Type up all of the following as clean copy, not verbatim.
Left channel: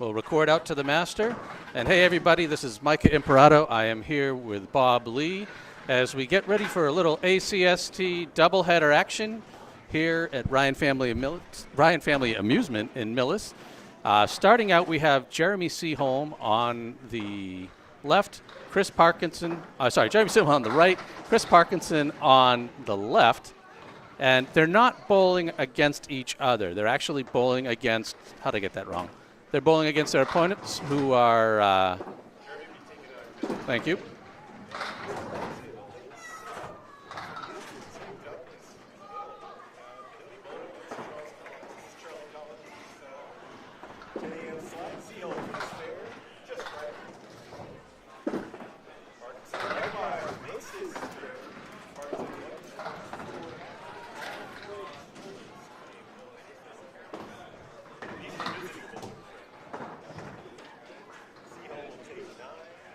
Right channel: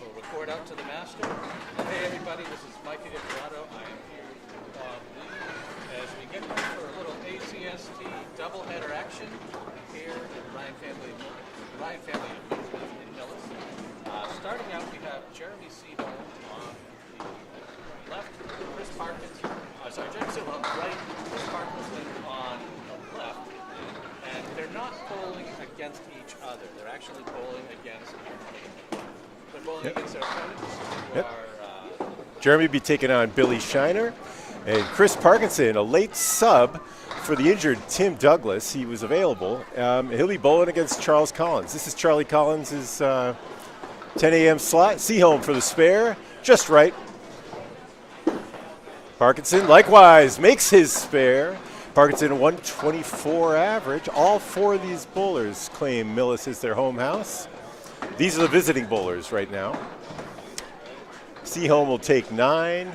We'll record out to the master. And hey, everybody, this is Micah Imparato. I am here with Bob Lee as we get ready for a little ACST doubleheader action here at Ryan Family Amusement in Millis. Starting out, we have Jeremy Seaholm on the left, Jeremy Seaholm on the right, Chris Parkinson on the left. And they're not bowling against each other. They're actually bowling against, how'd I get that wrong? They're bowling against their opponents who are... Jeremy will be taking on Billy Shiner. And Chris Parkinson, a late sub for the injured Tim Douglas. He was available. He'll be bowling against Charles Collins. This is Charlie Collins' 10 a.m. slot. Seaholm for the spare. Just right. Parkinson likewise makes his spare. Parkinson 124 average. All four of these bowlers claim Millis is their home house. These are the visiting bowlers right now. Seaholm will take 9,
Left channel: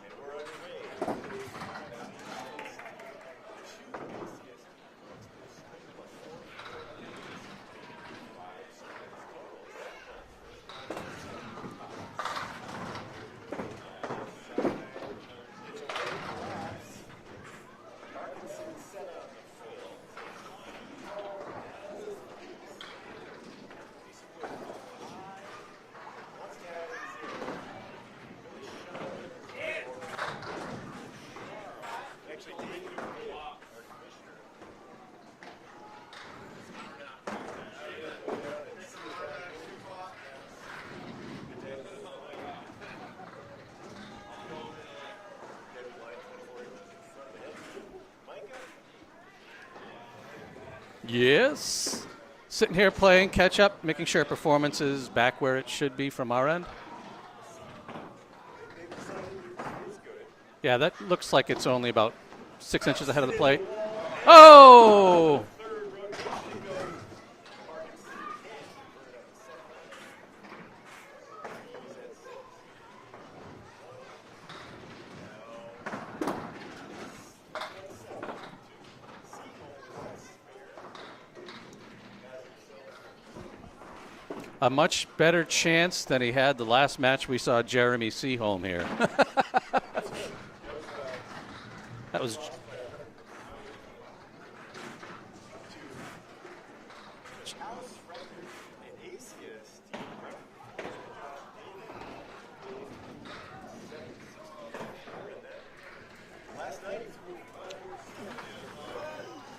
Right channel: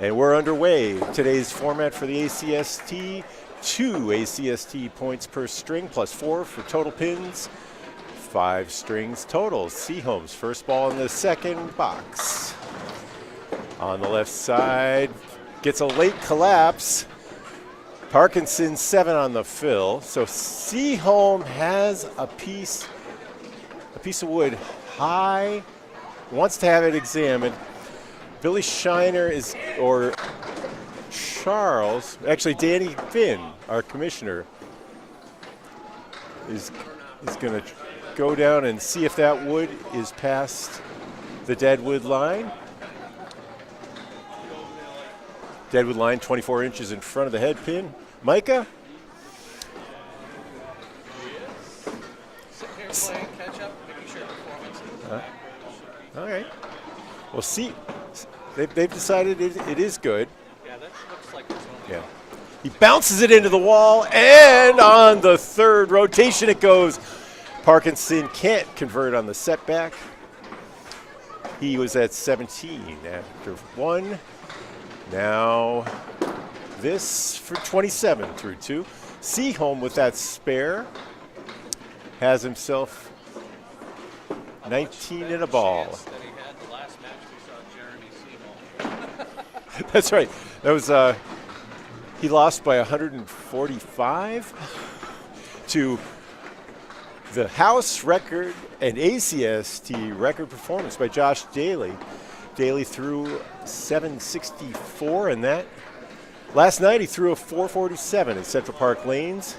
and we're underway. Today's format for the ACST, 2 ACST points per string, plus 4 for total pins, 5 strings total. Seaholm's first ball in the second box. On the left side, gets a late collapse. Parkinson 7 on the fill. So Seaholm has a piece of wood high, wants to have it examined. Billy Shiner or Charles, actually Danny Finn, our commissioner, is going to go down and see if that wood is past the deadwood line. Deadwood line 24 inches in front of the head pin. Micah? Yes. Sitting here playing catch up, making sure performance is back where it should be from our end. Well, see, they've decided it is good. Yeah, that looks like it's only about. He bounces it into the wall, and on the third rotation it goes. Parkinson can't convert on the setback. He was at 17 after 1. Now this for 27 through 2. Seaholm with that spare has himself a much better chance than he had the last match we saw Jeremy Seaholm here. That's right. That was he lost by 145 to the house record and ACST record performance by Josh Daly. Daly threw 764 in that. Last night he threw a 447 at Central Park Lanes.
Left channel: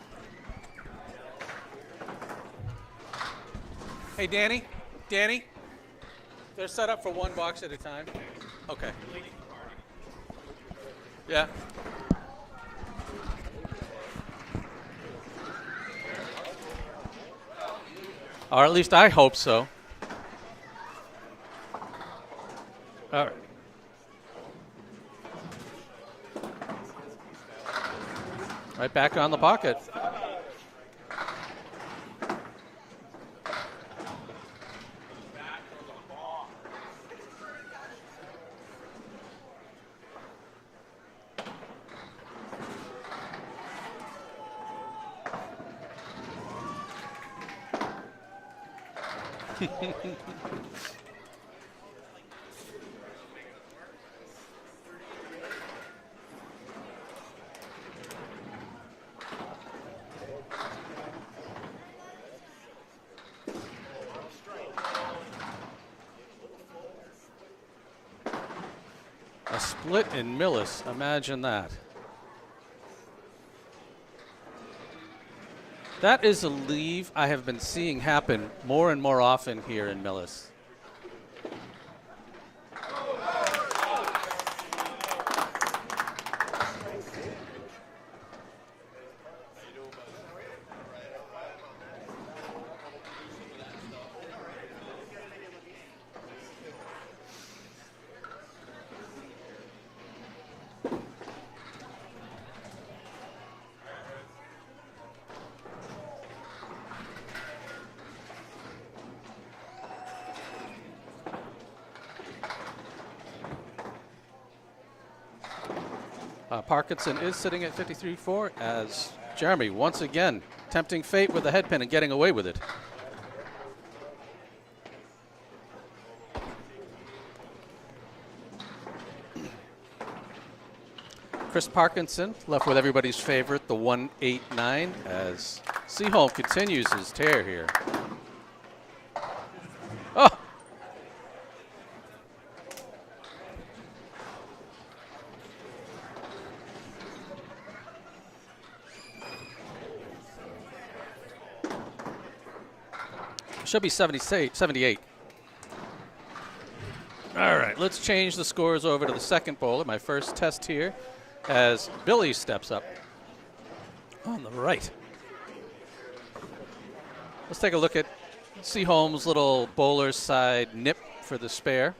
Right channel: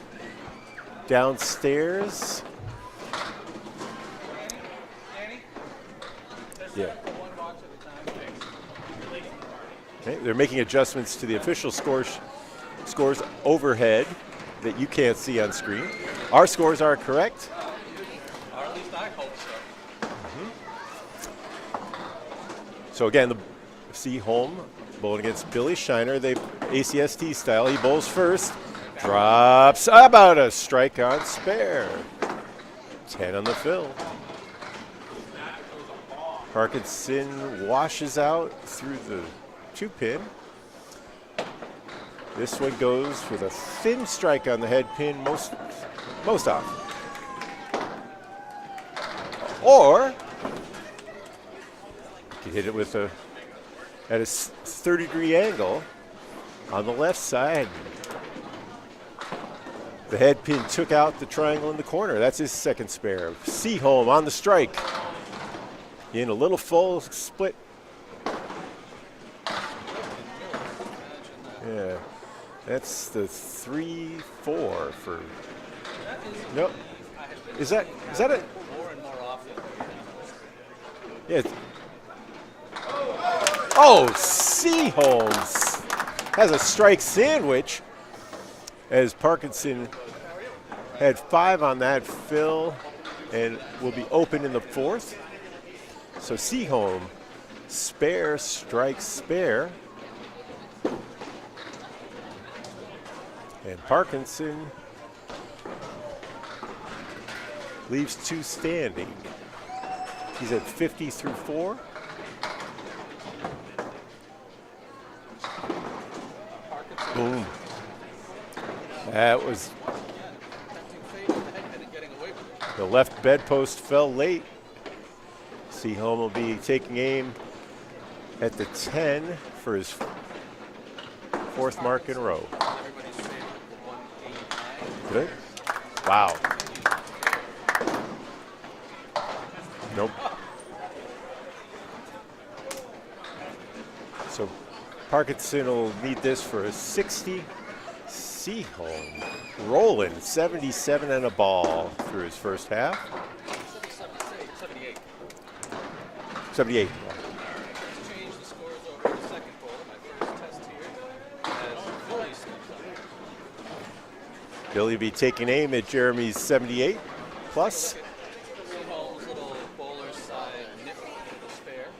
Downstairs. Hey, Danny, they're set up for one box at a time. Okay. They're making adjustments to the official scores overhead that you can't see on screen. Our scores are correct. Or at least I hope so. So again, the Seaholm bowling against Billy Shiner. They ACST style. He bowls first. Right back drops on the about a strike on spare. 10 on the fill. Parkinson washes out through the 2-pin. This one goes with a thin strike on the head pin most often. Or you hit it with at a 30-degree angle on the left side. The head pin took out the triangle in the corner. That's his second spare. Seaholm on the strike. In a little full split. A split in Millis. Imagine that. Yeah. That's the 3-4 for. That is a leave I have been seeing happen more and more often here in Millis. Yeah. Oh, Seaholm has a strike sandwich as Parkinson had 5 on that fill and will be open in the 4th. So Seaholm, spare, strike, spare. And Parkinson leaves 2 standing. He's at 50 through 4. Parkinson is sitting at 53-4 as Jeremy once again tempting fate with the head pin and getting away with it. The left bedpost fell late. Seaholm will be taking aim at the 10 for his Chris fourth mark in a Parkinson row. left with everybody's favorite, the 189. Good. As Seaholm Wow. continues his tear here. Nope. Oh, So Parkinson will need this for a 60. Seaholm rolling 77 and a ball through his first half. should be 78. 78. All right, let's change the scores over to the second bowler. My first test here as Billy steps up. On the right. Billy will be taking aim at Jeremy's 78. Let's take a look at Seaholm's little bowler side nip for the spare.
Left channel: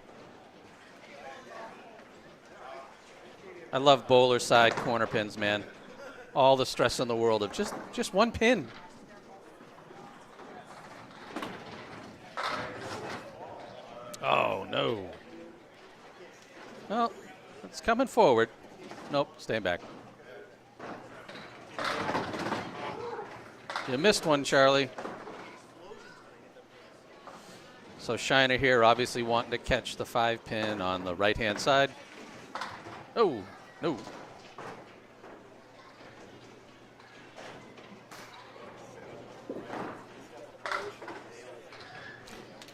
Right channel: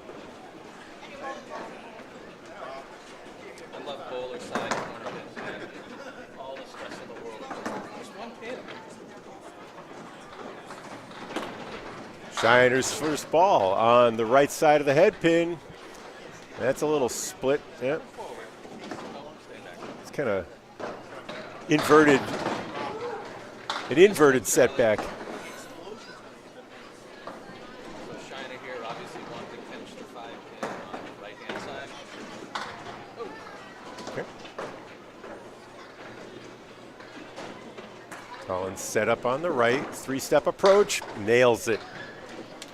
I love bowler side corner pins, man. All the stress in the world of just one pin. Shiner's first ball on the right side of the head pin. That's a little Oh, split. It's coming forward. Nope, staying back. It's kind of inverted. An You missed one, inverted Charlie. setback. So Shiner here obviously wanting to catch the 5 pin on the right-hand side. Oh, no. Okay. Collins set up on the right. 3-step approach. Nails it.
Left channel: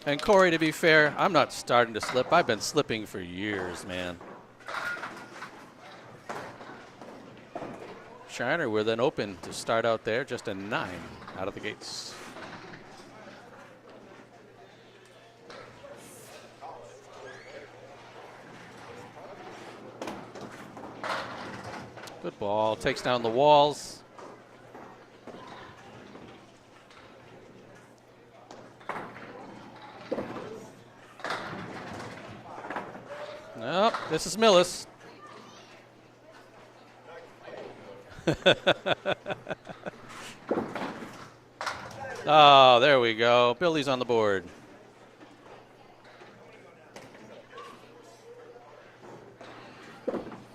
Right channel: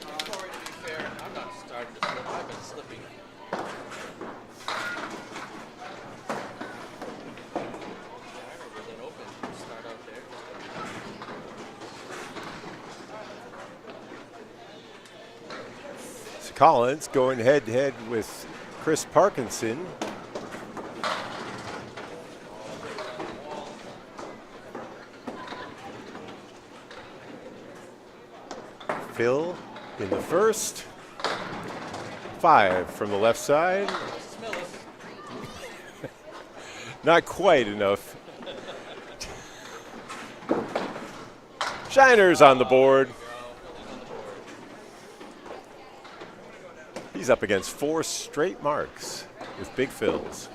And Corey, to be fair, I'm not starting to slip. I've been slipping for years, man. Shiner, we're then open to start out there, just a 9 out of the gates. So Collins going head-to-head with Chris Parkinson. Good ball, takes down the walls. Phil in the first. 5 from the left side. Well, this is Millis. Not quite enough. Shiner's on the board. There we go. Billy's on the board. He's up against 4 straight marks with Big Phil's.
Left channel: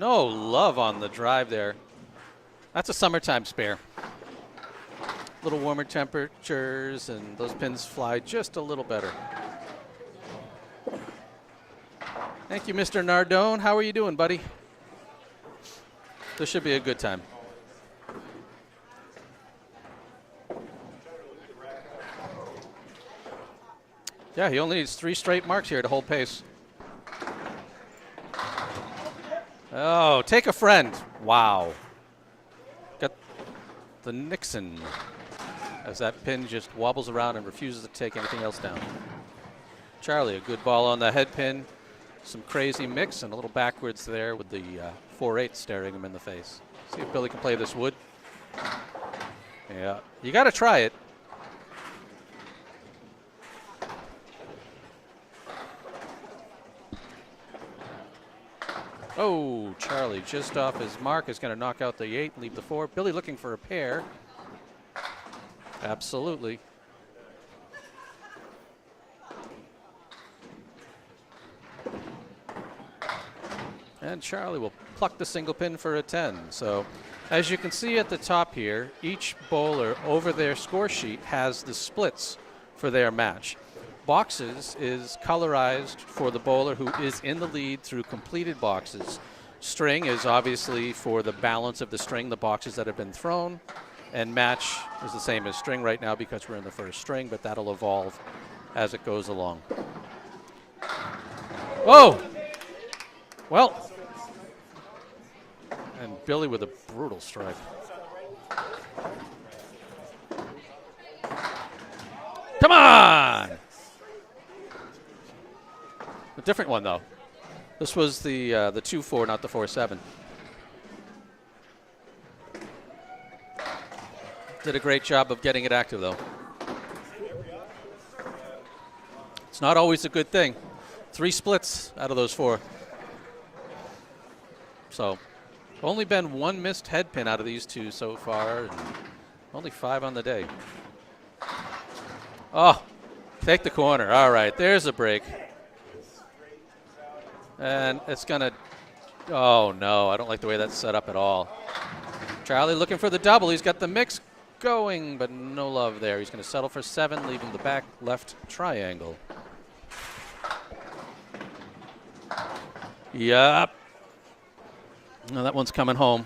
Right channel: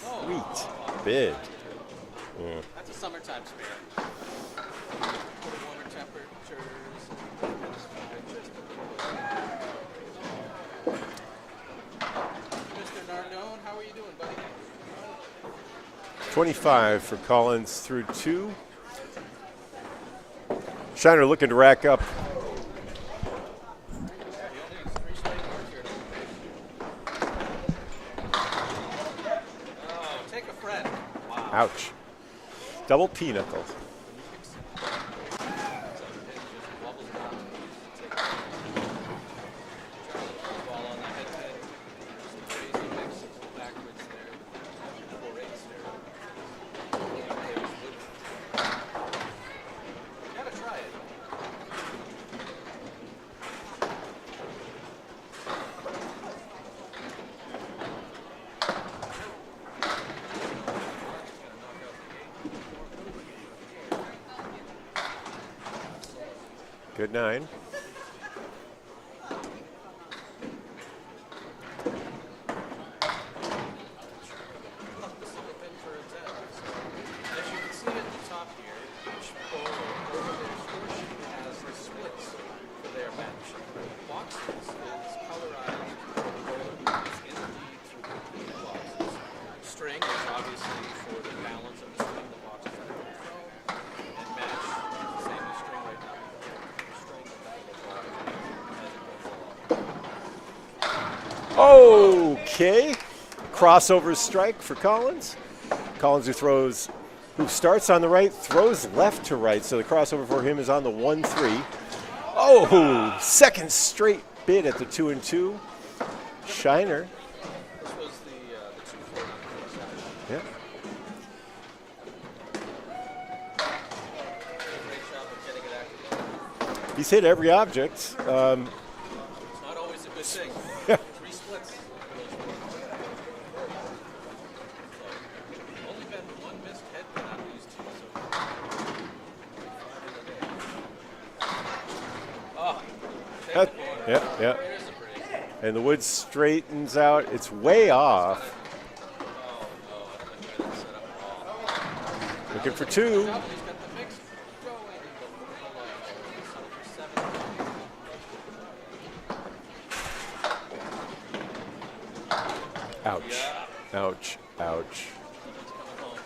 No love on the Big. drive there. That's a summertime spare. Little warmer temperatures and those pins fly just a little better. Thank you, Mr. Nardone. How are you doing, buddy? This should be a good 25 for time. Collins through 2. Shiner looking to rack up. Yeah, he only needs 3 straight marks here to hold pace. Oh, take a friend. Wow. Ouch. Double pinnacle. The Nixon, as that pin just wobbles around and refuses to take anything else down. Charlie, a good ball on the head pin. Some crazy mix and a little backwards there with the 4-8 staring him in the face. See if Billy can play this wood. Yeah, you got to try it. Oh, Charlie just off his mark is going to knock out the 8, leave the 4. Billy looking for a pair. Absolutely. Good 9. And Charlie will pluck the single pin for a 10. So as you can see at the top here, each bowler over their score sheet has the splits for their match. Boxes is colorized for the bowler who is in the lead through completed boxes. String is obviously for the balance of the string, the boxes that have been thrown. And match is the same as string right now because we're in the first string, but that'll evolve as it goes along. Oh, okay. Well, Crossover strike for Collins. Collins who Billy with a throws, brutal who strike. starts on the right, throws left to right. So the crossover for him is on the 1-3. Oh, Come on! Second straight bid at the 2-2. A different one, Shiner. though. This was the 2-4, not the 4-7. Yeah. Did a great job of getting it active, though. He's hit every object. It's not always a good thing. 3 splits out of those 4. So, only been 1 missed head pin out of these 2 so far. Only 5 on the day. Oh, take the corner. Yeah, All right, yeah. there's a break. And the wood straightens out. It's way And off. It's gonna. Oh no, I don't like the way that's set up at all. Charlie for looking for the 2. double. He's got the mix. going, but no love there. He's going to settle for 7, leaving the back left triangle. Ouch. Yup. Ouch. Ouch. No, that one's coming home.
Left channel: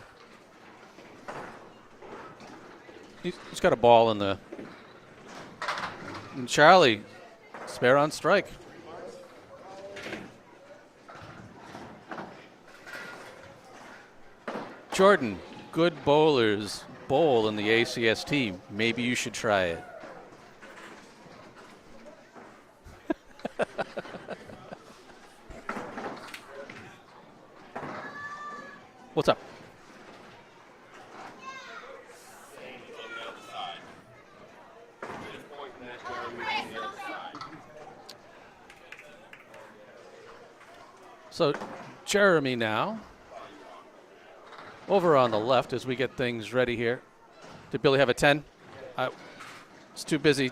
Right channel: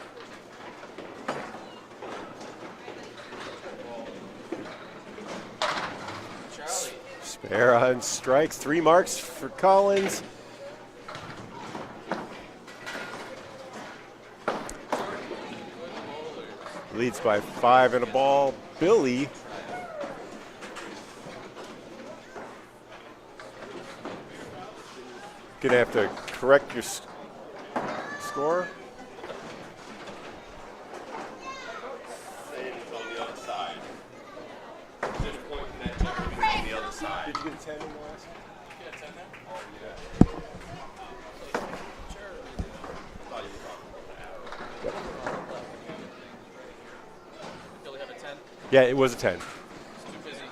He's got a ball in the. And Charlie. Spare on strikes. 3 marks for Collins. Jordan, good bowlers Leads bowl by in the 5 and a ACST. ball. Maybe Billy. you should try it. Gonna have to correct your score. What's up? So Jeremy now over on the left as we get things ready here. Did Billy have a 10? Yeah, it was a 10. He's too busy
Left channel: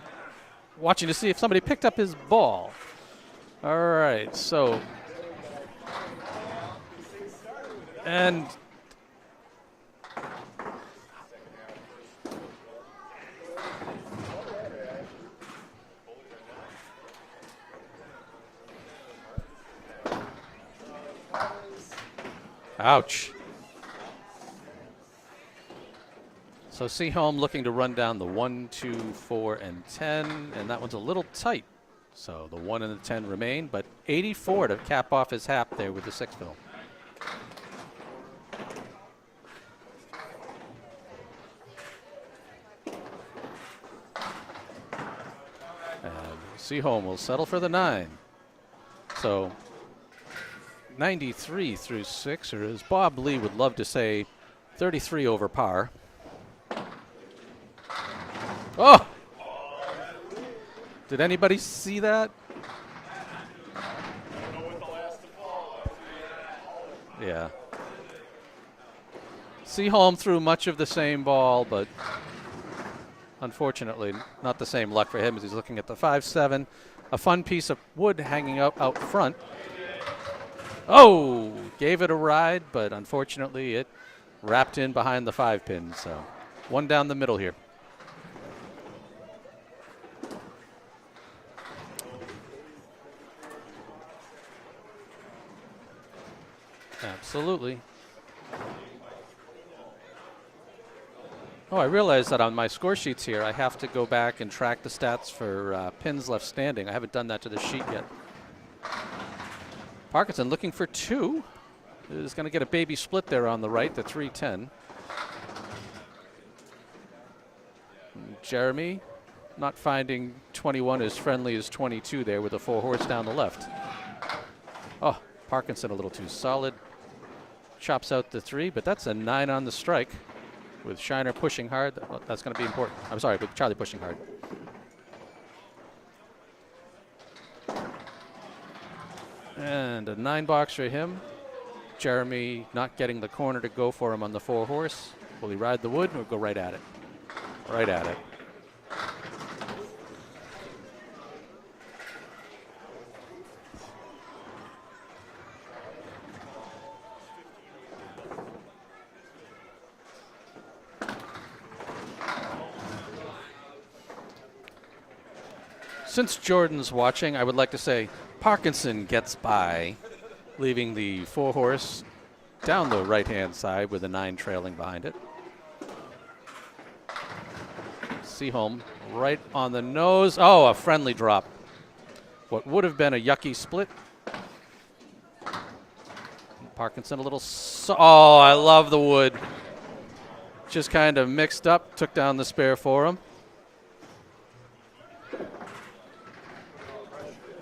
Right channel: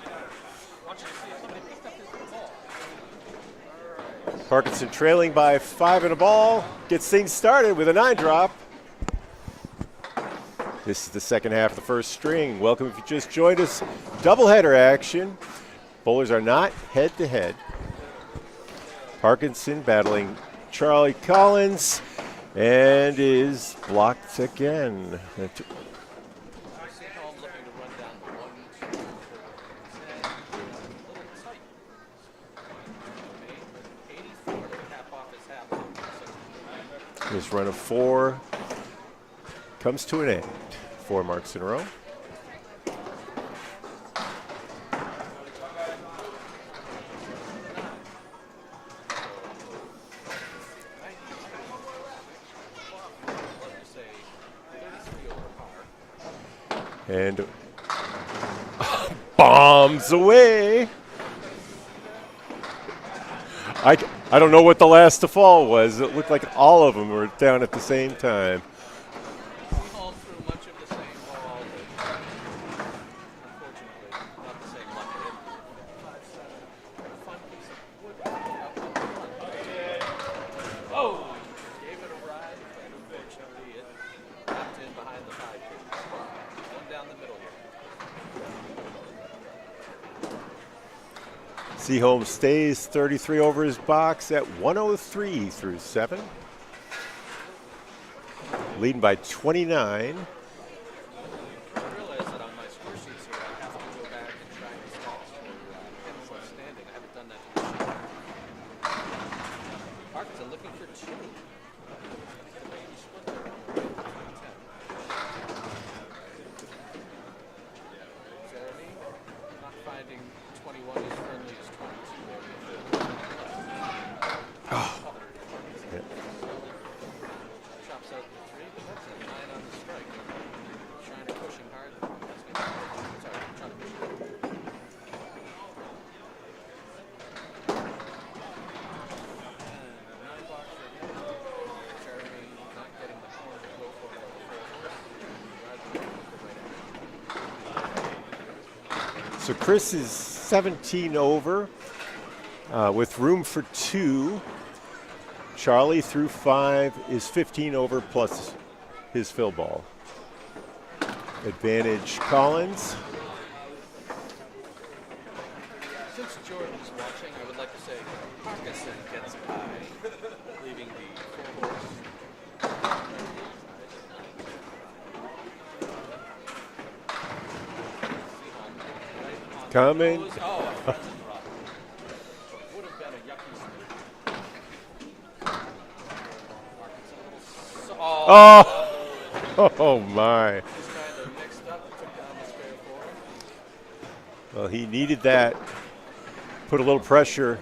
watching to see if somebody picked up his ball. All right. So Parkinson trailing by 5 and a ball. Gets things started with a 9 drop. This is the second half of the first string. Welcome if you just joined us. Doubleheader action. Bowlers are not head-to-head. Parkinson battling Charlie Collins. And Ouch. is blocked again. So Seaholm looking to run down the 1, 2, 4, and 10, and that one's a little tight. So the 1 and the 10 remain, but 84 to cap off his half there with the 6 ball. This run of 4 comes to an end. 4 marks in a row. Seaholm will settle for the 9. So 93 through 6, or as Bob Lee would love to say, 33 over par. And Oh! bombs away. Did anybody see that? I don't know what the last to fall was. It looked like all of them were Yeah. down at the same time. Seaholm threw much of the same ball, but unfortunately not the same luck for him as he's looking at the 5-7. A fun piece of wood hanging out front. Oh! Gave it a ride, but unfortunately it wrapped in behind the 5 pin. So one down the middle here. Seaholm stays 33 over his box at 103 through 7. Absolutely. Leading by 29. Oh, I realize that on my score sheets here, I have to go back and track the stats for pins left standing. I haven't done that to the sheet yet. Parkinson looking for 2. Is going to get a baby split there on the right, the 310. Jeremy not finding 21 as friendly as 22 there with a 4 horse down the left. Oh, Parkinson a little too solid. Chops out the 3, but that's a 9 on the strike. With Shiner pushing hard, that's going to be important. I'm sorry, with Charlie pushing hard. And a 9 box for him. Jeremy not getting the corner to go for him on the 4 horse. Will he ride the wood? We'll go right at it. Right at it. So Chris is 17 over with room for 2. Charlie through 5 is 15 over plus his fill ball. Advantage Collins. Since Jordan's watching, I would like to say Parkinson gets by, leaving the 4 horse down the right-hand side with a 9 trailing behind it. Seaholm right on the nose. Oh, a friendly drop. What would have been a yucky split. Parkinson a little. I love the wood. Oh, my. Just kind of mixed up, took down the spare for him. Well, he needed that. Put a little pressure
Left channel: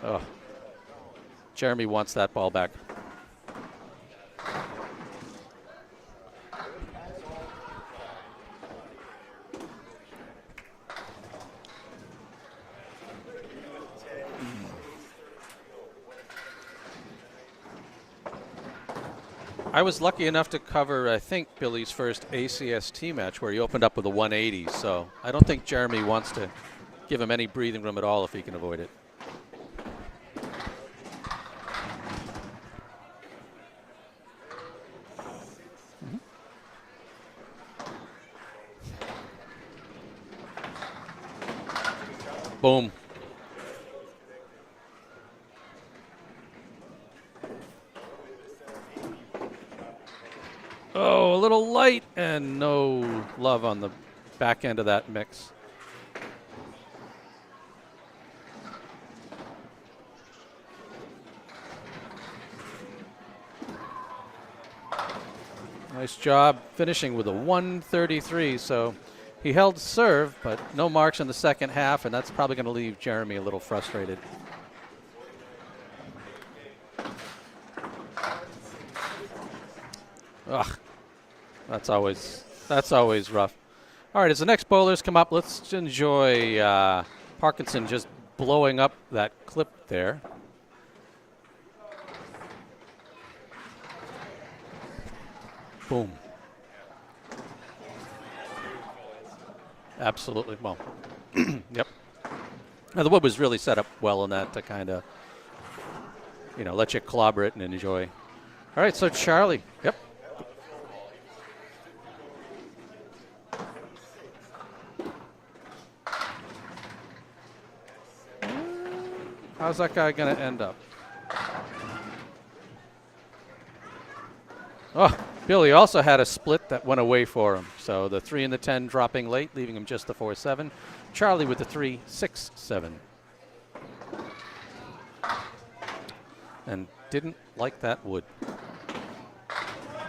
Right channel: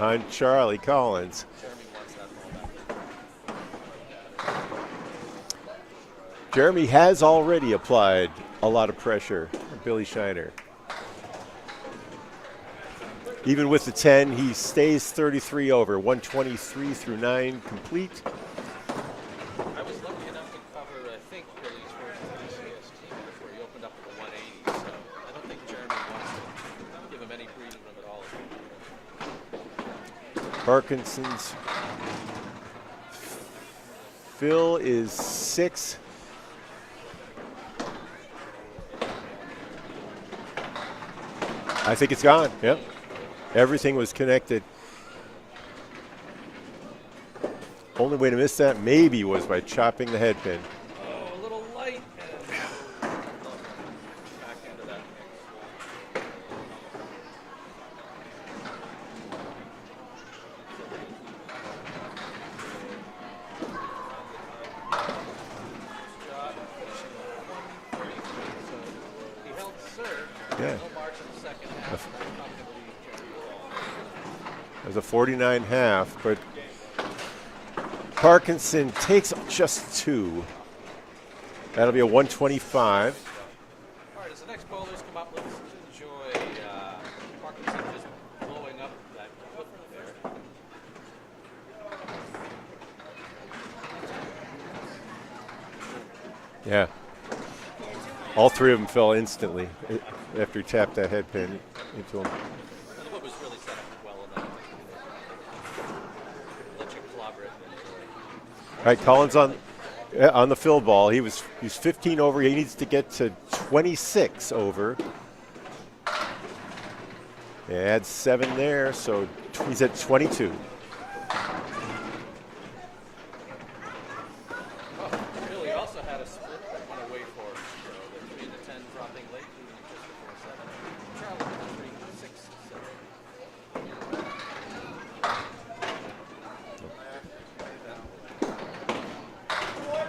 on Charlie Collins. Jeremy wants that ball back. Jeremy has already applied a lot of pressure to Billy Shiner. Even with the 10, he stays 33 over, 123 through 9 complete. I was lucky enough to cover, I think, Billy's first ACST match where he opened up with a 180, so I don't think Jeremy wants to give him any breathing room at all if he can avoid it. Parkinson's fill is 6. I think it's gone. Boom. Yep. Everything was connected. Only way to miss that maybe was by chopping the head pin. Oh, a little light and no love on the back end of that mix. Nice job finishing with a 133. So he held serve, but no marks in the second half, and that's probably going to leave Jeremy a little frustrated. It was a 49.5, but Parkinson takes just 2. Ugh, That'll be a 125. That's always rough. All right, as the next bowlers come up, let's enjoy Parkinson just blowing up that clip there. Boom. Yeah. All 3 of them fell instantly. Absolutely. After he tapped that head pin. Yep. Into him. Now, the wood was really set up well in that to kind of, let you clobber it and enjoy. All right, so Collins Charlie. on the fill ball, he's 15 over. He needs to get to 26 over. Add 7 there, so he's at 22. Oh, Billy also had a split that went away for him. So the 3 and the 10 dropping late, leaving him just the 4-7. Charlie with the 3-6-7. And didn't like that wood.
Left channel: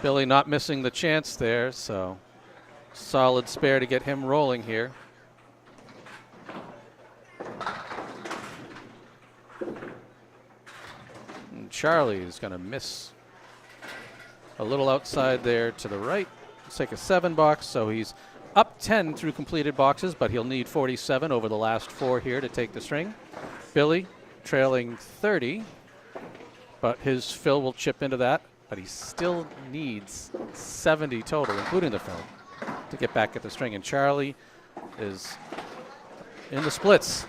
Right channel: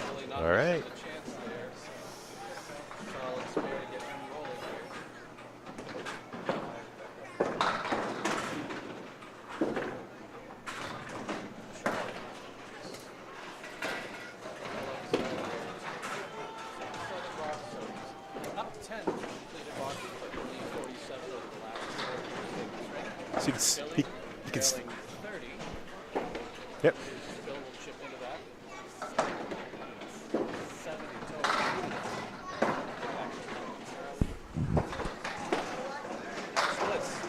Billy not missing the chance there, so solid spare to get him rolling here. And Charlie is going to miss a little outside there to the right. Take a 7 box, so he's up 10 through completed boxes, but he'll need 47 over the last 4 here to take the string. Billy trailing 30, but his fill will chip into that, but he still needs 70 total, including the fill, to get back at the string. And Charlie is in the splits.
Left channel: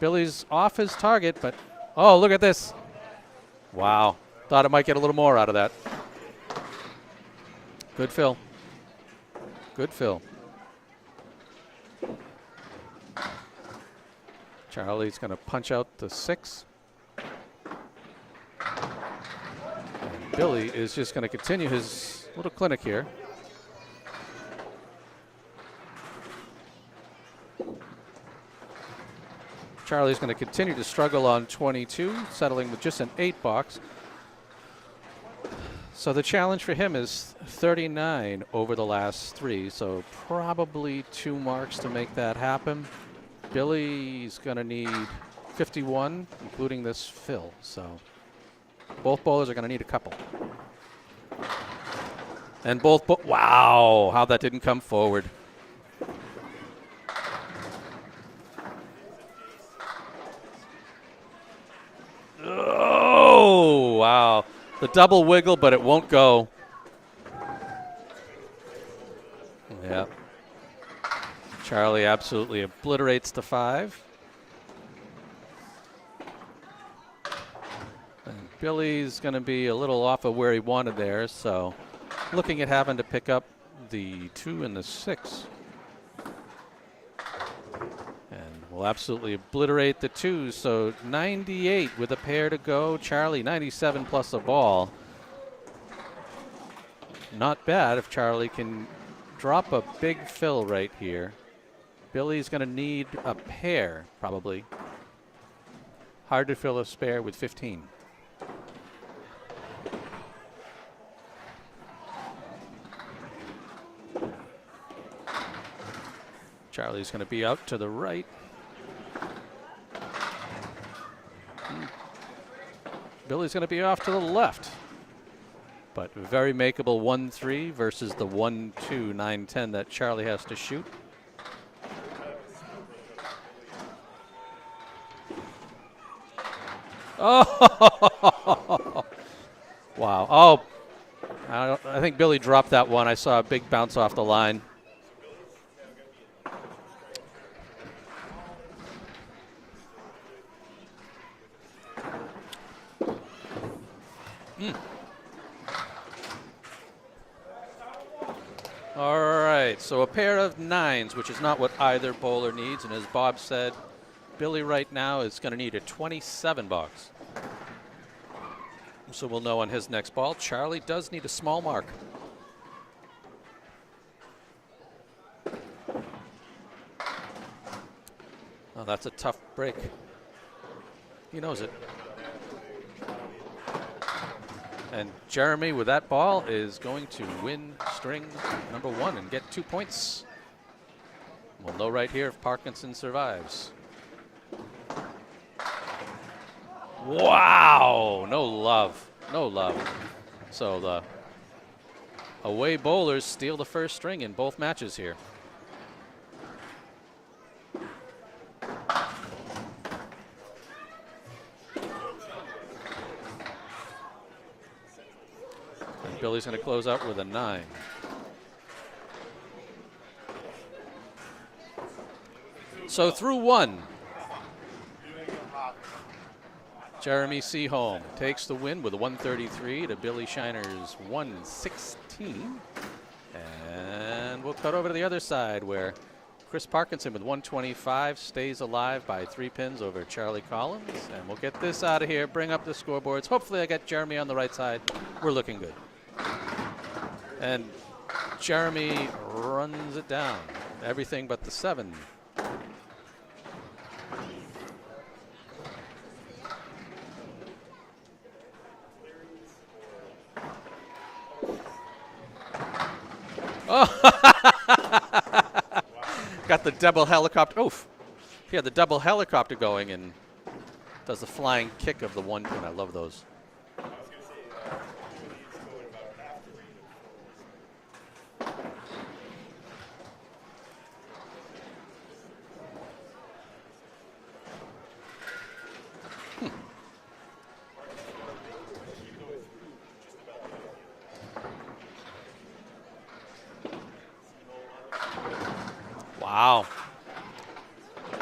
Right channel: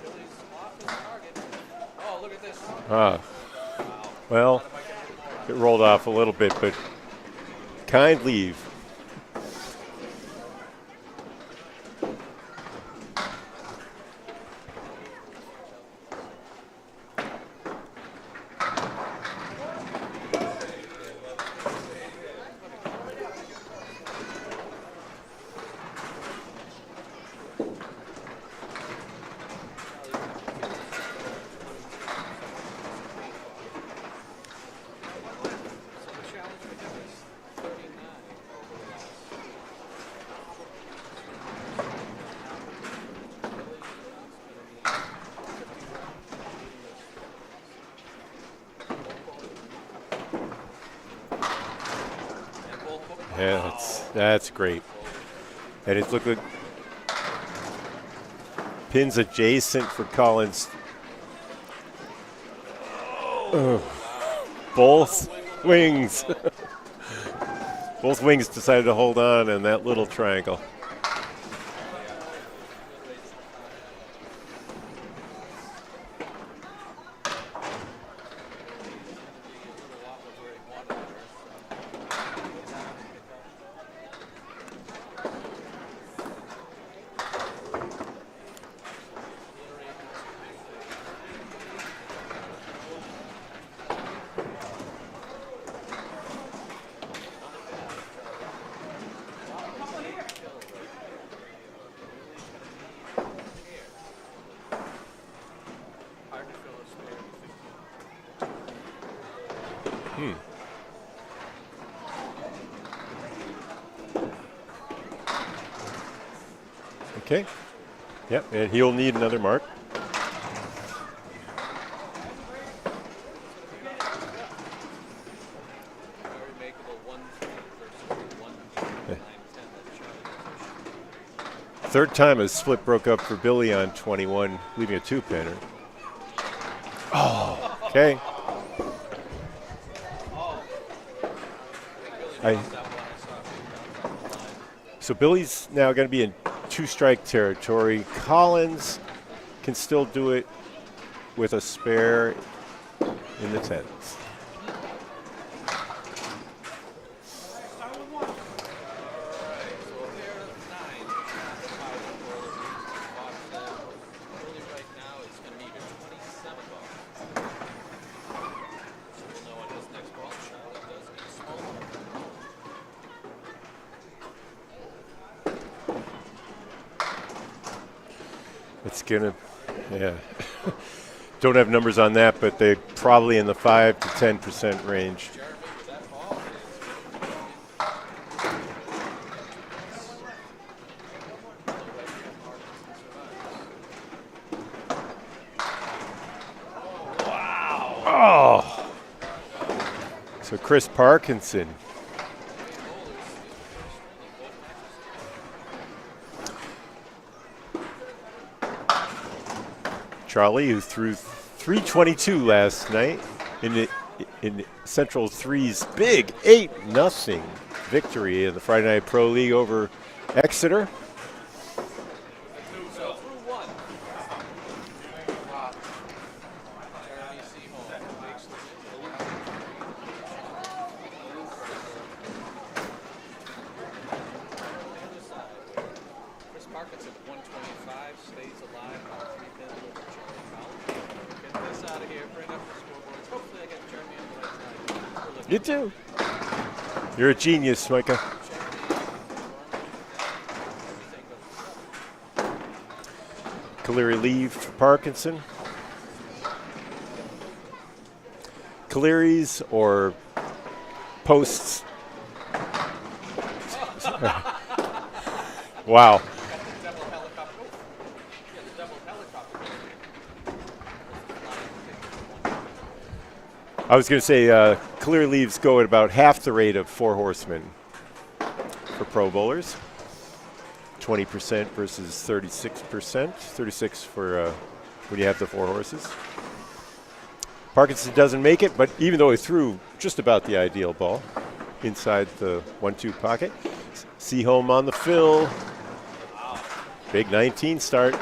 Billy's off his target, but oh, look at this. Wow. Well, thought it might get a little more out of that. Rolled off a little bit, but kind leave. Good fill. Charlie's going to punch out the 6. Billy is just going to continue his little clinic here. Charlie's going to continue to struggle on 22, settling with just an 8 box. So the challenge for him is 39 over the last 3, so probably 2 marks to make that happen. Billy's going to need 51, including this fill. So both bowlers are going to need a couple. And both, wow, how that didn't come forward. And it's looking pins adjacent for Collins. Oh, wow. Double wiggle, but it won't go. Both wings decided to hold on in that little triangle. Charlie absolutely obliterates the 5. And Billy's going to be a little off of where he wanted there, so looking at having to pick up the 2 and the 6. Will absolutely obliterate the 2, so 98 with a pair to go. Charlie 97 plus a ball. Not bad if Charlie can drop a big fill right here. Billy's going to need a pair, probably. Hard to fill a spare with 15. Charlie's going to be out to the right. Yep, and he'll need another mark. Billy's going to be off to the left. But very makeable 1-3 versus the 1-2, 9-10 that Charlie has to shoot. Third time a split broke up for Billy on 21, leaving a 2-pinner. Okay. Wow. Oh, I think Billy dropped that one. I saw a big bounce off the line. So Billy's now going to be in 2-strike territory. Collins can still do it with a spare in the 10s. All right, so a pair of 9s, which is not what either bowler needs. And as Bob said, Billy right now is going to need a 27 box. So we'll know on his next ball. Charlie does need a small mark. Well, that's a tough break. Yeah. Don't have numbers on that, but they're probably in the 5 to 10% range. Jeremy, with that ball, is going to win string number 1 and get 2 points. Low right here if Parkinson survives. Wow! Oh. No love. No love. So Chris Parkinson. Away bowlers steal the first string in both matches here. Charlie, who threw 322 last night in Central 3's big 8-0 victory in the Friday Night Pro League over Exeter. So through 1. Jeremy Seaholm takes the win with a 133 to Billy Shiner's 116. And we'll cut over to the other side where Chris Parkinson with 125 stays alive by 3 pins over Charlie Collins. And we'll get this out of here, bring up the scoreboards. Hopefully I got Jeremy on the right side. We're looking good. You too. You're a genius, Micah. Jeremy runs it down. Everything but the 7. Cleary leave for Parkinson. Cleary's or posts. Oh. Wow. Got the double helicopter. Oof. Yeah, the double helicopter going and does the flying kick of the 1 pin. I love those. I was going to say clear leaves go at about half the rate of 4 horsemen for pro bowlers. 20% versus 36%. 36 for when you have the 4 horses. Parkinson doesn't make it, but even though he threw just about the ideal ball inside the 1-2 pocket. Seaholm on the fill. Wow. Big 19 start.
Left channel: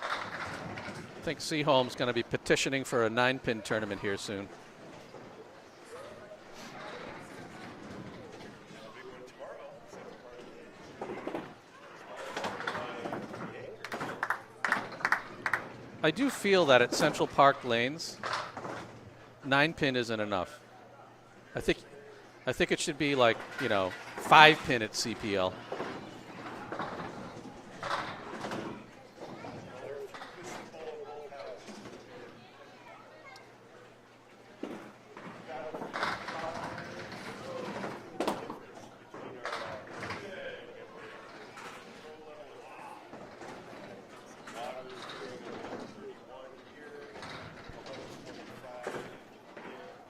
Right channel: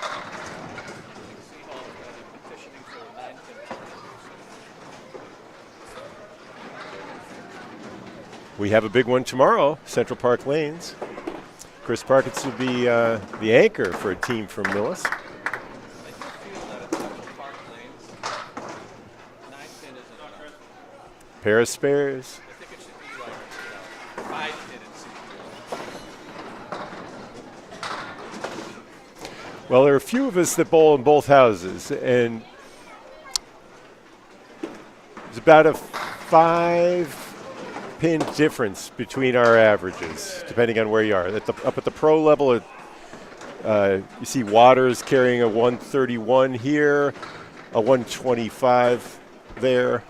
I think Seaholm's going to be petitioning for a 9-pin tournament here soon. We have a big one tomorrow, Central Park Lanes. Chris Parkinson will be the anchor for a team from Millis. I do feel that at Central Park Lanes, 9-pin isn't enough. Pair of spares. I think it should be like, 5-pin at CPL. Well, there are a few of us that bowl in both houses, and it's about a 5-pin difference between our averages, depending on where you are. Up at the pro level, you see Waters carrying a 131 here, a 125 there.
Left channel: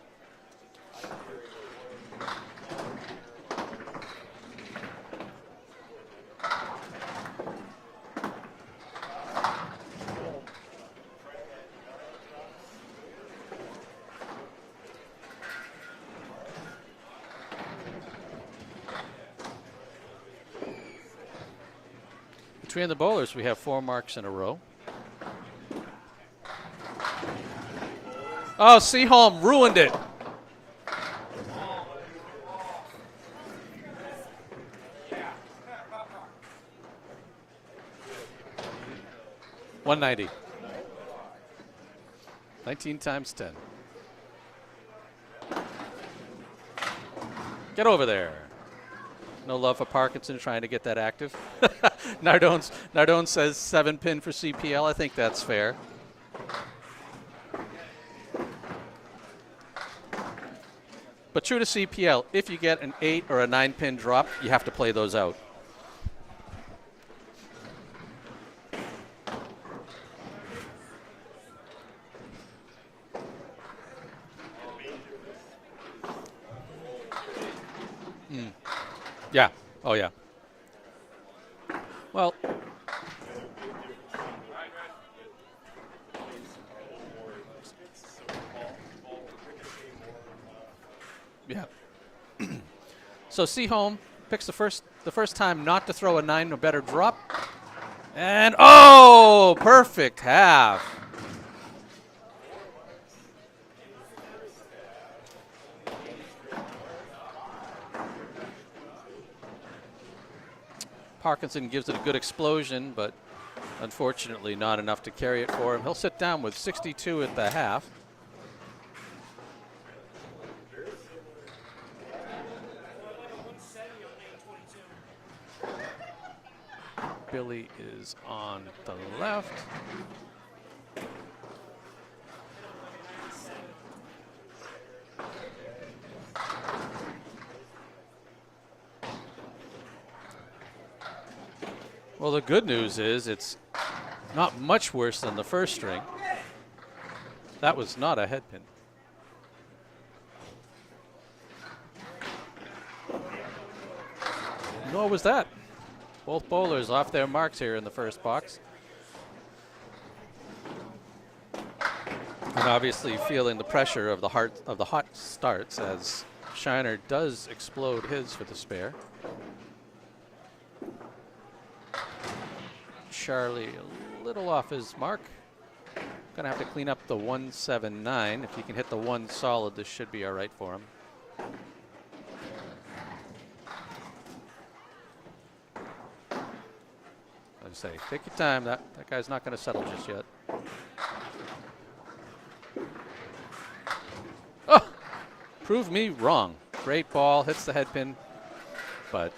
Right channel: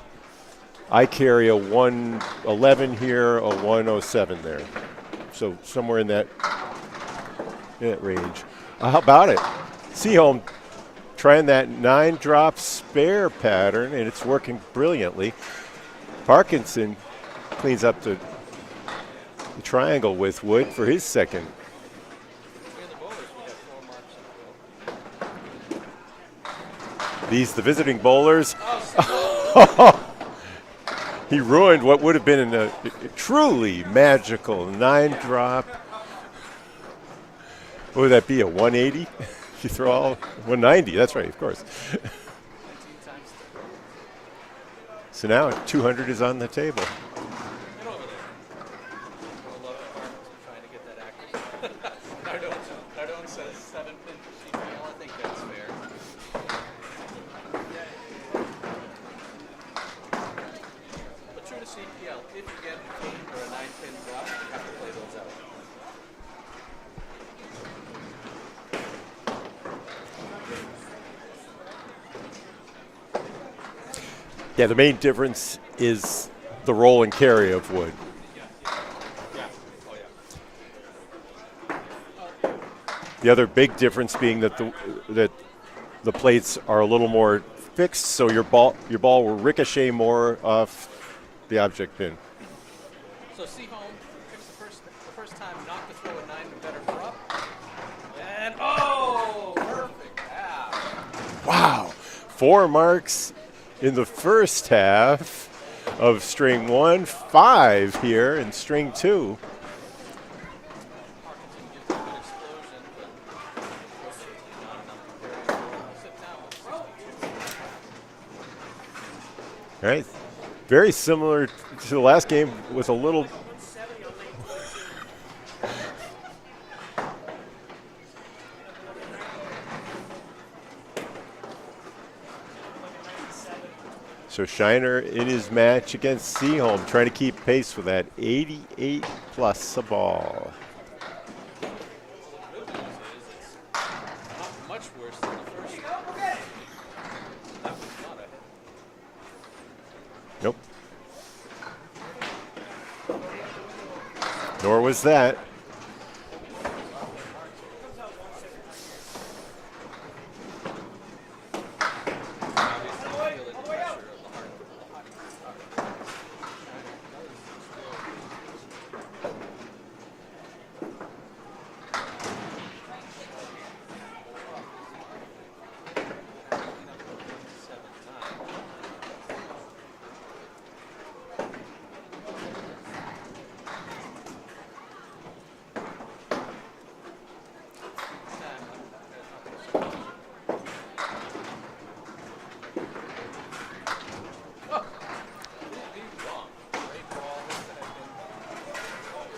I carry a 111 here, a 107 there. So somewhere in that range. How about it? Seaholm trying that 9-drop spare pattern, and it's working brilliantly. Parkinson cleans up the triangle with Wood for his second. Between the bowlers, we have 4 marks in a row. The visiting bowlers. Oh, Seaholm ruined it. He ruined what would have been a truly magical 9-drop. What would that be, a 180? You throw 190. 190, that's right, of course. 19 times 10. So now 200 is on the table. Get over there. No love for Parkinson trying to get that active. Nardone says 7-pin for CPL. I think that's fair. But true to CPL, if you get an 8 or a 9-pin drop, you have to play those out. Yeah, the main difference is the roll and carry of Wood. Yeah. Oh, yeah. Well, the other big difference being that the plates are a little more fixed, so your ball will ricochet more off the object pin. So Seaholm picks the first time not to throw a 9 or better drop. And oh, perfect half. Wow. 4 marks in the first half of string 1, 5 here in string 2. Parkinson gives it a good explosion, but unfortunately not enough to carry it for him. He'll sit down with 62 at the half. All right. Very similar to the last game with a little. Billy is on the left. So Shiner in his match against Seaholm, trying to keep pace with that 88 plus a ball. Well, the good news is it's not much worse than the first string. That was not a head pin. Nope. Nor was What that. was that? Both bowlers off their marks here in the first box. And obviously feeling the pressure of the hot starts as Shiner does explode his for the spare. Charlie a little off his mark. Gonna have to clean up the 179. If he can hit the one solid, this should be all right for him. I'd say, take your time. That guy's not gonna settle this yet. Oh, prove me wrong. Great ball, hits the head pin, but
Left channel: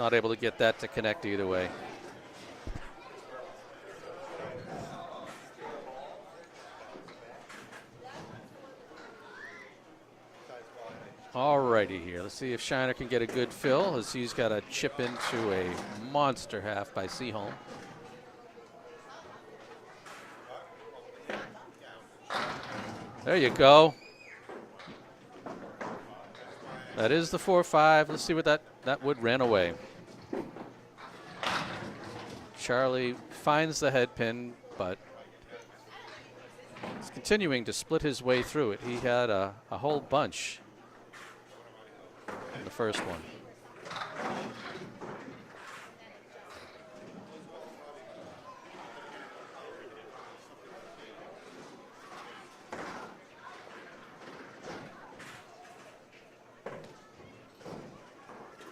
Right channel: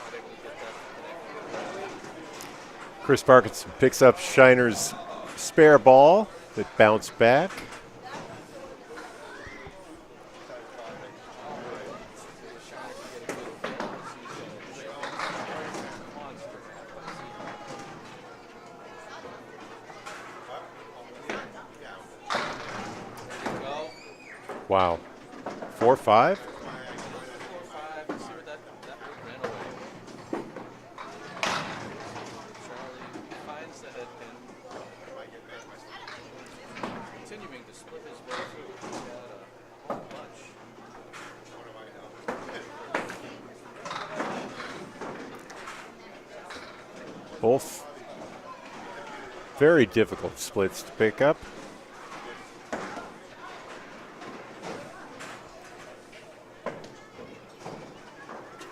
not able to get that to connect either way. Chris Parkinson picks up Shiner's spare ball that bounced back. Alrighty here. Let's see if Shiner can get a good fill as he's got to chip into a monster half by Seaholm. There you go. Wow. 4-5? That is the 4-5. Let's see what that would ran away. Charlie finds the head pin, but he's continuing to split his way through it. He had a whole bunch in the first one. Both very difficult splits to pick up.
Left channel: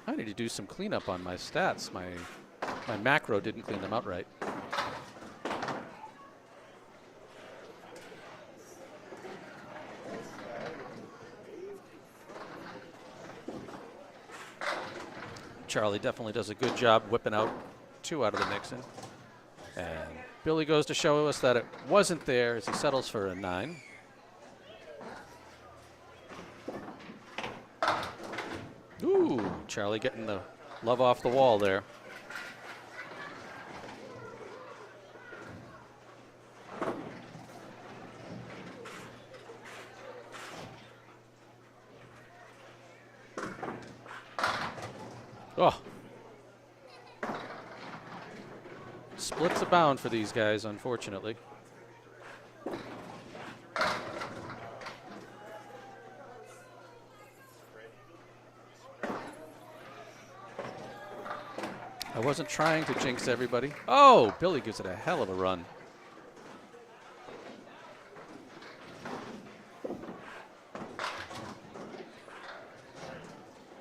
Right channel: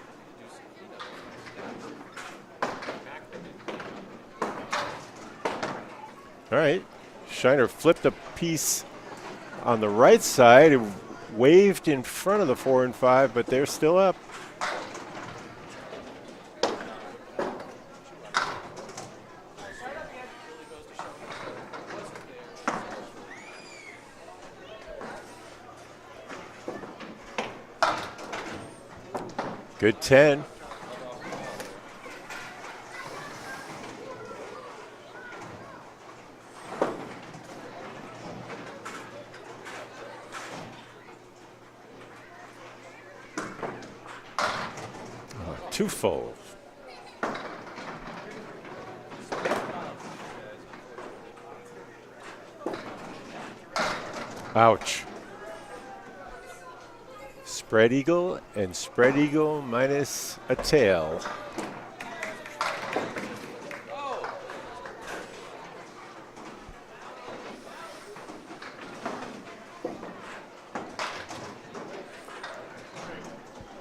I need to do some cleanup on my stats. My macro didn't clean them up right. All right. Shiner flipped a piece on the right side and waved in front of the 4 and 5, but they're still up. Charlie definitely does a good job whipping out 2 out of the mix. And Billy goes to show us that it wasn't there as he settles for a 9. Ooh, Charlie Good getting 10. the love off the wall there. Oh, Twofold. splits abound for these guys, unfortunately. Ouch. Spread eagle and spread eagle minus a tail. I wasn't trying to jinx everybody. Oh, Billy gives it a hell of a run.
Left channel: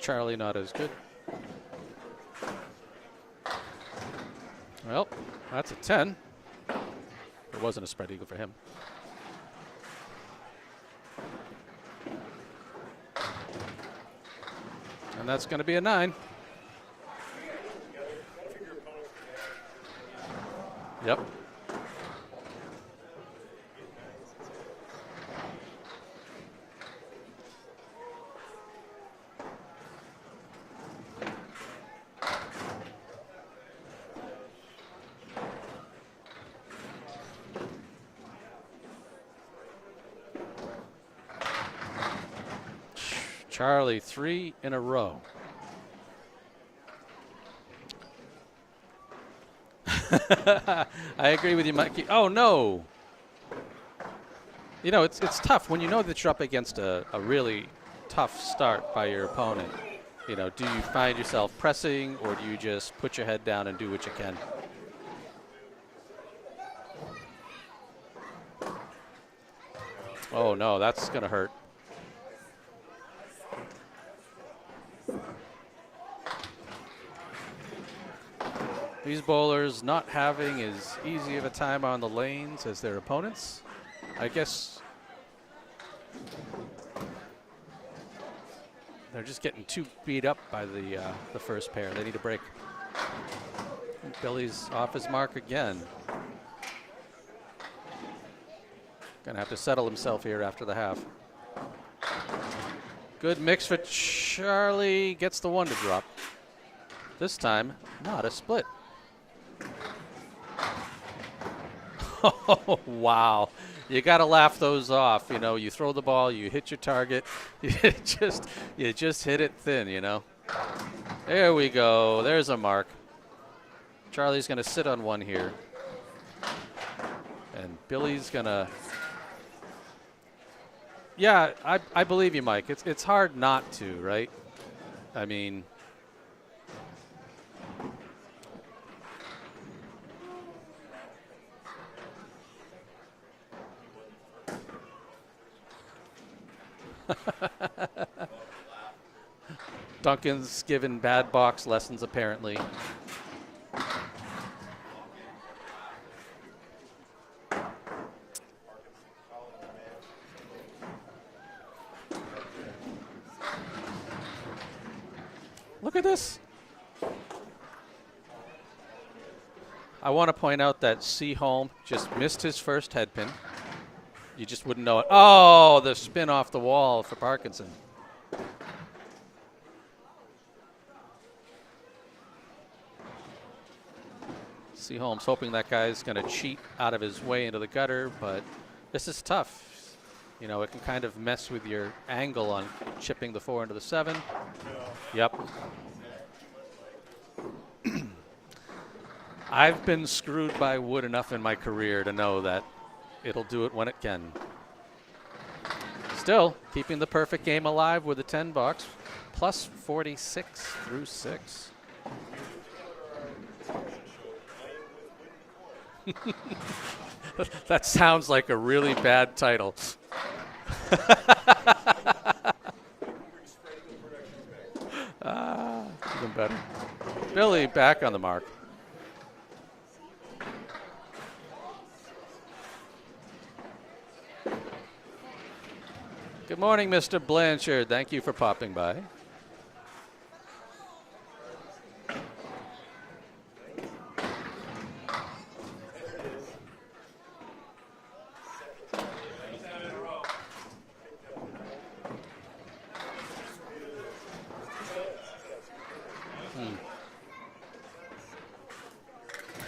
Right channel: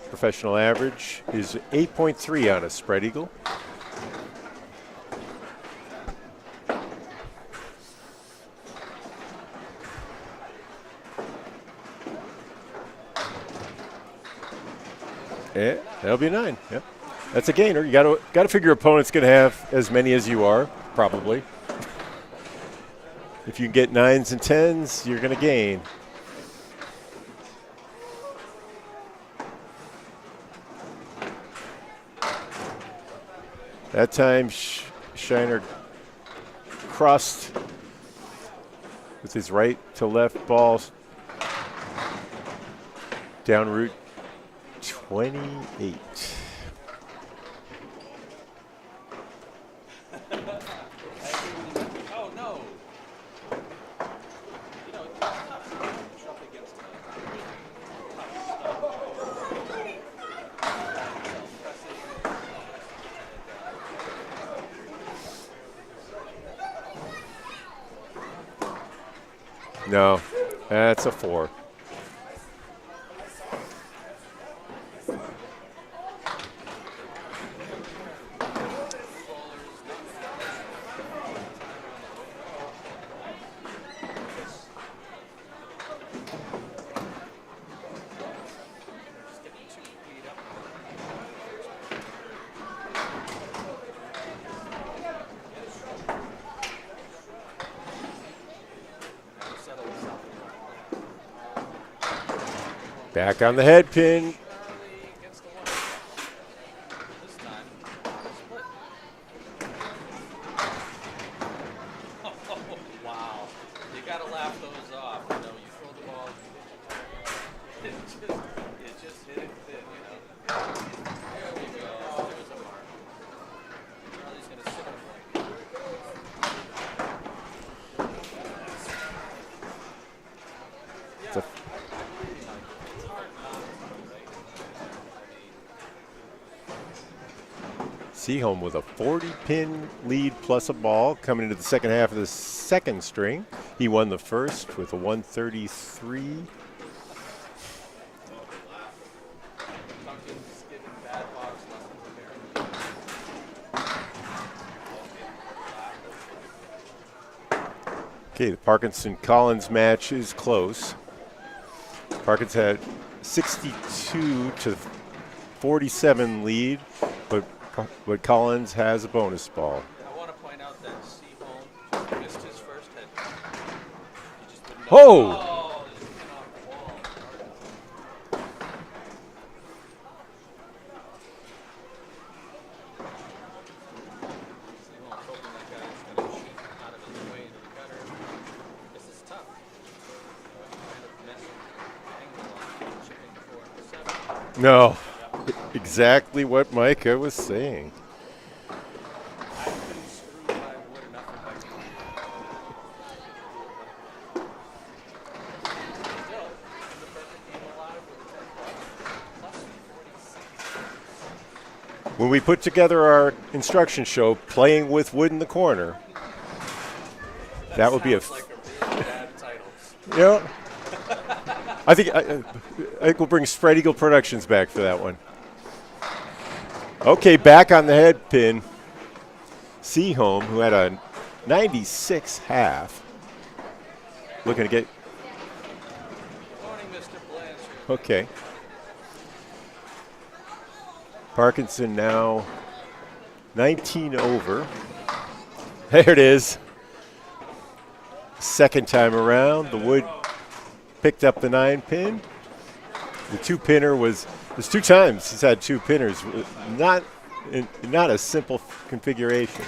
Charlie Professional not as average is 8.3 on a spread eagle. good. Well, that's a 10. It wasn't a spread eagle for him. And that's going to be a 9. That'll be a 9. Yep. That's a gainer. You got to figure your opponent's going to have as many as you are, probably. Yep. If you get 9s and 10s, you're going to gain. That time, Shiner crossed with his right to left balls. Down Charlie, 3 in a row. 28. I agree with you, Mikey. Oh, no. You know, it's tough when you know that you're up against a really tough start by your opponent. You know, do you find yourself pressing, or do you just put your head down and do what you can? No. Oh, no. That's a gonna 4. hurt. These bowlers not having as easy of a time on the lanes as their opponents. I guess they're just getting too beat up by the first pair. They need a break. Billy's off his mark again. Gonna have to settle himself here after the half. Back Good on the mixture. head pin. Charlie gets the one to drop. This time, not a split. Oh, wow. You got to laugh those off. You know, you throw the ball, you hit your target, you just hit it thin, you know. There we go. There's a mark. Charlie's going to sit on one here. And Billy's going to... Yeah, I believe you, Mike. It's hard not to, right? I mean... Seaholm with a 40-pin lead plus a ball coming into the second half of the second string. He won the first with a 133. Duncan's given bad box lessons, apparently. Okay, the Parkinson-Collins match is close. Parkinson had 62 to 47 lead, but Collins has a bonus ball. I want to point out that Seaholm just missed his first head pin. You just wouldn't know. Oh! Oh, the spin off the wall for Parkinson. Seaholm's hoping that guy's going to cheat out of his way into the gutter, but this is tough. You know, it can kind of mess with your angle on chipping the 4 into the 7. No. Yep. Exactly what Micah was saying. I've been screwed by wood enough in my career to know that it'll do it when it can. Still, keeping the perfect game alive with a 10 box, plus 46 through 6. When we put together our instruction show, Playing with Wood in the Corner. that sounds like a really bad title. Yeah. I think we'll bring Spread Eagle Productions back for that one. Okay, Really back on back the on head the mark. pin. Seaholm, who had a 96 half. Looking to get... Good morning, Mr. Blanchard. Thank you Okay. for popping by. Parkinson now 19 over. There it is. Second time around, the wood picked up the 9-pin. The 2-pinner was, there's 2 times he's had 2 pinners. Not a simple configuration.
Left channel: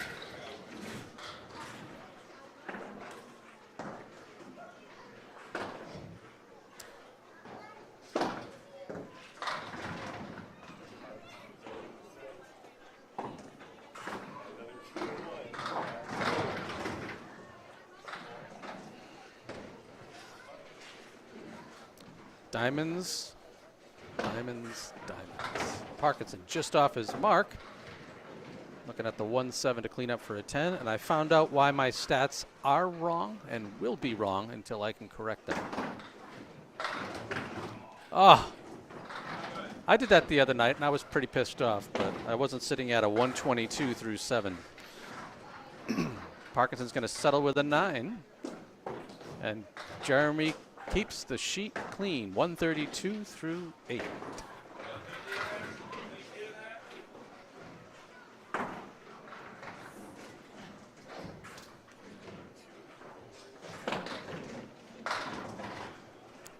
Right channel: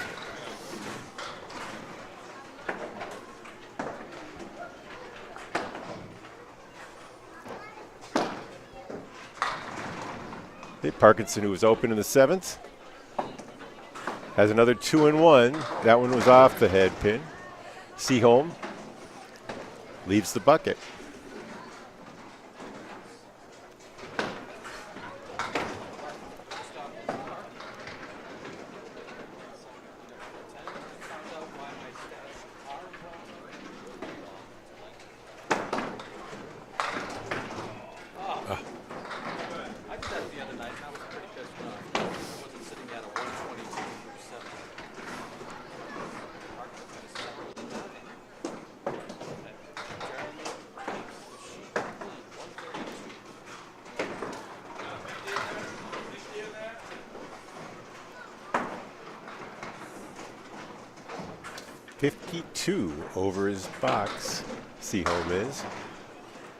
Okay, Parkinson, who was open in the 7th, has another 2-1. That one was off the head pin. Seaholm leaves the bucket. Diamonds. Parkinson just off his mark. Looking at the 1-7 to clean up for a 10, and I found out why my stats are wrong and will be wrong until I can correct them. Oh. I did that the other night, and I was pretty pissed off, but I wasn't sitting at a 122 through 7. Parkinson's going to settle with a 9. And Jeremy keeps the sheet clean, 132 through 8. $52 over his box, Seaholm is.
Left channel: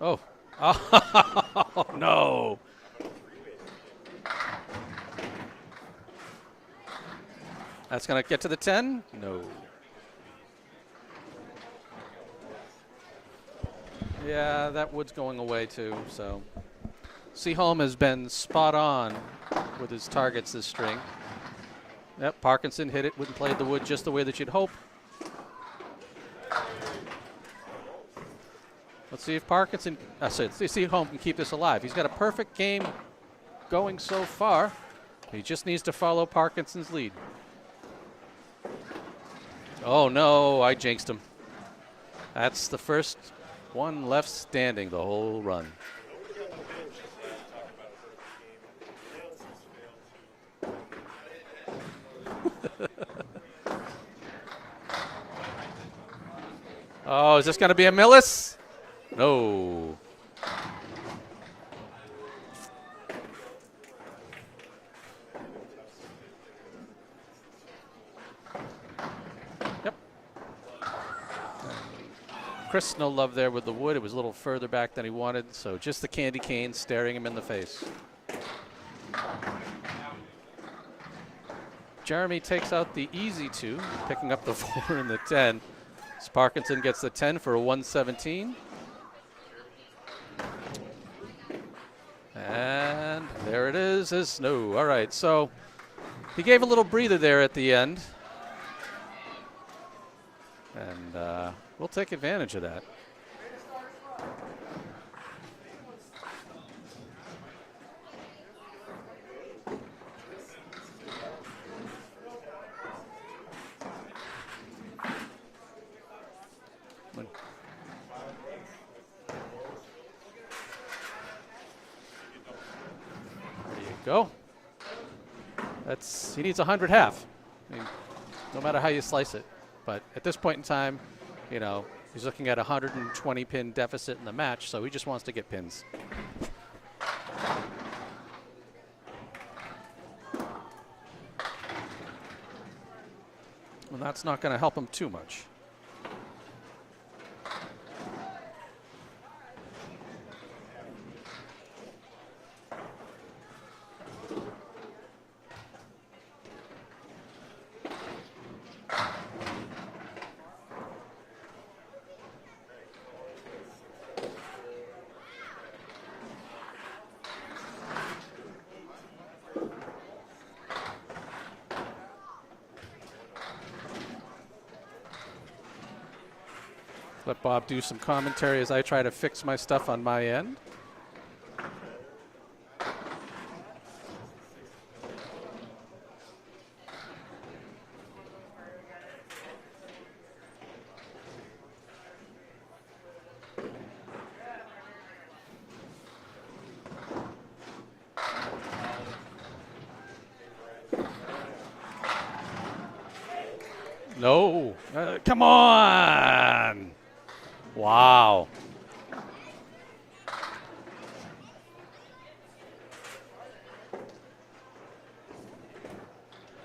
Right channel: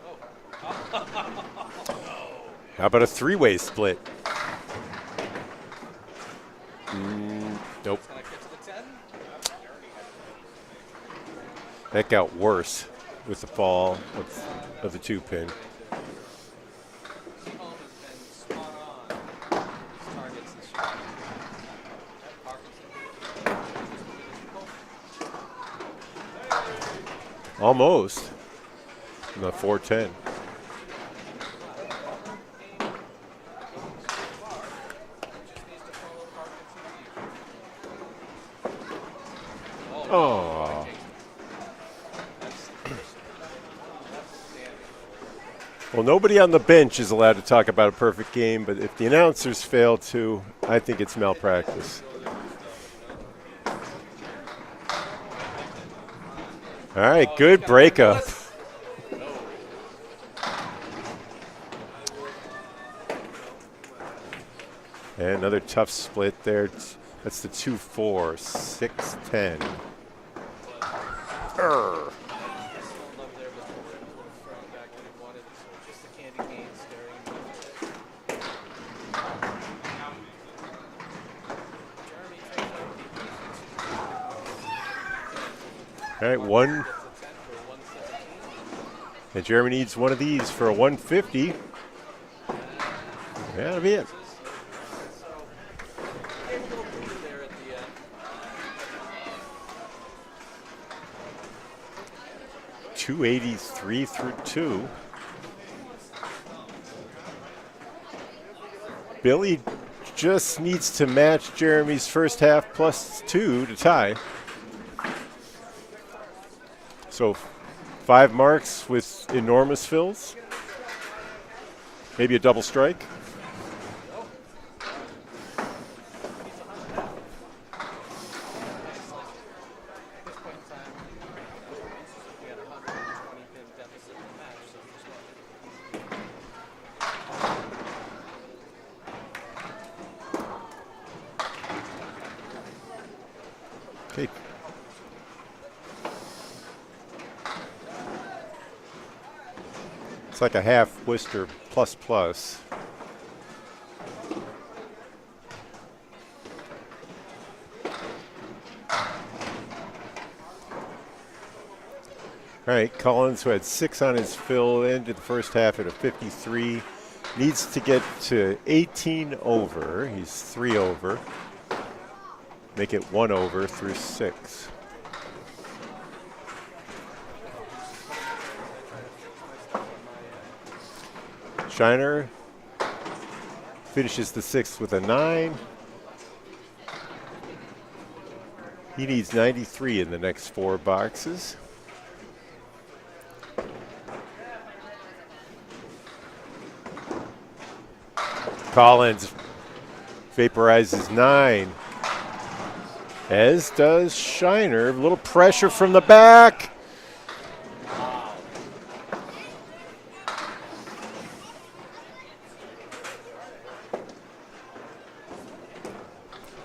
Oh. Oh, no. How about a 3-way split? Nope. That's going to get to the 10? No. That got worse with the fall Yeah, that of the was 2-pin. going away too. So Seaholm has been spot on with his targets this string. Yep, Parkinson hit it, played the wood just the way that you'd hope. Almost. Let's see if No, Parkinson. 410. I said, Seaholm can keep this alive. He's got a perfect game going so far. He just needs to follow Parkinson's lead. Oh no, I jinxed him. That's the first one left standing the whole run. Well, nobody on the bench is allowed to talk about a perfect game, but if the announcers fail to, I think it's malpractice. All right, oh, good is this break. gonna be a Millis? No. And another tough split there. That's the 2-4, 6-10. Yep. Chris, no love there with the wood. It was a little further back than he wanted, so just the candy cane staring him in the face. Jeremy takes out the easy 2, picking up the 4 and the 10. All right, Parkinson gets the 10 for a 117. And Jeremy needs one of these for a 150. And there it is. It's no. All right, so he gave a little breather there at the end. And we'll take advantage of that. 283 through 2. Billy just needs to match Jeremy's first half plus 2 to tie. So 5 marks with enormous fills. Maybe a double strike. Go. He needs 100 half. No matter how you slice it. But at this point in time, you know, he's looking at a 120 pin deficit in the match, so he just wants to get pins. And that's not going to help him too much. It's like a half Worcester plus plus. All right, Collins, who had 6 on his fill, ended the first half at a 53. Needs to get to 18 over. He's 3 over. Make it 1 over through 6. Let Bob do some commentary as I try to fix my stuff on my end. Shiner finishes the 6th with a 9. He needs 93 in the next 4 boxes. Collins vaporizes 9. As does Shiner. A little pressure from the back. Wow.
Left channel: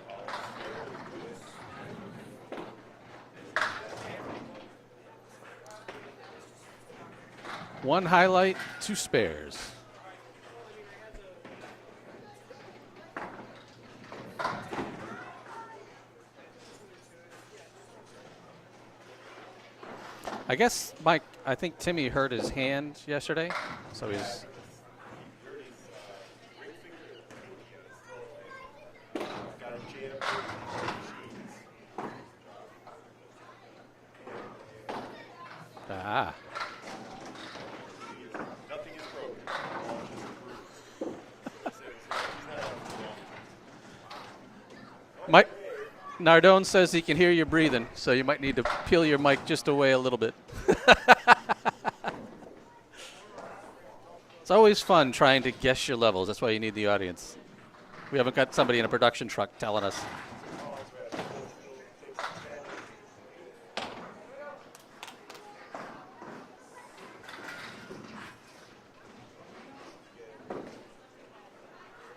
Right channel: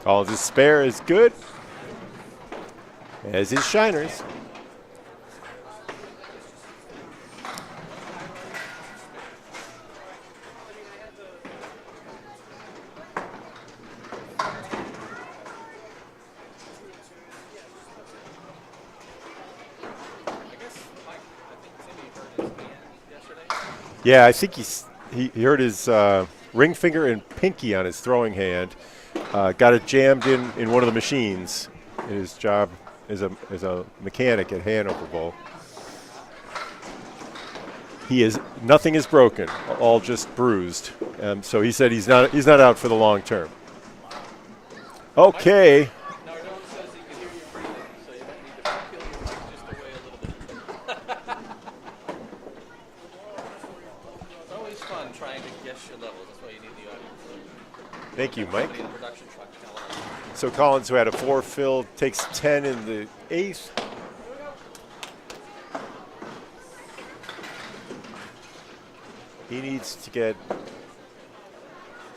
Collins' spare is good, as is Shiner's. 1 highlight, 2 spares. I guess, Mike, I think Timmy hurt his hand yesterday. So Yeah, I think he hurt his ring finger and pinky on his throwing hand. Got it jammed in one of the machines. His job as a mechanic at Hanover Bowl. Nothing is broken, all just bruised. So he said he's not out for the long term. Okay. Nardone says he can hear you breathing, so you might need to peel your mic just away a little bit. It's always fun trying to guess your levels. That's why you need the audience. We haven't got somebody in a production truck telling us. So Collins, who had a 4 fill, takes 10 in the 8th. He needs to get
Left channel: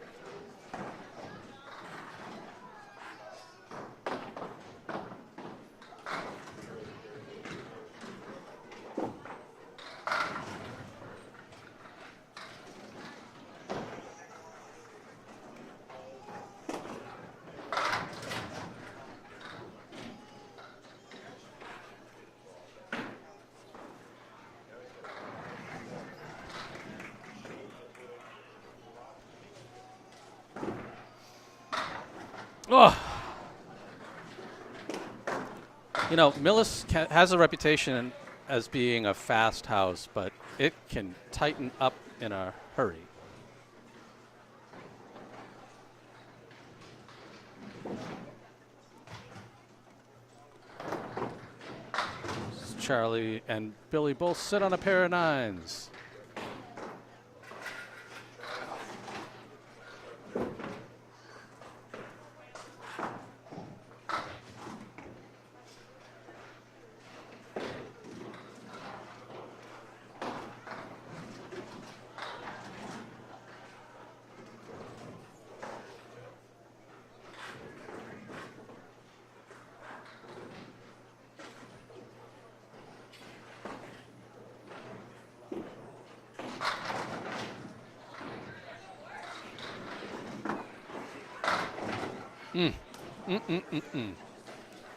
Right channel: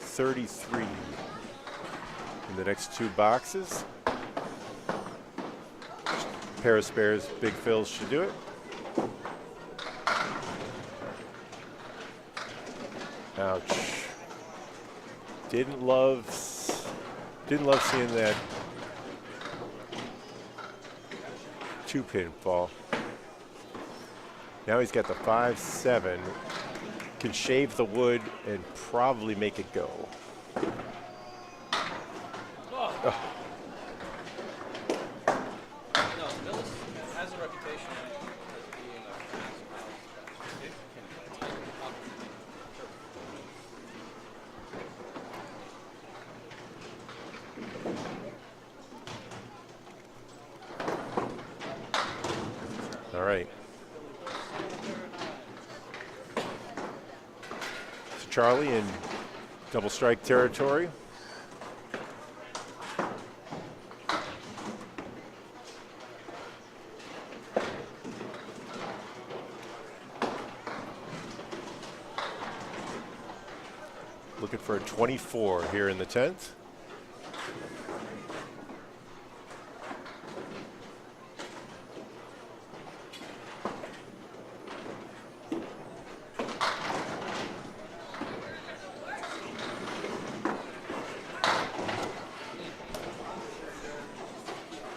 33 in the next 2 boxes. Pair of spares, big fills should do it. Ouch. Didn't love seeing that 2-pin fall. Now he's got the 5-7. Can shave the wood and probably make it go. Oh. You know, Millis has a reputation as being a fast house, but it can tighten up in a hurry. Charlie and Billy both sit on a pair of 9s. Charlie in double strike territory. for 24 here in the 10th.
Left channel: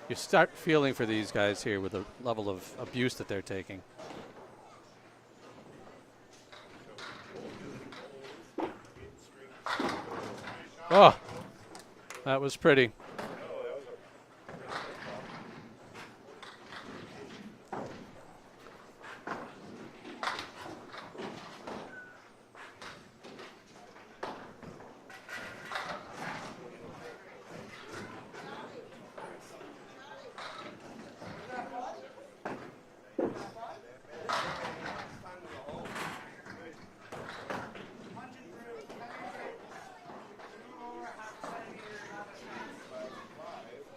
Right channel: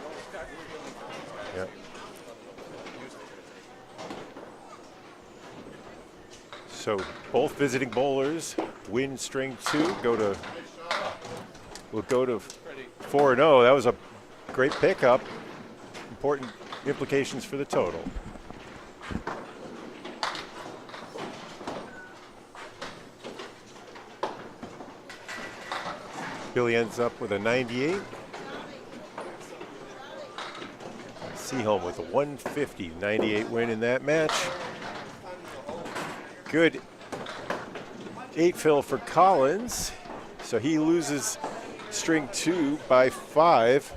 You start feeling for these guys here with the level of abuse that they're taking. So both visiting bowlers win string 2. Go to. Oh, We'll go to. that was pretty. 4-0. That was a great pickup. Important implications for the total. Billy ends up with a 98. Seaholm with a 150, 98 win in that match. Good 8 fill for Collins. So he loses string 2 by 5.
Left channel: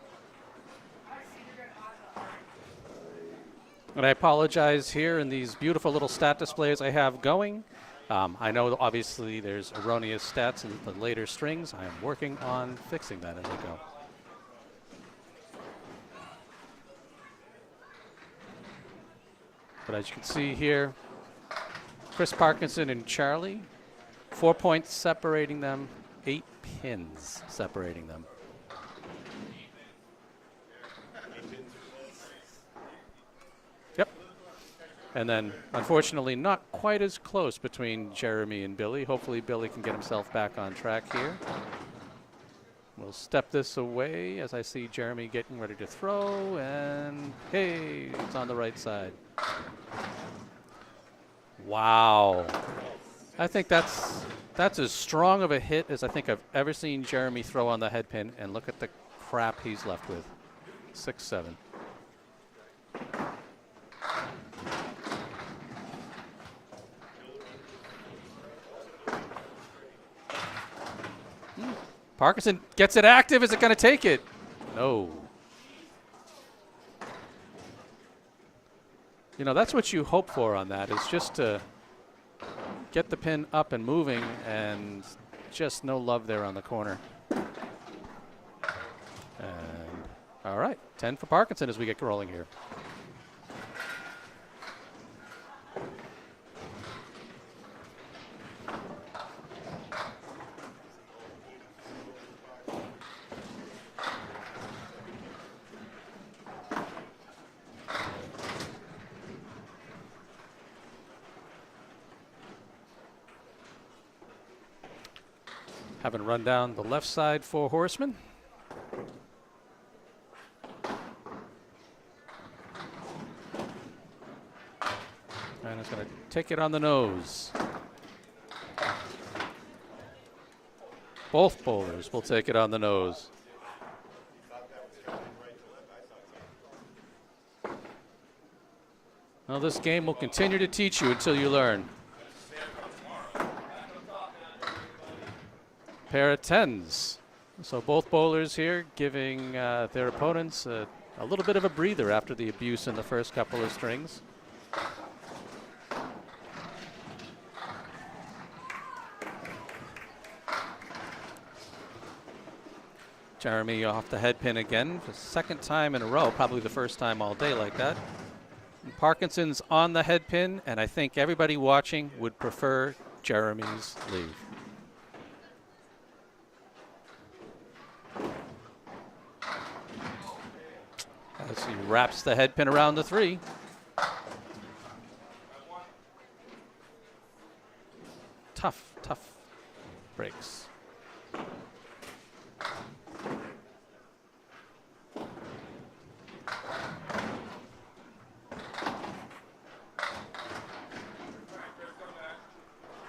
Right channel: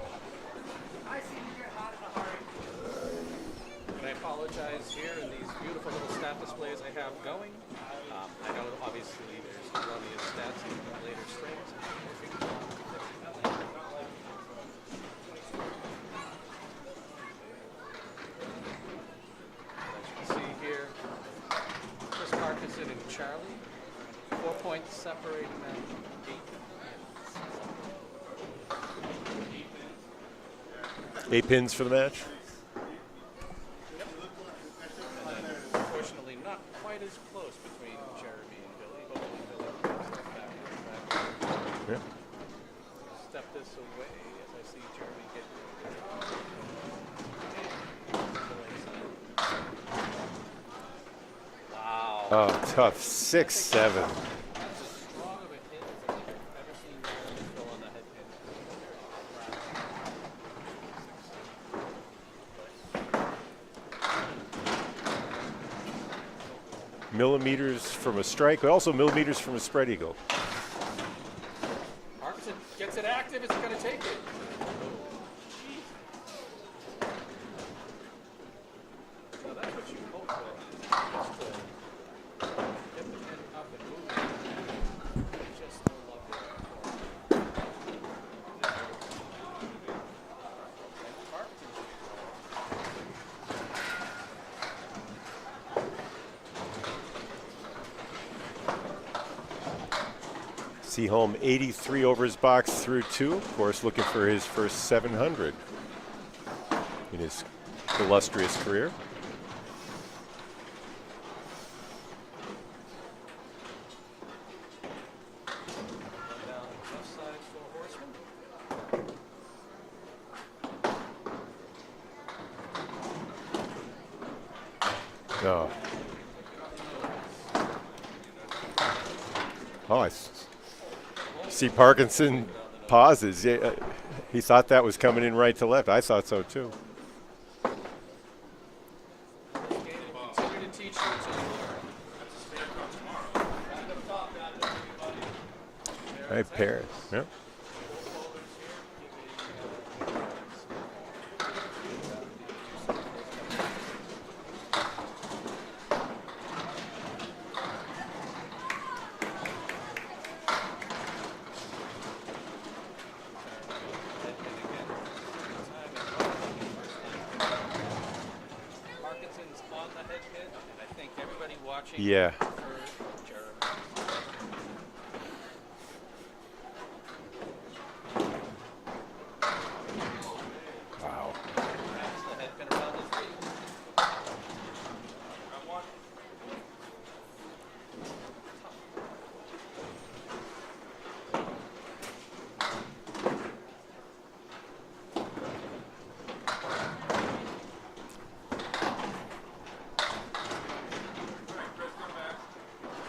And I apologize here in these beautiful little stat displays I have going. I know obviously there's erroneous stats in the later strings. I'm working on fixing that as we go. But as you can see here, Chris Parkinson and Charlie, 4 points separating them, 8 pins separating them. 8 pins for the match. Yep. And then, unfortunately, not quite as close between Jeremy and Billy. Hopefully, Billy can get himself back on track here. Yeah. We'll step this away as I see Jeremy getting ready to throw, and hey, it's on the right side. Wow. Oh, tough. 6-7. I think that's as strong of a hit as I think I've ever seen Jeremy throw on the head pin, and look at the crap he's left with. 6-7. Millimeters from a strike, but also millimeters from a spread eagle. Parkinson gets it active. Is it going to take it? No. You know, that's what you hope for on that, is just to get the pin up and moving, and just no love there on the corner. All right, 10 for Parkinson as we get rolling here. Seaholm 83 over his box through 2. Of course, looking for his first 700 in his illustrious career. Having run down the left side for Horseman. No. Take it on the nose. Oh, I Both see bowlers Parkinson will take it on the nose. pauses. Yeah, he thought that was coming in right to left. I thought so too. Well, this game will continue to teach you until you learn. Pair of tens. Yep. So both bowlers here giving their opponents a little bit of a breather after the abuse in the first couple of strings. Jeremy off the head pin again, the second time in a row, probably the first time all day like that. And Parkinson's on the head pin, and I think everybody watching would prefer Jeremy's lead. Wow. As he wraps the head pin around the 3. Tough breaks.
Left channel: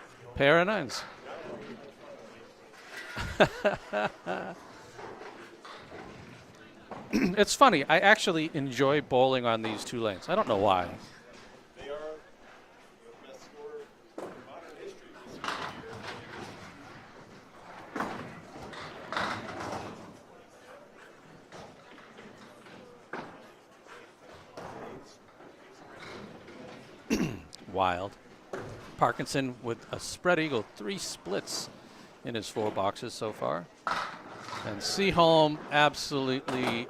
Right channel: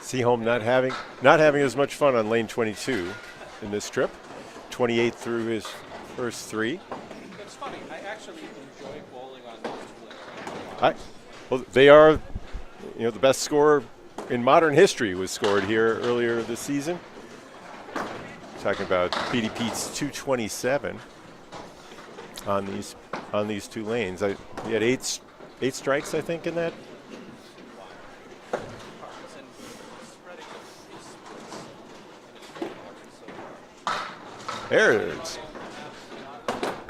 Seaholm not having as much fun on lane 22 in this trip. 28 through his first 3. It's funny. I actually enjoy bowling on these 2 lanes. I don't know why. Well, they are, the best score in modern history was scored here earlier this season. Talking about Petey Pete's 227 on these 2 lanes. He had 8 strikes, I think, in that. Wild. Parkinson with a spread eagle, 3 splits in his 4 boxes so far. There it is. Seaholm absolutely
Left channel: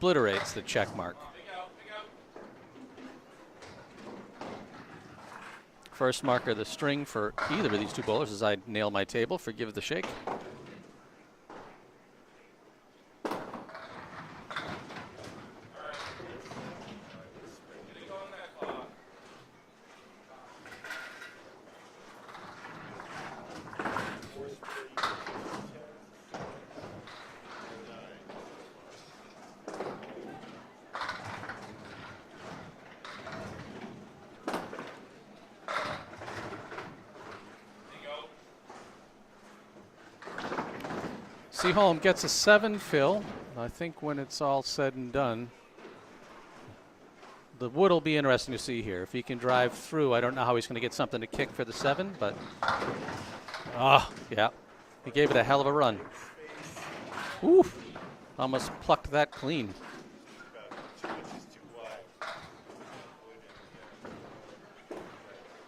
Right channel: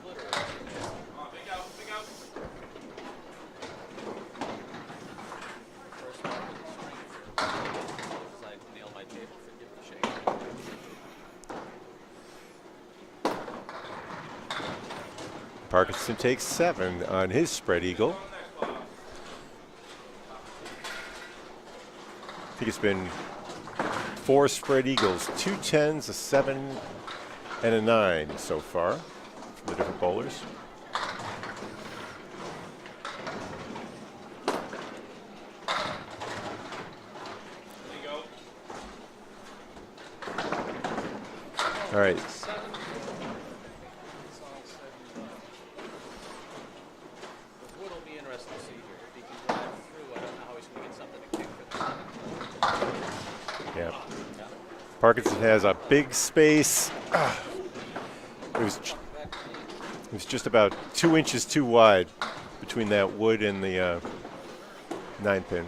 obliterates the check mark. First marker of the string for either of these 2 bowlers as I nail my table. Forgive the shake. Parkinson takes 7 on his spread eagle. I think it's been 4 spread eagles, 2 10s, a 7, and a 9 so far from the different bowlers. Seaholm gets a 7 fill. I think when it's all said and done, the wood will be interesting to see here. If he can drive through, I don't know how he's going to get something to kick for the 7, but yeah. Parkinson has a a big space. Almost plucked that clean. It was just about 2 inches too wide between that wood and the 9-pin.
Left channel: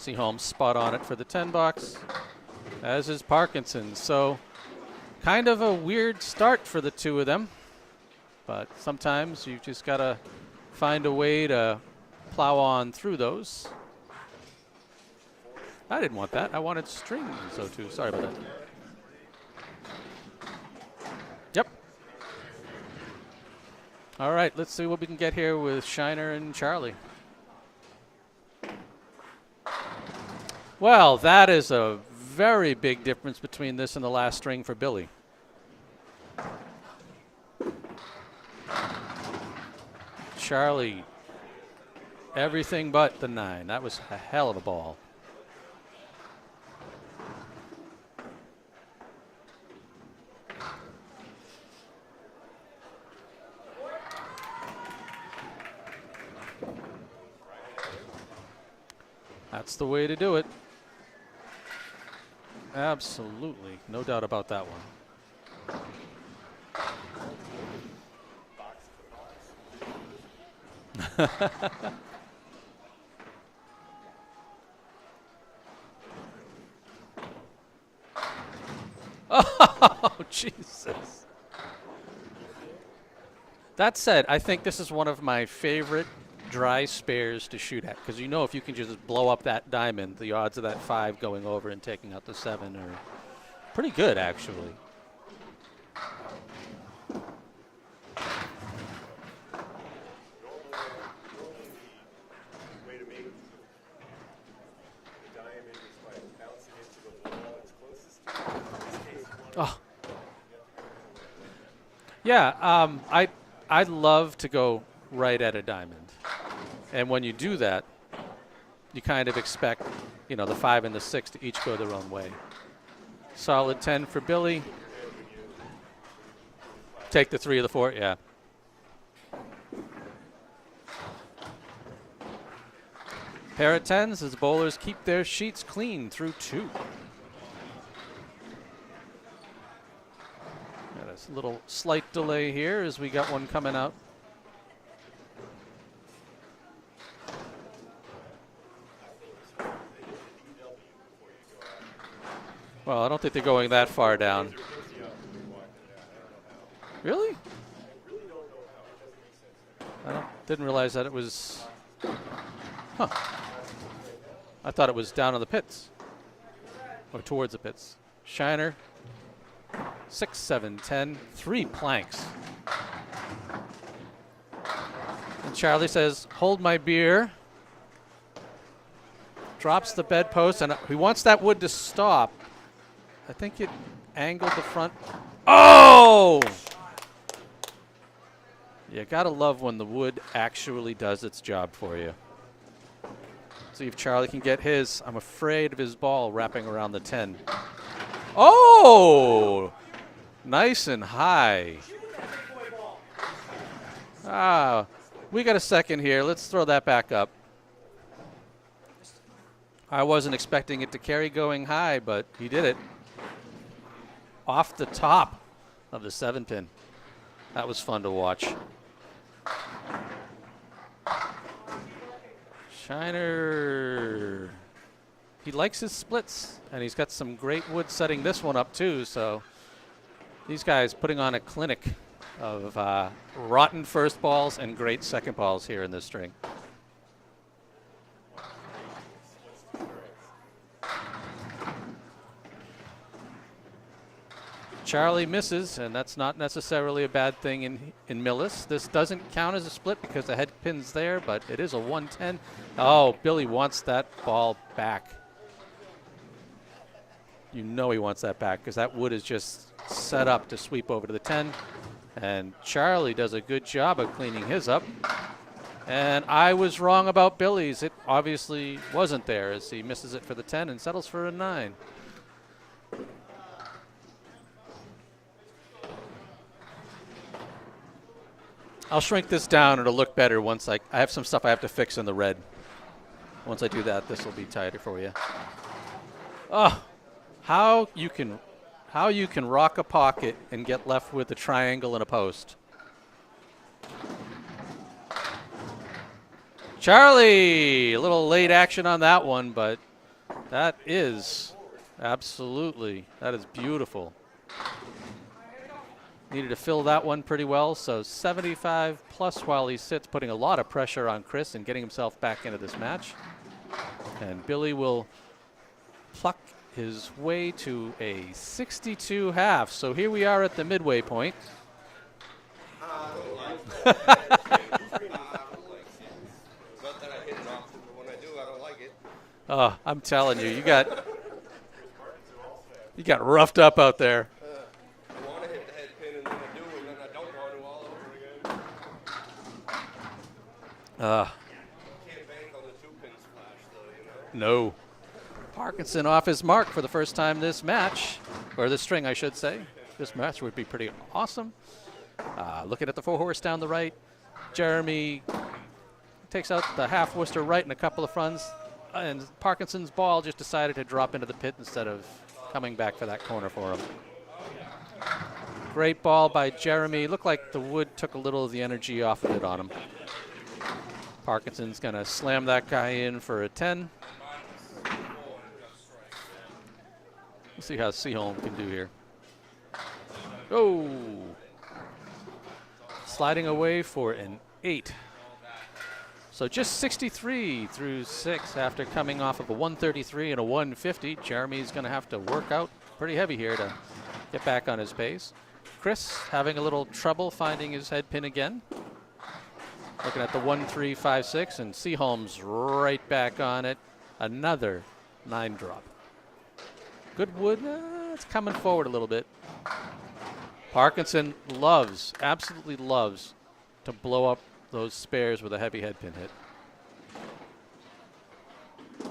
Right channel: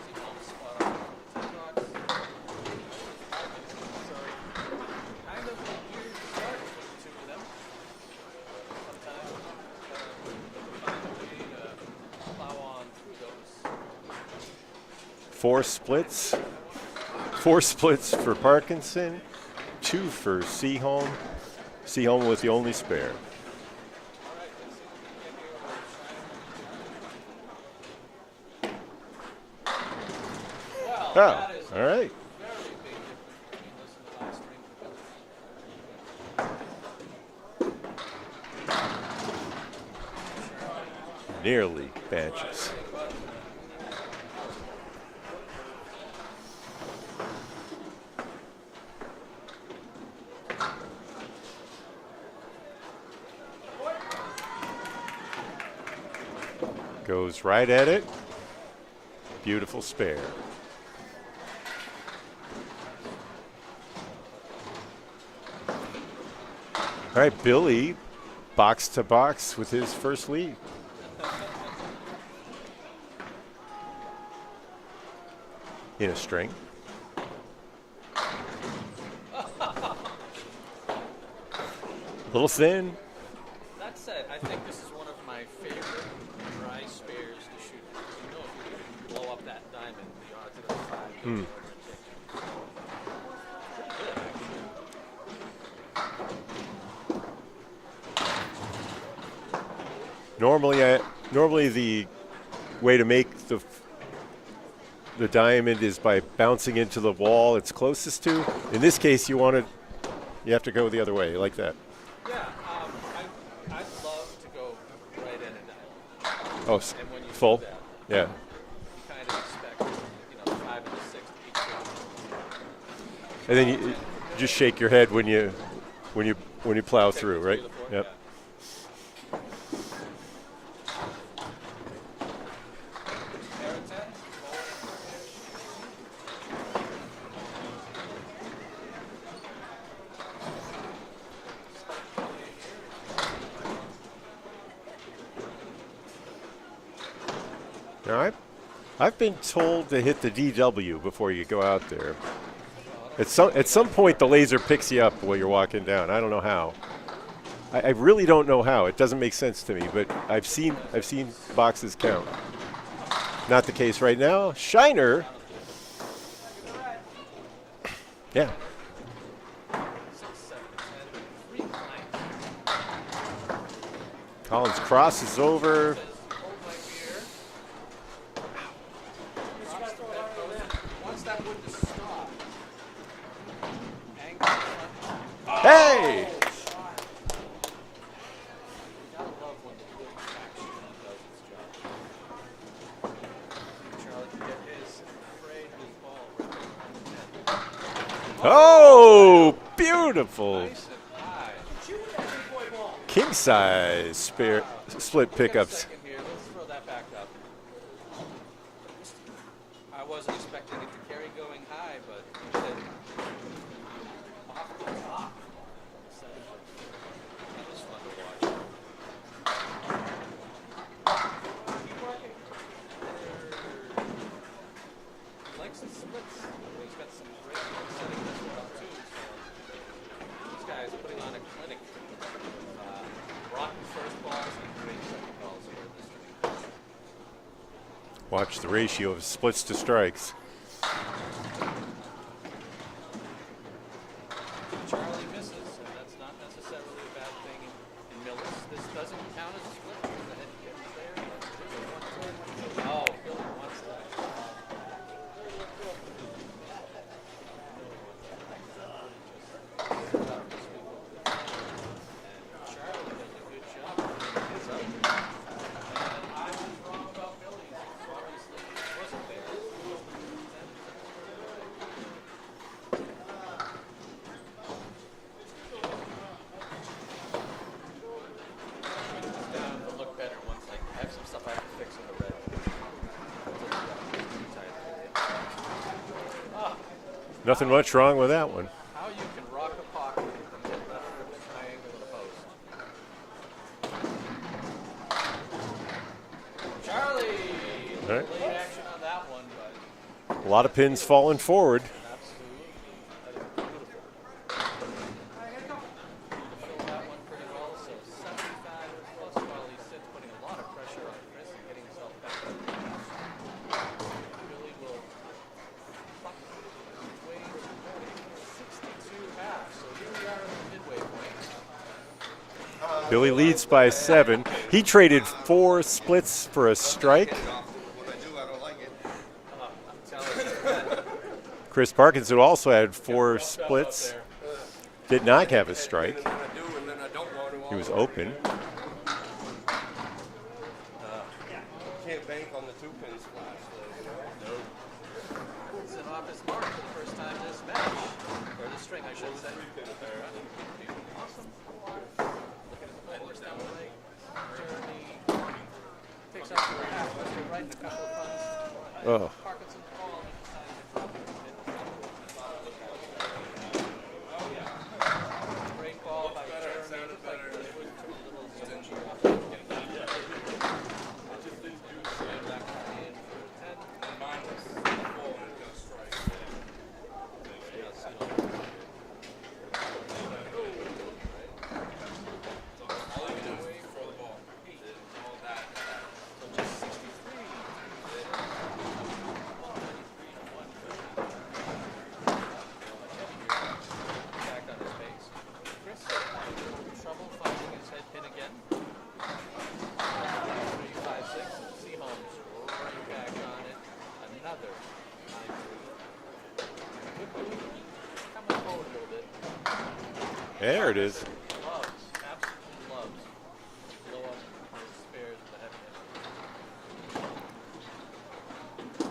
Seaholm spot on it for the 10 box, as is Parkinson. So kind of a weird start for the 2 of them, but sometimes you just got to find a way to plow on through those. 4 splits. I didn't want that. I wanted string. 4 splits for Parkinson, 2 for Seaholm. Yep. Seaholm was the only spare. All right, let's see what we can get here with Shiner and Charlie. Well, that is a very big difference between this and the last string for Billy. Charlie Nearly benches. everything but the 9. That was a hell of a ball. Goes right at it. Beautiful That's the way to do it. Absolutely. No doubt about that one. All right, Billy, box to box with his first lead. In a string. Oh, Jesus. Little thin. That said, I think this is one of my favorite dry spares to shoot at, because you know if you can just blow up that diamond, the odds of that 5 going over and taking out the 7 are pretty good, actually. Normally the way to make the diamond is by bouncing into the wall it's closest to. In this case, you have to go the other way, like that. Yeah, I'd love to go right at a diamond. Oh, and when you full? do that, yeah, you kind of expect, the 5 and the 6 to each go their own way. And then Solid 10 for Billy. Just shake your head when you plow Take through. the 3 right? or the 4, Yep. yeah. Pair of 10s as bowlers keep their sheets clean through 2. There's a little slight delay here as we got one coming out. All right. I've been told to hit the DW before you go out there. Well, I don't think At you're going some that far point, the down. laser picks you up while you're walking down. I don't know how. Really? I really don't know how. It doesn't make sense to me, but I've Didn't seen realize that it was- boxes count. Huh. Not the case right now. I thought it Shiner. was down in the pits. Or towards the pits. Yeah. Shiner. 6, 7, 10. 3 planks. Collins crosses over. Charlie says, hold my beer. Drops the bedpost, and he wants that wood to stop. I think it angled the front. Oh! You gotta love when the wood actually does its job for you. See if Charlie can get his. I'm afraid of his ball wrapping around the 10. Oh! Beautiful. Nice and high. King size split We got a pickups. second here. Let's throw that back up. I wasn't expecting it to carry going high, but he did it. Off the top of the 7-pin. That was fun to watch. Shiner. he likes his splits, and he's got some great wood setting this one up too. So these guys putting on a clinic of rotten first balls and great second balls here in this string. Watch the ratio of splits to strikes. Charlie misses, and that's not necessarily a bad thing in Millis. This doesn't count as a split because the head pin's there, but it is a 110. Oh, Billy wants that ball back. You know he wants that back because that wood is just set up to sweep over to the 10. And Charlie does a good job of cleaning his up. And I was wrong about Billy's. It obviously wasn't there as he misses it for the 10 and settles for a 9. I'll shrink this down. It'll look better once I have some stuff I have to fix in the red. Once I do that, this will be tighter for you. Oh, nothing much wrong with that one. How you can rock a pocket and get left with a triangle and a post. Charlie, a little late action on that one, but a lot of pins falling forward. Absolutely, that is beautiful. Needed to fill that one pretty well, so 75 plus while he sits, putting a lot of pressure on Chris and getting himself back into this match. And Billy will pluck his way to a 62 half. So here we are at the midway point. Billy leads by 7. He traded 4 splits for a strike. Oh, I'm telling you, you got Chris Parkinson also had 4 got roughed splits. up out there. Did not have a strike. He was open. No. Parkinson off his mark for the first time this match, or this string, I should say. This match would be pretty awesome. Looking at the 4-horse down the right, Jeremy takes out the half Worcester right and a couple of fronts. And Parkinson's ball just decided to drop into the pit instead of coming back for that corner for him. Great ball by Jeremy. Looked like the wood took a little of the energy off of it on him. Parkinson's going to slam that guy in for a 10. Let's see how Seaholm can do here. Oh! Sliding away for an 8. So just 63 through 6 after coming off of a 133 and a 150. Jeremy's going to have to work out pretty heavy here to get back on his pace. Chris having a little trouble finding his head pin again. Looking at the 1-3-5-6, and Seaholm's right back on it. Another 9 drop. Good wood. It's coming forward a little bit. There Parkinson loves, absolutely loves, to blow up those spares with a heavy head pin hit.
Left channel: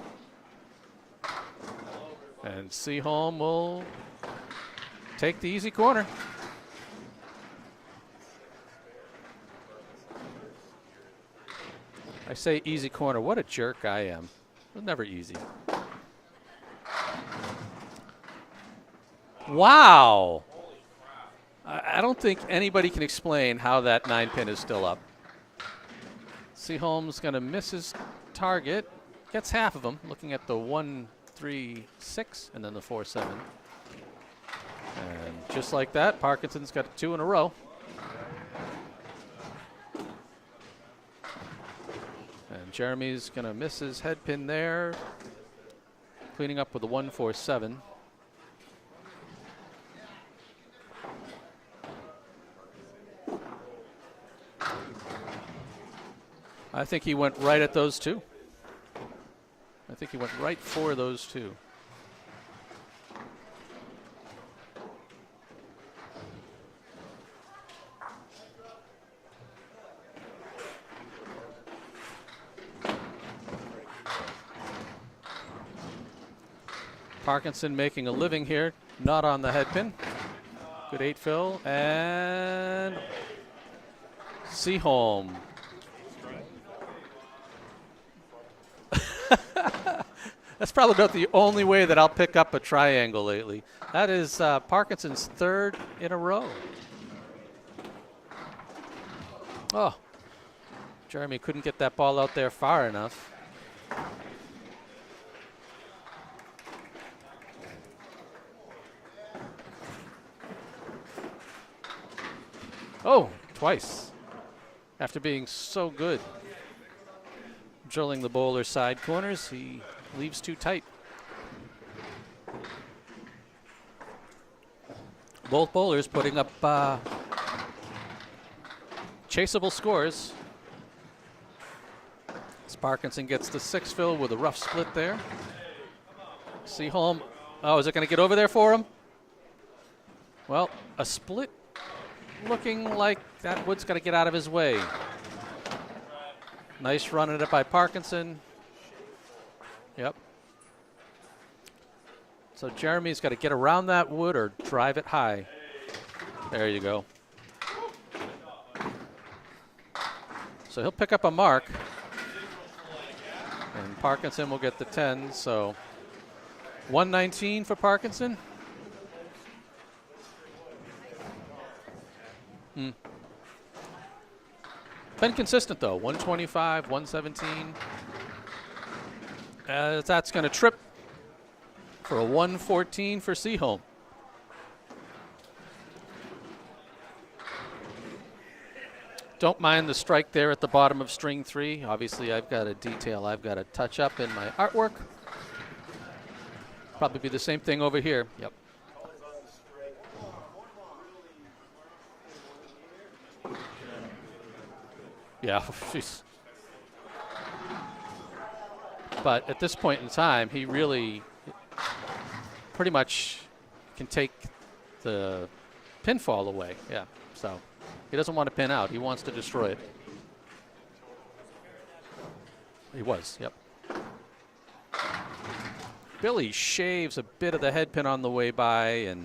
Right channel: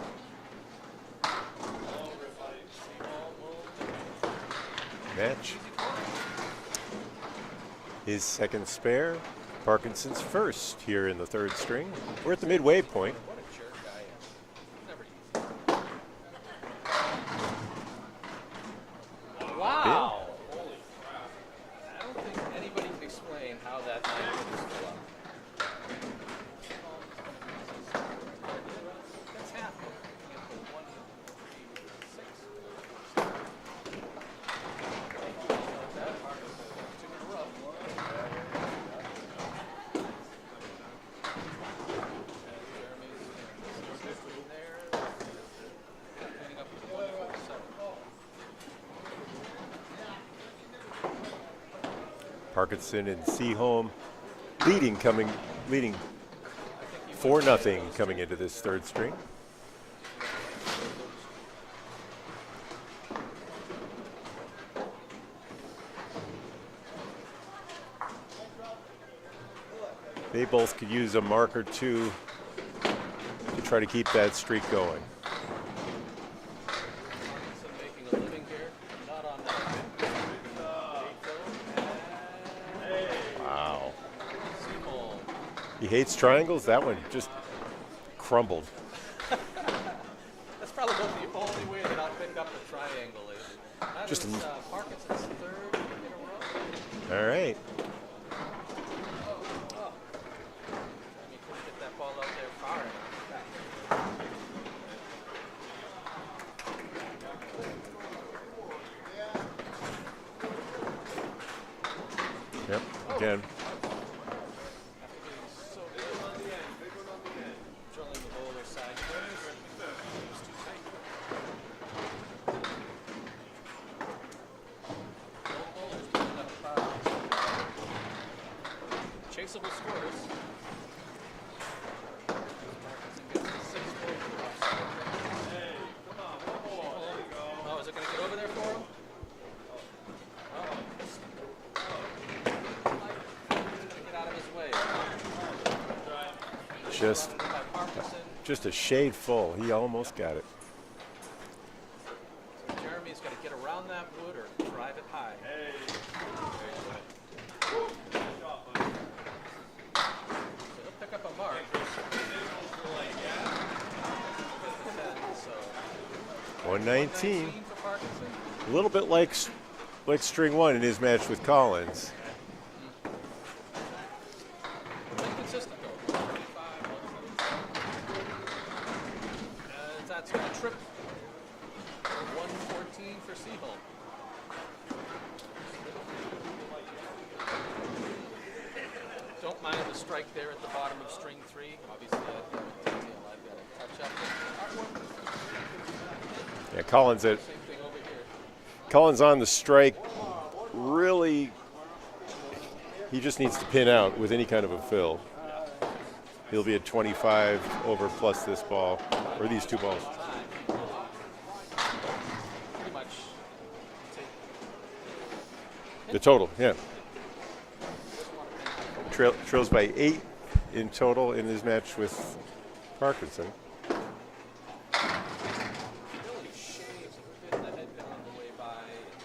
And Seaholm will take the easy corner. His second spare, Parkinson's first here in the 3rd string. We're at the Say midway easy point. corner. What a jerk I am. Never easy. Wow. I don't think anybody can explain how that 9 pin is still up. Seaholm's going to miss his target. Gets half of them, looking at the 1-3-6 and then the 4-7. And just like that, Parkinson's got 2 in a row. And Jeremy's going to miss his head pin there, cleaning up with a 1-4-7. Parkinson and Seaholm leading. I think he went right at those coming two. into this 3rd string. I think he went right for those two. They both could use a mark or two to try to keep that streak going. Parkinson making a living here, not on the head pin. Good 8 fill, and Wow. Seaholm. He hates triangles. That one just crumbled. That's probably about the only way that I'll pick up a triangle lately. That is Parkinson's 3rd in a row. All right. Oh, Jeremy couldn't get that ball out there far enough. Oh, again. twice. After being so good. Drilling the bowler's side corners, he leaves too tight. Both bowlers putting up chaseable scores. As Parkinson gets the 6 fill with a rough split there. Seaholm, oh, is it going to get over there for him? Well, a split looking like that wood's going to get out of his way. Nice run at it by Parkinson. Just a shade full. He almost got it. So Jeremy's got to get around that wood or drive it high. There you go. So he'll pick up a mark. And Parkinson will get the 10. So 119 for Parkinson. A little bit like string 1 in his match with Collins. Been consistent though. 125, 117. That's going to trip for a 114 for Seaholm. Don't mind the strike there at the bottom of string 3. Obviously, I've got a detail I've got to touch up in my artwork. Yeah, Collins do the same thing over here. Yep. Collins on the strike. Really, he just needs to pin out with any kind of a fill. Yeah. He'll be at 25 over plus this ball. But at this point in time, he really pretty much can take the pinfall away. Yeah. So he doesn't want to pin out. He wants to destroy trails by 8 in total in his match with Parkinson. Yep. Billy shaves a bit of the head pin on the way by, and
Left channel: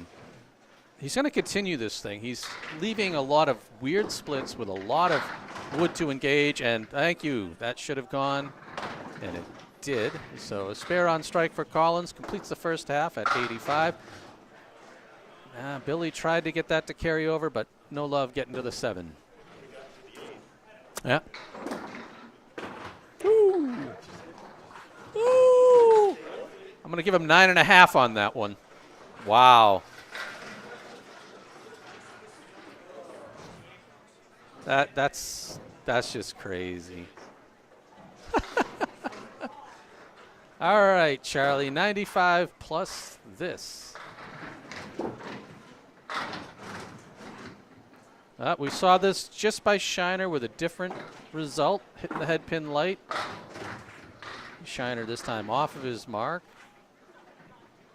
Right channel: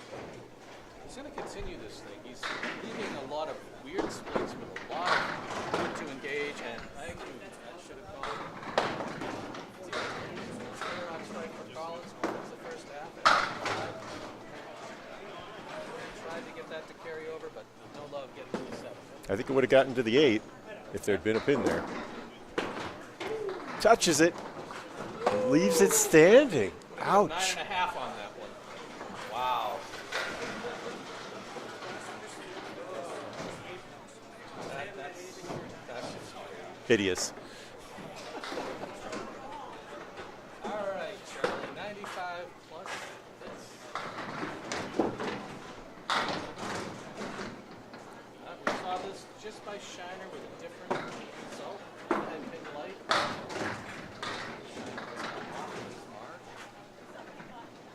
he's going to continue this thing. He's leaving a lot of weird splits with a lot of wood to engage, and thank you. That should have gone, and it did. So a spare on strike for Collins, completes the first half at 85. Billy tried to get that to carry over, but no love getting to the 7. I think it would have gotten to the 8 if there had been a pin there. Ooh, touches it. Ooh. Leaves it standing. I'm going to give him 9.5 on that one. Wow. That's just crazy. Hideous. All right, Charlie, 95 plus this. We saw this just by Shiner with a different result, hitting the head pin light. Shiner this time off of his mark.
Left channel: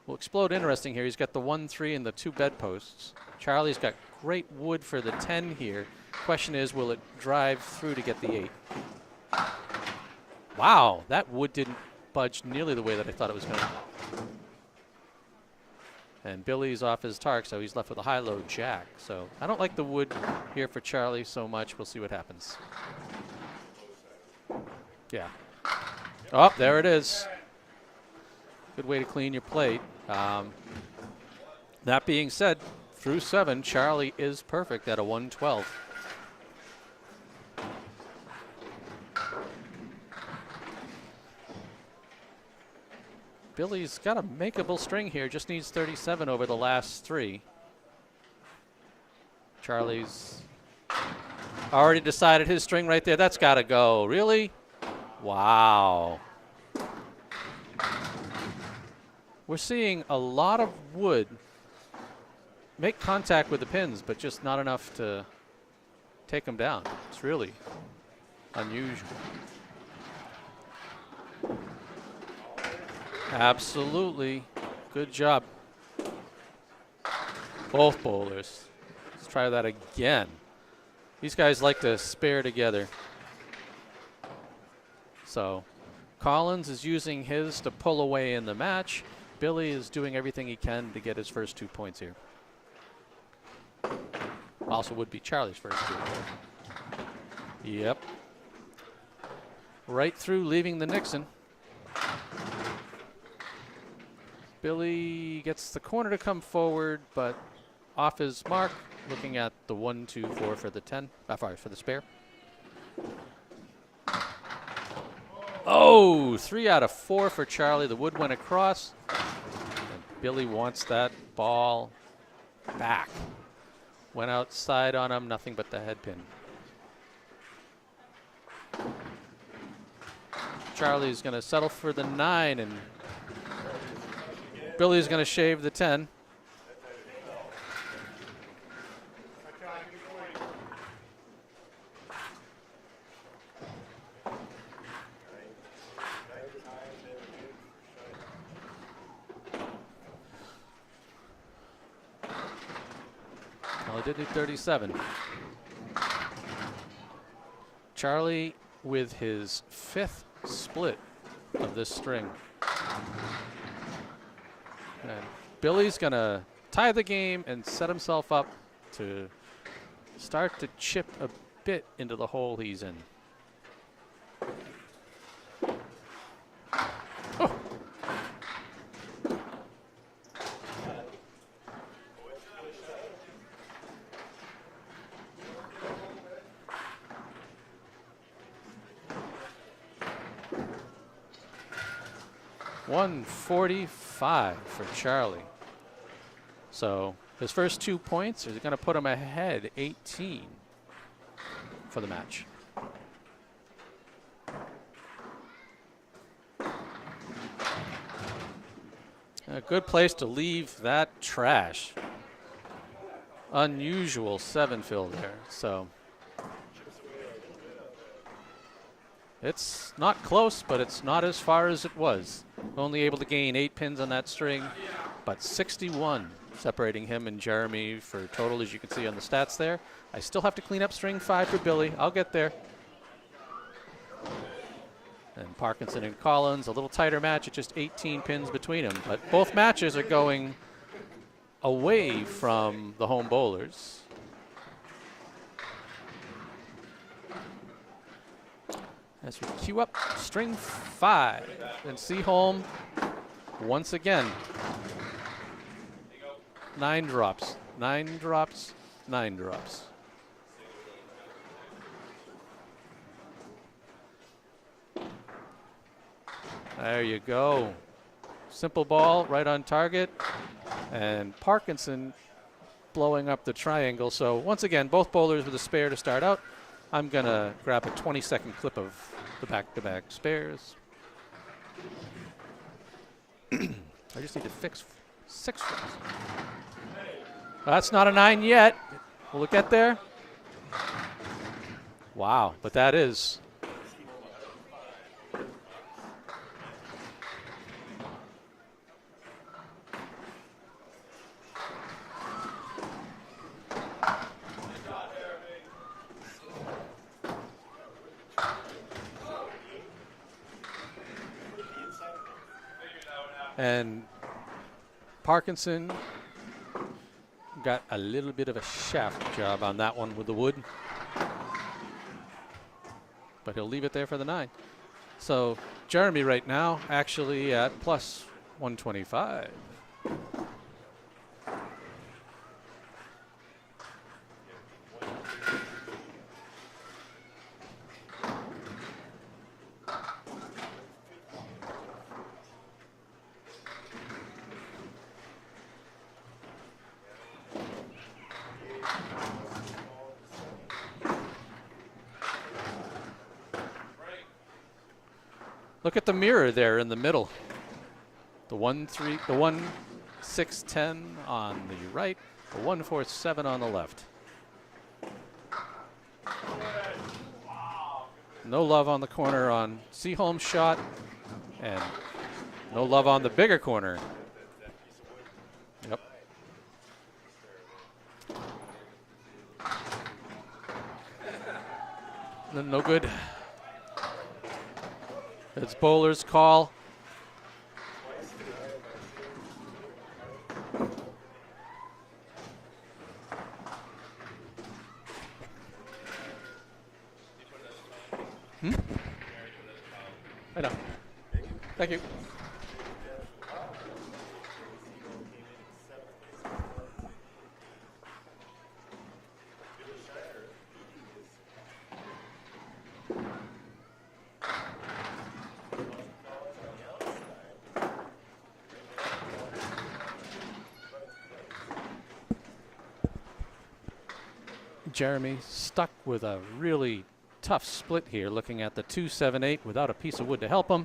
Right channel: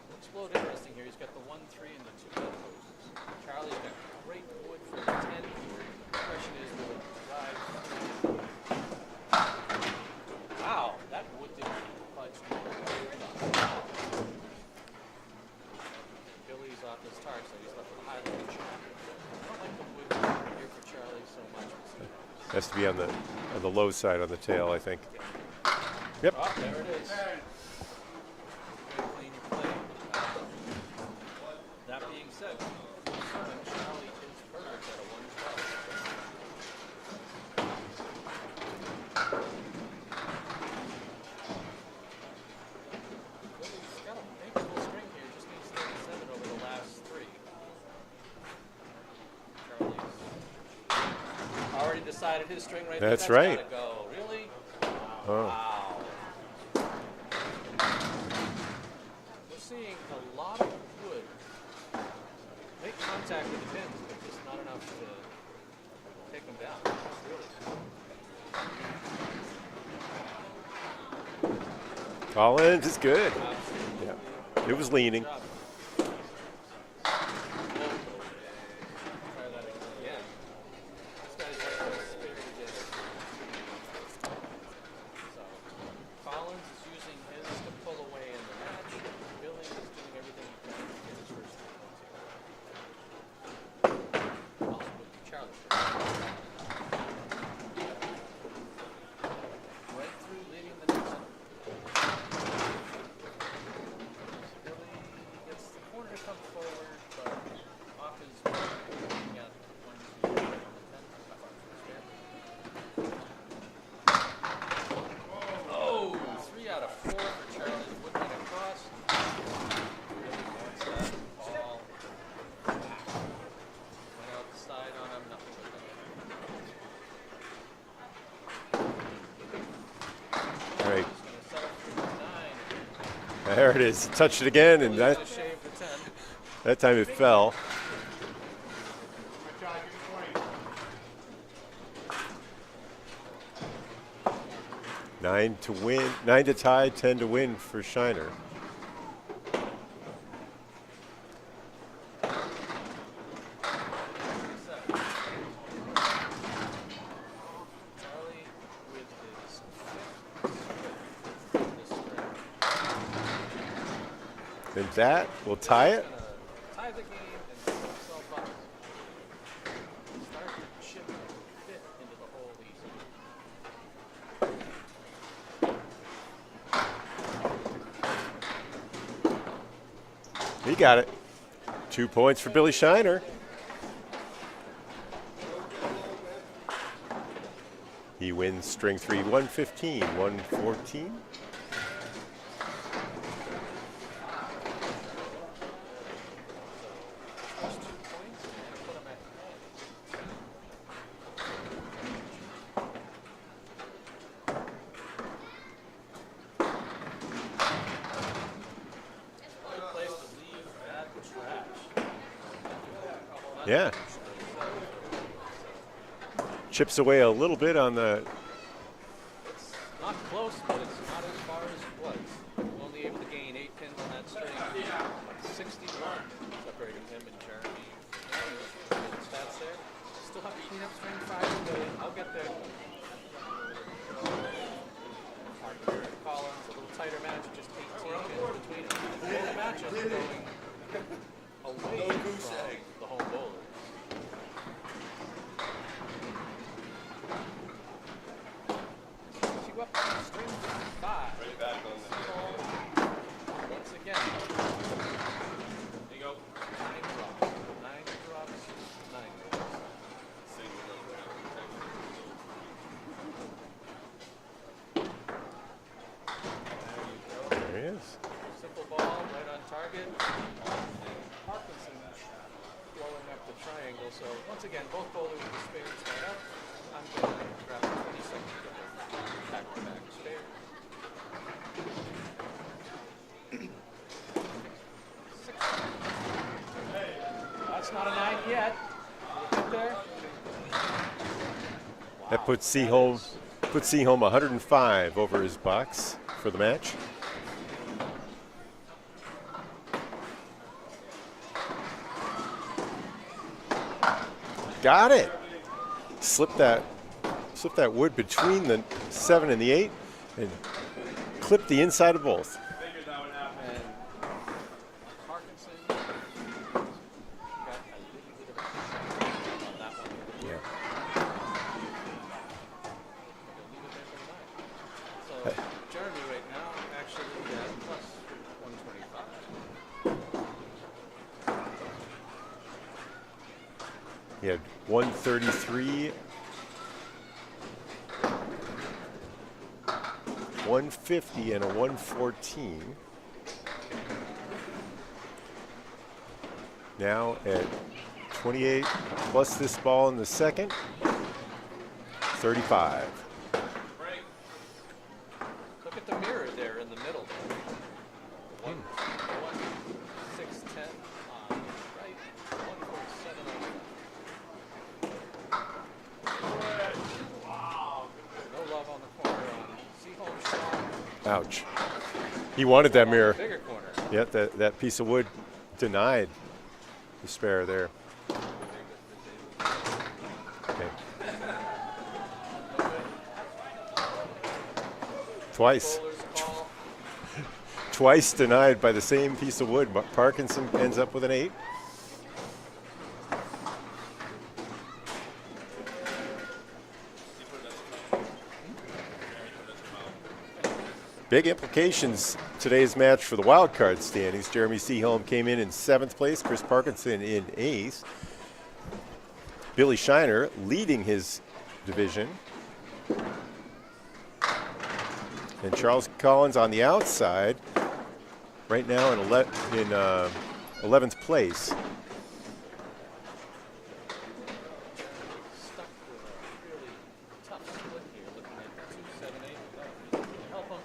Will explode interesting here. He's got the 1-3 and the 2 bedposts. Charlie's got great wood for the 10 here. Question is, will it drive through to get the 8? Wow, that wood didn't budge nearly the way that I thought it was going to. And Billy's off his target, so he's left with a high-low jack. So I don't like the wood here for Charlie so much. We'll see what happens. Has to be on the low side on the tail, I think. Yeah. Yep. Oh, there it is. Good way to clean your plate. That being said, through 7, Charlie is perfect at a 112. Billy's got a makeable string here, just needs 37 over the last 3. Charlie's already decided his string right there. That's got to go. Really? Wow. We're seeing a lot of wood make contact with the pins, but just not enough to take them down. It's really unusual. Collins is good. Absolutely. It was leaning. Good job. Both bowlers. Let's try that again. These guys like to spare together. So Collins is using his to pull away in the match. Billy is doing everything he can to get his first 2 points here. Also would be Charlie's first. Yep. Right through, leaving the Nixon. Billy gets the corner to come forward, but off his mark, looking at the 1, 2, 4 for the 10, for the spare. Oh, 3 out of 4 for Charlie. The wood went across. Billy wants that ball back. Went outside on him, nothing but the head pin. Charlie's going to settle for the 9, and there it is. Touched it again. Billy's going to shave the 10. That time it fell. Nine to win, 9 to tie, 10 to win for Shiner. Well, they did 37. Charlie with his 5th split of this string. And that will tie Billy's it. going to tie the game and set himself up to start to chip a bit into the hole he's in. He got it. 2 points for Billy Shiner. He wins string 3, 115, 114. 145 for Charlie. So his first 2 points are going to put him ahead 18 for the match. A good place to leave that trash. Unusual 7 fill there. So Chips away a little bit on the. it's not close, but it's not as far as it was. Only able to gain 8 pins on that string, but 61 separating him and Jeremy for total, as you can see on the stats there. I still have to clean up string 5 for Billy. I'll get there. And Parkinson and Collins, a little tighter match at just 18 pins between them. But both matches are going away from the home bowlers. As we queue up string 5. And Seaholm once again. 9 drops, 9 drops, 9 drops. There you go. There he is. Simple ball, right on target. And Parkinson blowing up the triangle. So once again, both bowlers with a spare to start out. I'm going to grab a 20-second clip of the back-to-back spares. I just need to fix 6. That's not a 9 yet. Will it get there? Wow, Put but that is. Put Seaholm 105 over his box for the match. Got it. Slip that wood between the 7 and the 8 and clip the inside of both. And Parkinson got a little bit of a shaft job on that one with the wood. But he'll leave it there for the 9. So Jeremy right now actually at plus 125. He had 133, 150, and a 114. Now at 28 plus this ball in the second, 35. Look at the mirror there in the middle. The 1-6-10 on the right, the 1-4-7 on the left. No love on the corner on Seaholm's shot. Ouch. And He wanted no love that mirror. on the bigger corner. Yep, that piece of wood denied the spare there. Okay. No good. Twice. Bowlers call. Twice denied by the same piece of wood. But Parkinson ends up with an 8. Big implications today's match for the wild card standings. Jeremy Seaholm came in 7th place. Chris Parkinson in 8th. Billy Shiner leading his division. And Charles Collins on the outside, right now in 11th place. Jeremy stuck with a really tough split here, looking at the 2-7-8 without a piece of wood to help him.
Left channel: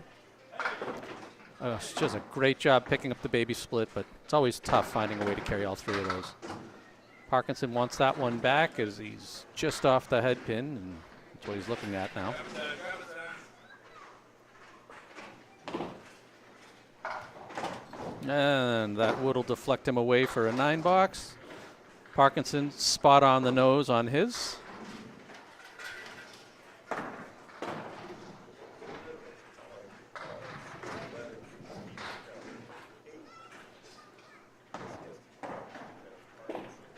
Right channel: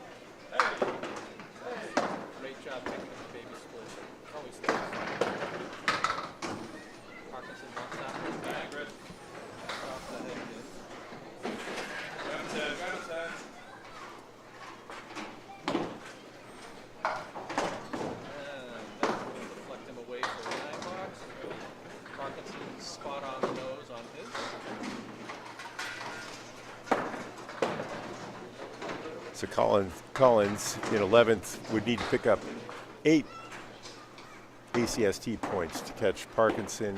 She does a great job picking up the baby split, but it's always tough finding a way to carry all three of those. Parkinson wants that one back as he's just off the head pin. And that's what he's looking at now. And that wood will deflect him away for a 9 box. Parkinson spot on the nose on his. So Collins in 11th would need to pick up 8 ACST points to catch Parkinson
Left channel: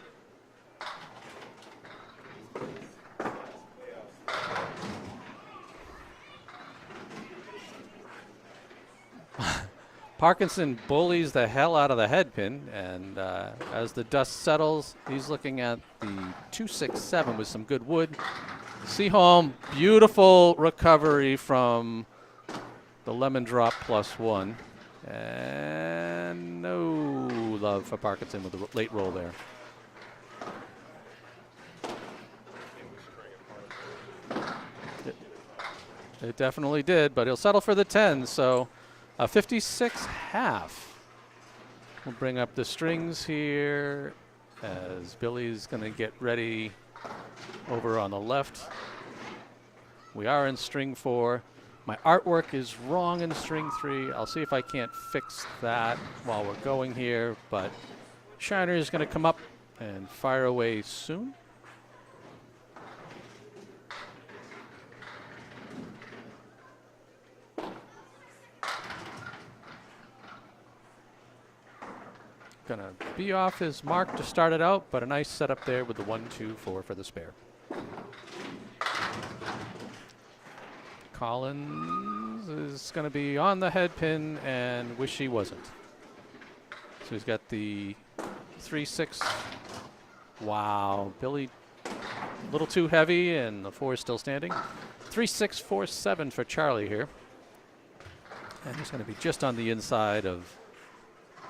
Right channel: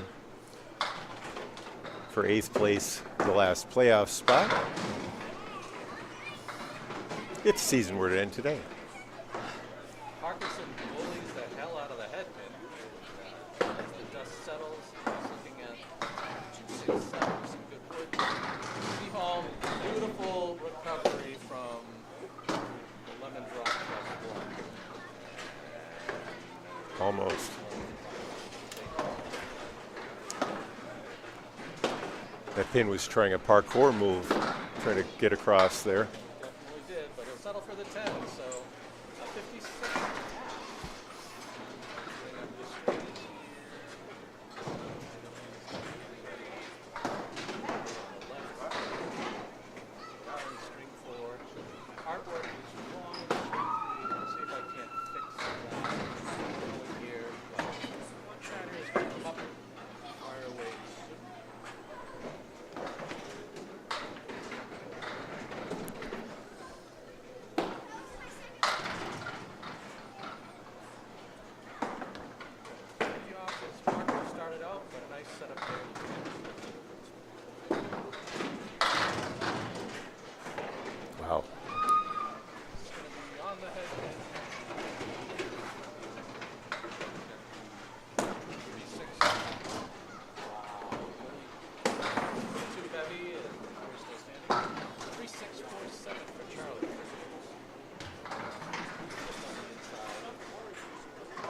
for 8th place, the last playoff spot. If the season were to end today. Parkinson bullies the hell out of the head pin, and as the dust settles, he's looking at the 2-6-7 with some good wood. Seaholm, beautiful recovery from the lemon drop +1. And no love for Parkinson with the late roll there. That pin was trying a parkour move, trying to get across there. It definitely did, but he'll settle for the 10, so a 56.5. We'll bring up the strings here as Billy's going to get ready over on the left. We are in string 4. My artwork is wrong in string 3. I'll see if I can't fix that while we're going here, but Shiner is going to come up and fire away soon. Gonna be off his mark to start it out, but a nice setup there with the 1-2-4 for the spare. Collins is going to be on the head pin and wish he wasn't. So he's got the 3-6. Wow, Billy a little too heavy, and the 4 is still standing. 3-6, 4-7 for Charlie here. And he's going to be just on the inside of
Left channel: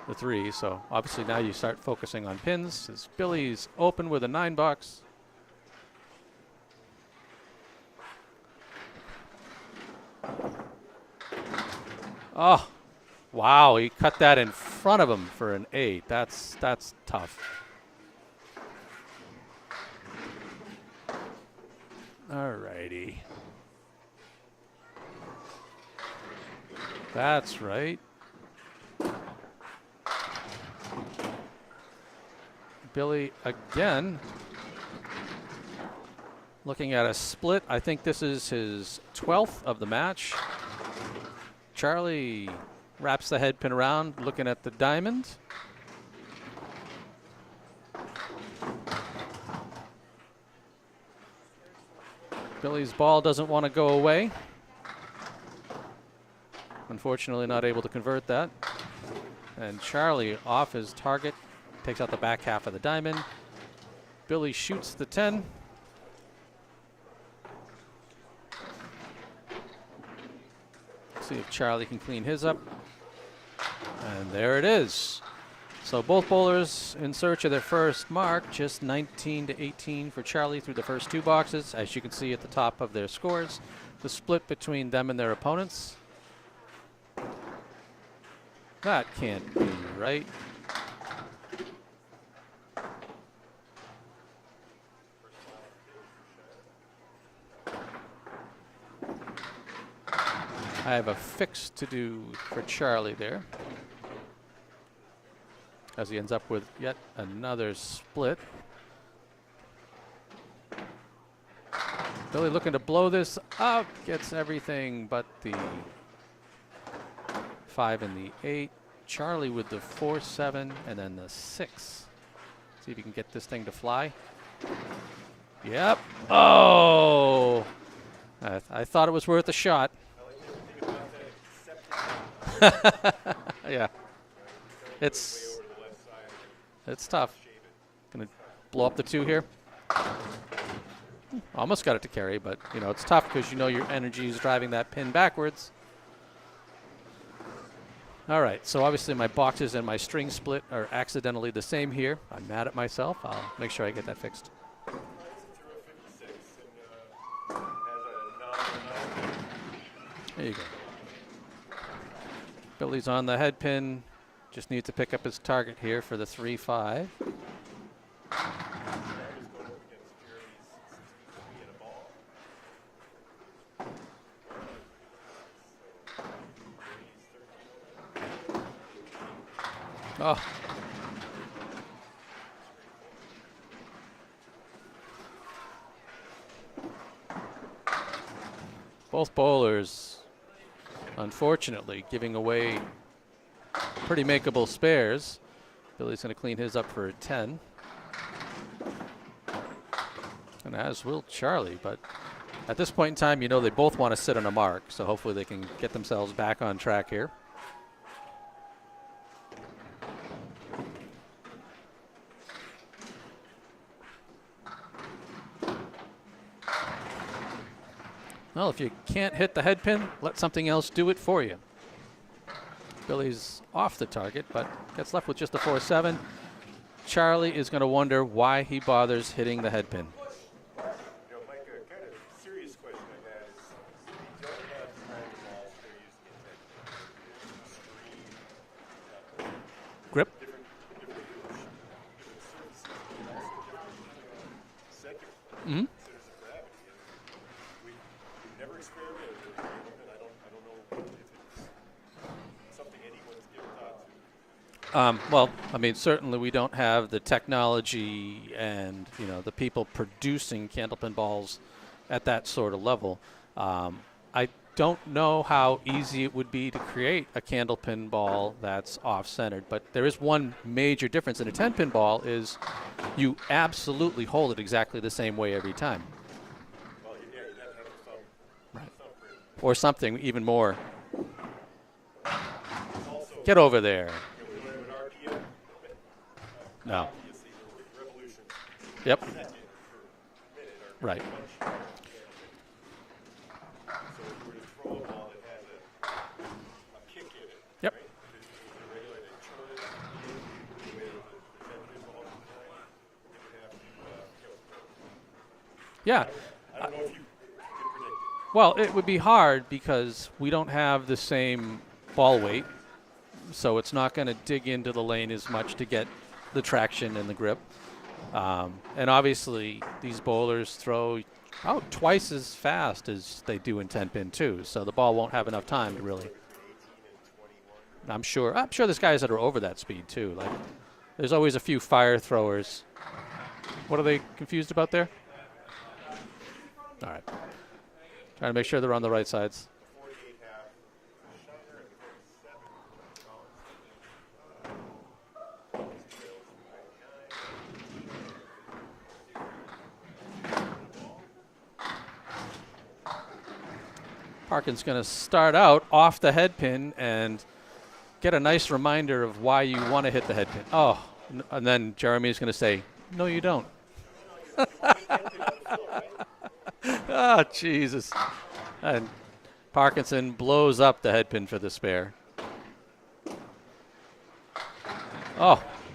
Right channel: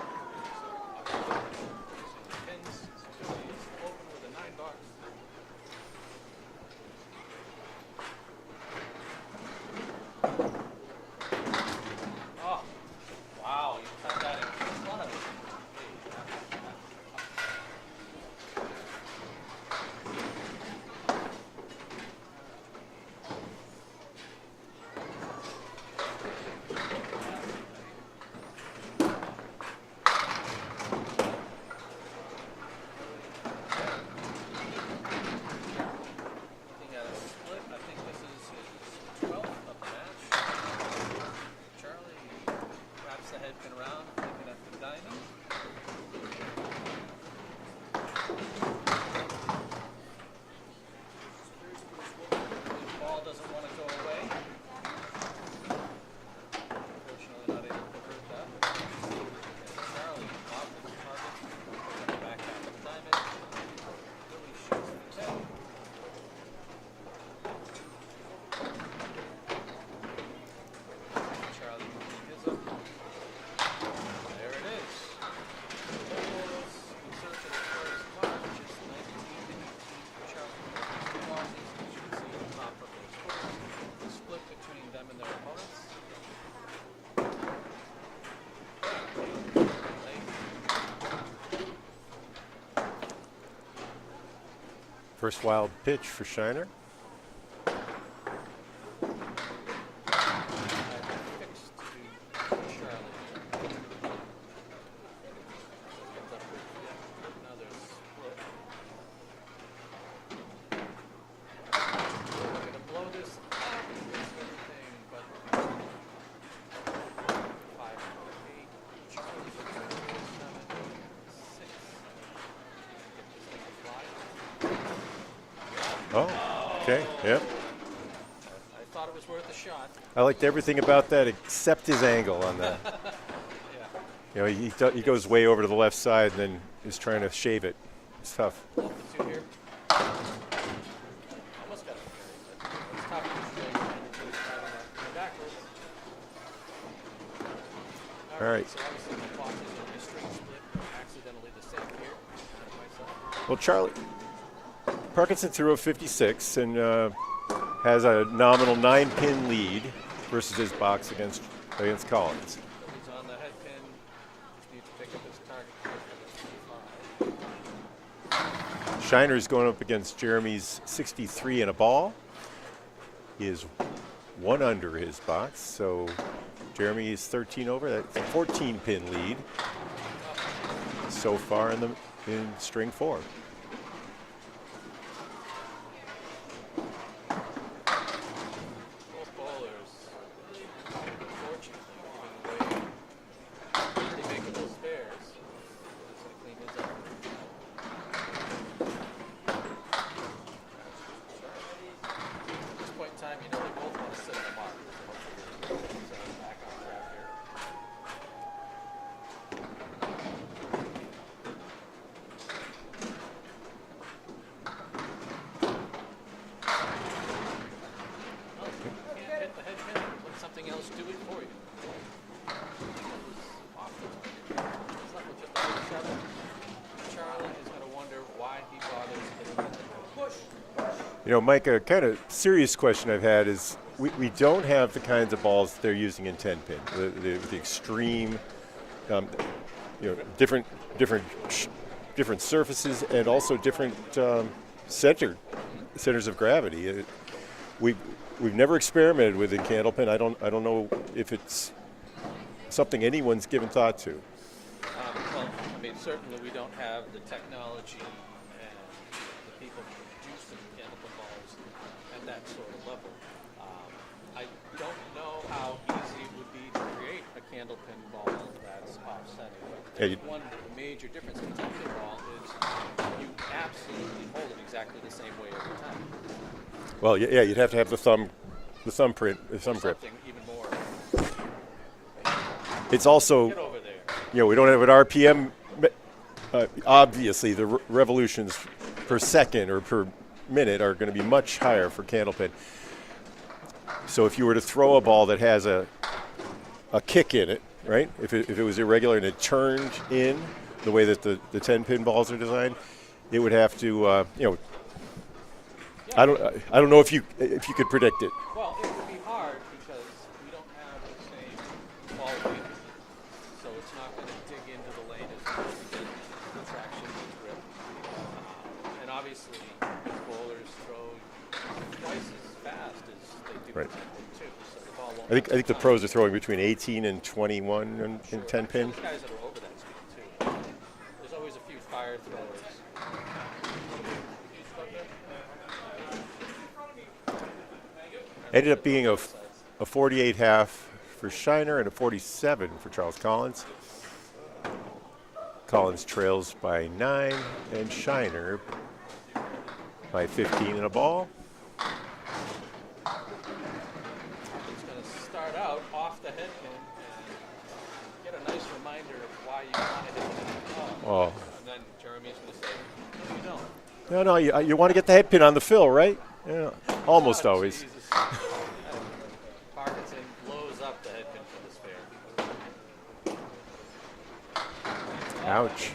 the 3, so obviously now you start focusing on pins. As Billy's open with a 9 box. Oh, wow, he cut that in front of him for an 8. That's tough. All righty. That's right. Billy again looking at a split. I think this is his 12th of the match. Charlie wraps the head pin around, looking at the diamond. Billy's ball doesn't want to go away. Unfortunately, not able to convert that. And Charlie off his target, takes out the back half of the diamond. Billy shoots the 10. See if Charlie can clean his up. And there it is. So both bowlers in search of their first mark, just 19 to 18 for Charlie through the first 2 boxes. As you can see at the top of their scores, the split between them and their opponents. That can't be right. First wild pitch for Shiner. I have a fix to do for Charlie there, as he ends up with yet another split. Really looking to blow this up, gets everything but the 5 and the 8. Charlie with the 4-7 and then the 6. See if you can get this thing to fly. Yep. Oh! Okay. Yep. I thought it was worth a shot. I liked everything about that except his angle on that. Yeah. You know, he goes way over to the left side and then is trying tough. to shave it. And it's tough. Blow up the 2 here. Almost got it to carry, but you know it's tough because you know your energy is driving that pin backwards. All right, so obviously my boxes and my string split are accidentally the same here. I'm mad at myself. I'll make sure I get that fixed. Parkinson threw a 56 and has a nominal 9-pin lead versus his box against Collins. Billy's on the head pin. Just needs to pick up his target here for the 3-5. Shiner's going up against Jeremy's 63 and a ball. He is 1 under his box, so Jeremy is 13 over. That's a 14-pin lead so far in string 4. Both bowlers, unfortunately, giving away pretty makeable spares. Billy's going to clean his up for a 10. And as will Charlie, but at this point in time, you know they both want to sit on a mark, so hopefully they can get themselves back on track here. Well, if you can't hit the head pin, let something else do it for you. Billy's off the target, but gets left with just a 4-7. Charlie is going to wonder why he bothers hitting the head pin. You know, Mike, a kind of serious question I've had is we don't have the kinds of balls they're using in 10-pin. The extreme, Grip. different surfaces and also different centers of gravity. We've never experimented with in Candlepin. I don't know if it's something anyone's given thought to. Well, I mean, certainly we don't have the technology and the people producing Candlepin balls at that sort of level. I don't know how easy it would be to create a Candlepin ball that's off-centered, but there is one major difference in a 10-pin ball is you absolutely hold it exactly the same way every time. Well, yeah, you'd have to have the thumbprint. Or something even more. It's also... Get over there. We don't have an RPM. Obviously, the revolutions per second or per minute are going to be much higher for Candlepin. So if you were to throw a ball that has a kick in it, right? If it was irregular and it turned in the way that the 10-pin balls are designed, it would have to, Yeah. I don't know if you could predict it. Well, it would be hard because we don't have the same ball weight, so it's not going to dig into the lane as much to get the traction and the grip. And obviously, these bowlers throw out twice as fast as they do in 10-pin too, so the ball won't have enough time. I think the pros are throwing between 18 and 21. I'm sure there's guys that are over that speed too. Like, there's always a few fire throwers. What are they confused about there? All right. Gotta make sure they're on the right sides. A 48 half for Shiner and a 47 for Charles Collins. Collins trails by 9 and Shiner by 15 and a ball. Parkin's going to start out off the head pin and get a nice reminder of why you want to hit the head pin. Oh. And then Jeremy's going to say, no, you don't. No, you want to get the head pin on the fill, right? Yeah, almost always. Jesus. And Parkinson blows up the head pin for the spare. Ouch.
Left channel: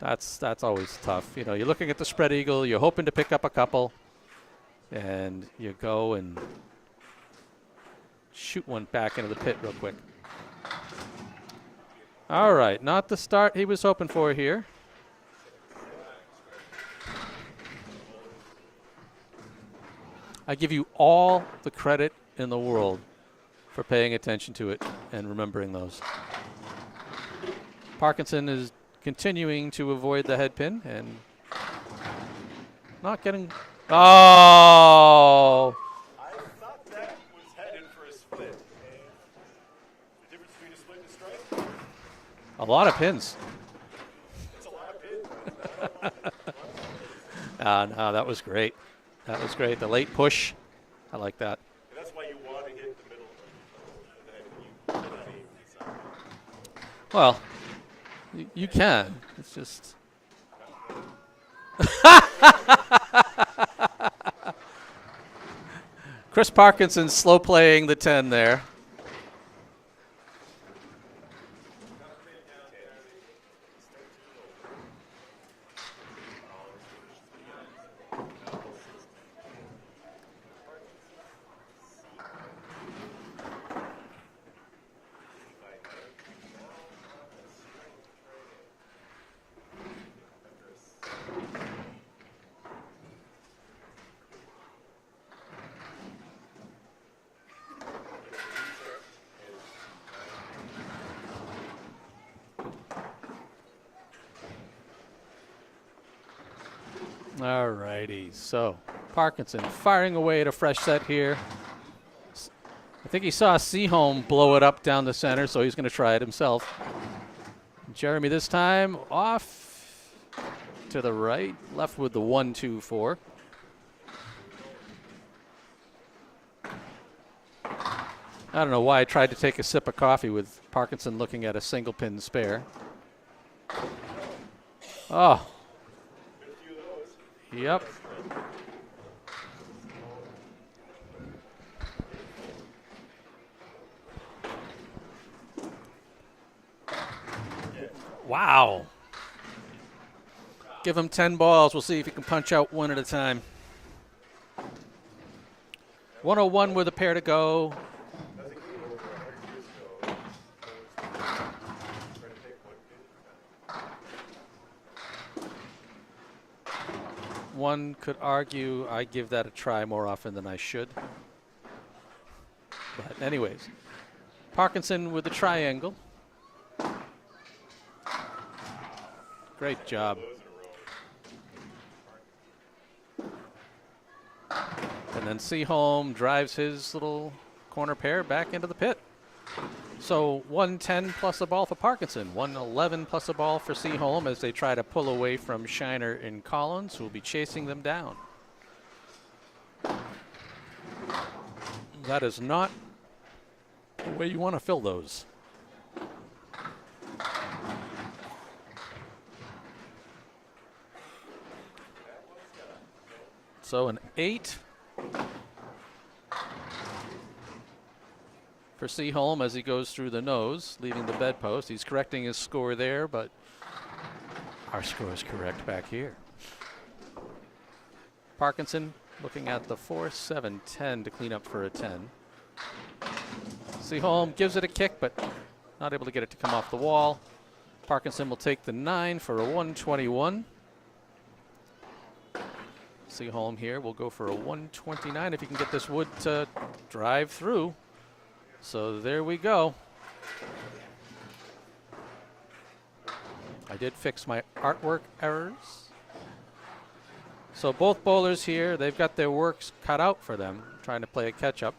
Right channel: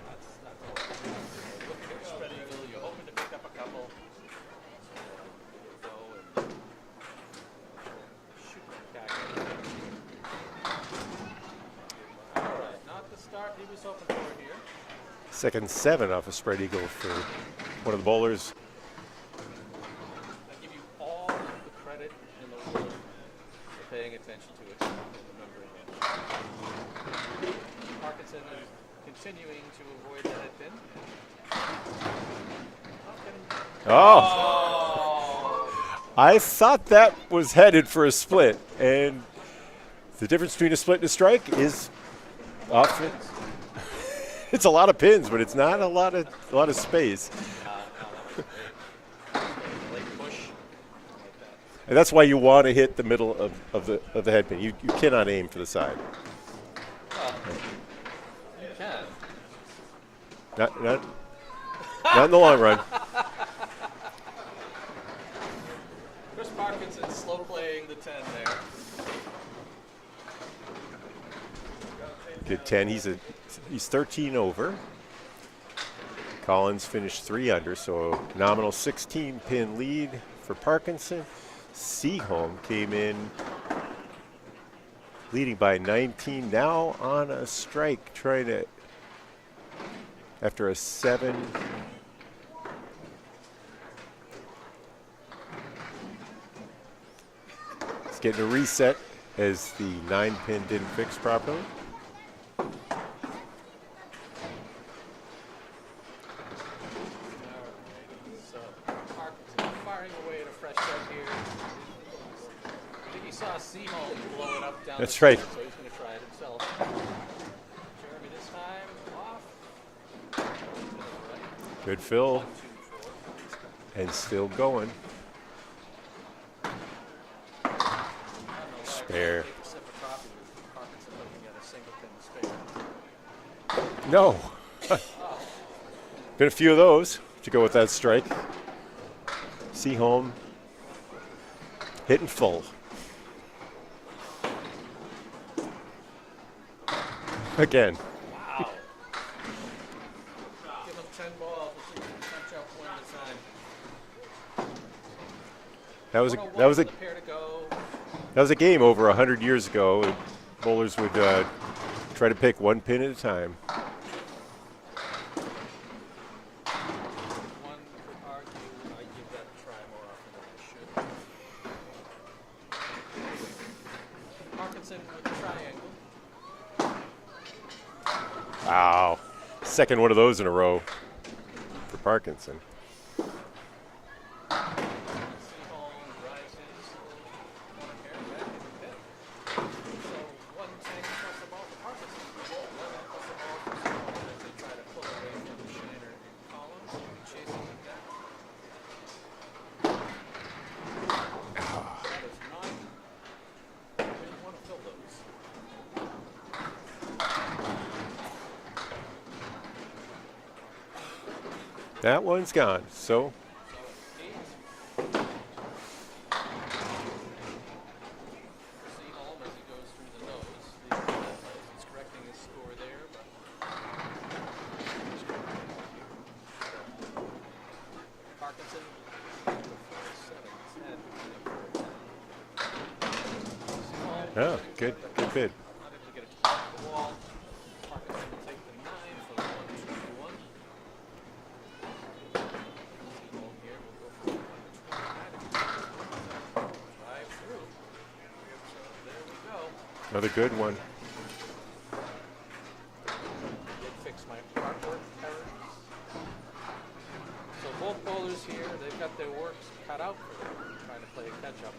That's always tough. You're looking at the spread eagle, you're hoping to pick up a couple, and you go and shoot one back into the pit real quick. All right, not the start he was hoping for here. Second 7 off a spread eagle for one of the bowlers. I give you all the credit in the world for paying attention to it and remembering those. Parkinson is continuing to avoid the head pin and not getting... Oh! I thought that was headed for a split, and the difference between a split and a strike is a lot of pins. It's a lot of pins, but it's not a lot of space. No, that was great. That was great. The late push, I like that. And that's why you want to hit the middle of the head pin. You cannot aim for the side. Well, you can. It's just not in the long run. Chris Parkinson slow playing the 10 there. Good 10. He's 13 over. Collins finished 3 under, so a nominal 16-pin lead for Parkinson. Seaholm came in leading by 19, now on a strike, trying to, after a 7. It's getting a reset as the 9-pin didn't fix properly. All righty, so Parkinson firing away at a fresh set here. I think he saw Seaholm blow it up down the center, so he's going to try it himself. Jeremy this time off to the right, left Good with fill. the 1-2-4. And still going. I don't know why I tried to take a sip of coffee with Parkinson looking at a single pin spare. No. Oh. Been a few of those to go with that strike. Seaholm hitting full. Again. Wow. Give him 10 balls. We'll see if he can punch out one at a time. That was 101 with a pair to go. That was a game over 100 years ago. Bowlers would try to pick one pin at a time. One could argue I give that a try more often than I should. But anyways, Parkinson with the triangle. Wow. Great Second job. one of those in a row for Parkinson. And then Seaholm drives his little corner pair back into the pit. So 110 plus a ball for Parkinson, 111 plus a ball for Seaholm as they try to pull away from Shiner and Collins, who will be chasing them down. That is not the way you want to fill those. That one's gone. So an 8 for Seaholm as he goes through the nose, leaving the bedpost. He's correcting his score there, but our score is correct back here. Parkinson looking at the 4-7-10 to clean up for a 10. Seaholm gives it a kick, but not able to get it to come off the wall. Parkinson will take the 9 for a 121. Seaholm here will go for a 129 if you can get this wood to drive through. So there we go. another good one. I did fix my artwork errors. So both bowlers here, they've got their works cut out for them, trying to play a catch-up.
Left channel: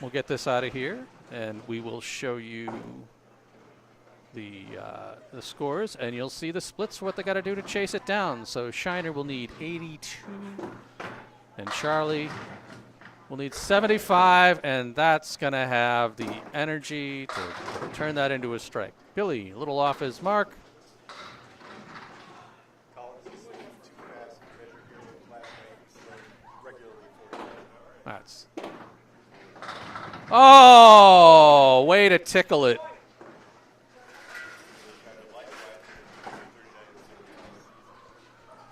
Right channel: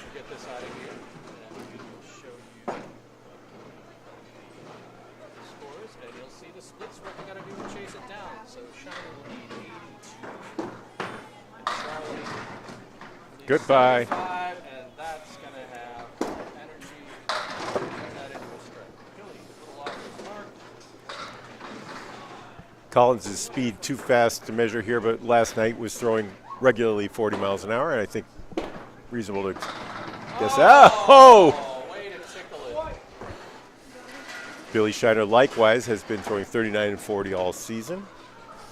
We'll get this out of here, and we will show you the scores, and you'll see the splits for what they got to do to chase it down. So Shiner will need 82, and Charlie will need 75, and that's going to have the energy to turn that into a strike. Billy, a little off his mark. Collins' speed too fast to measure here, but last night was throwing regularly 40 miles an hour, and I think reasonable to. Oh, way to tickle it. Billy Shiner likewise has been throwing 39 and 40 all season.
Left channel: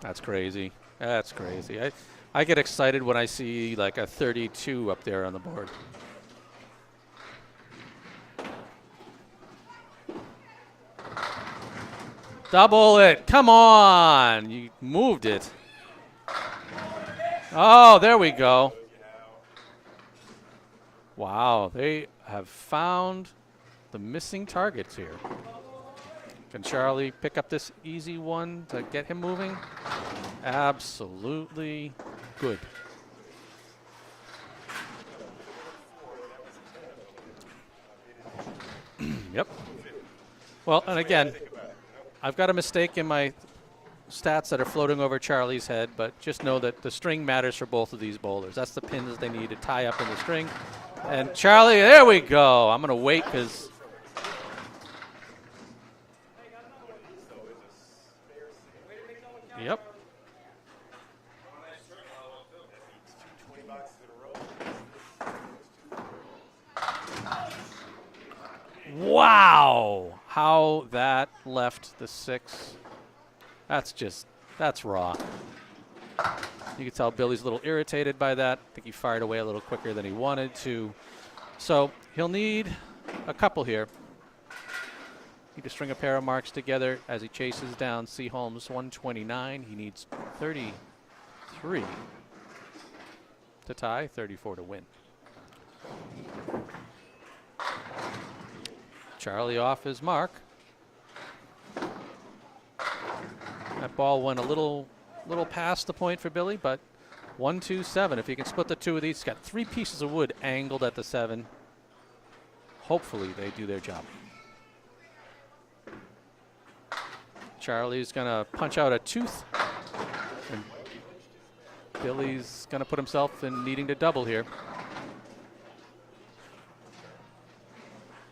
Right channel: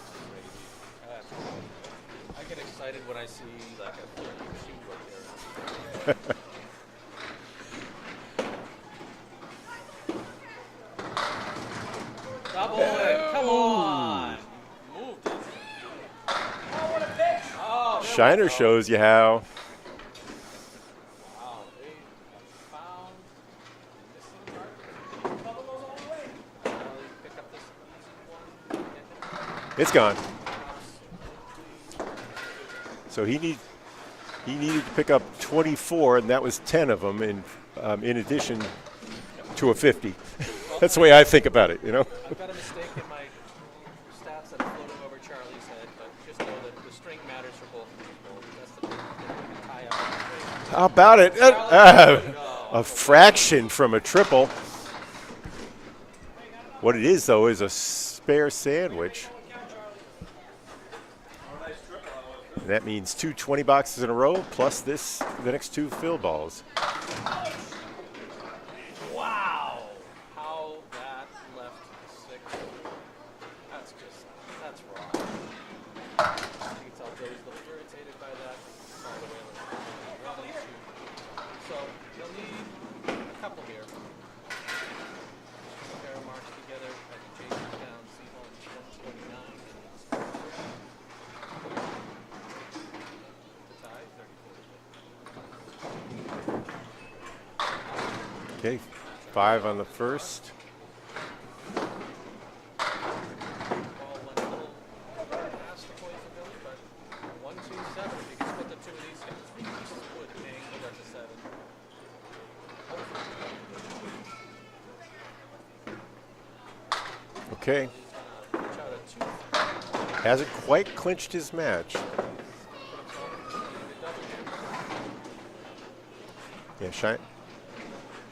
That's crazy. That's crazy. I get excited when I see like a 32 up there on the board. Double it. Come on. You moved it. Oh, there we go. Shiner shows you how. Wow, they have found the missing targets here. Can Charlie pick up this easy one to get him moving? It's gone. Absolutely good. So he needed to pick up 24, and that was 10 of them in addition to a 50. Well, that's the way I think about it, you know. I've got a mistake in my stats that are floating over Charlie's head, but just know that the string matters for both of these bowlers. That's the pins they need to tie up in the string. How about it? Charlie, there we go. I'm a going to fraction from a triple. What it is, though, is a spare sandwich. Yep. And that means 2 20 boxes in a row, plus the next 2 fill balls. Wow. How that left the 6 That's raw. You can tell Billy's a little irritated by that. I think he fired away a little quicker than he wanted to. So he'll need a couple here. Need to string a pair of marks together as he chases down Seaholm's 129. He needs 33 to tie, 34 to win. Okay, Charlie 5 off on the his mark. first. That ball went a little past the point for Billy, but 1, 2, 7. If you can split the two of these, he's got 3 pieces of wood angled at the 7. Hopefully they do their job. Okay. Charlie's gonna punch out a tooth. Hasn't quite clinched his match. Billy's gonna put himself in needing to double here. Yeah,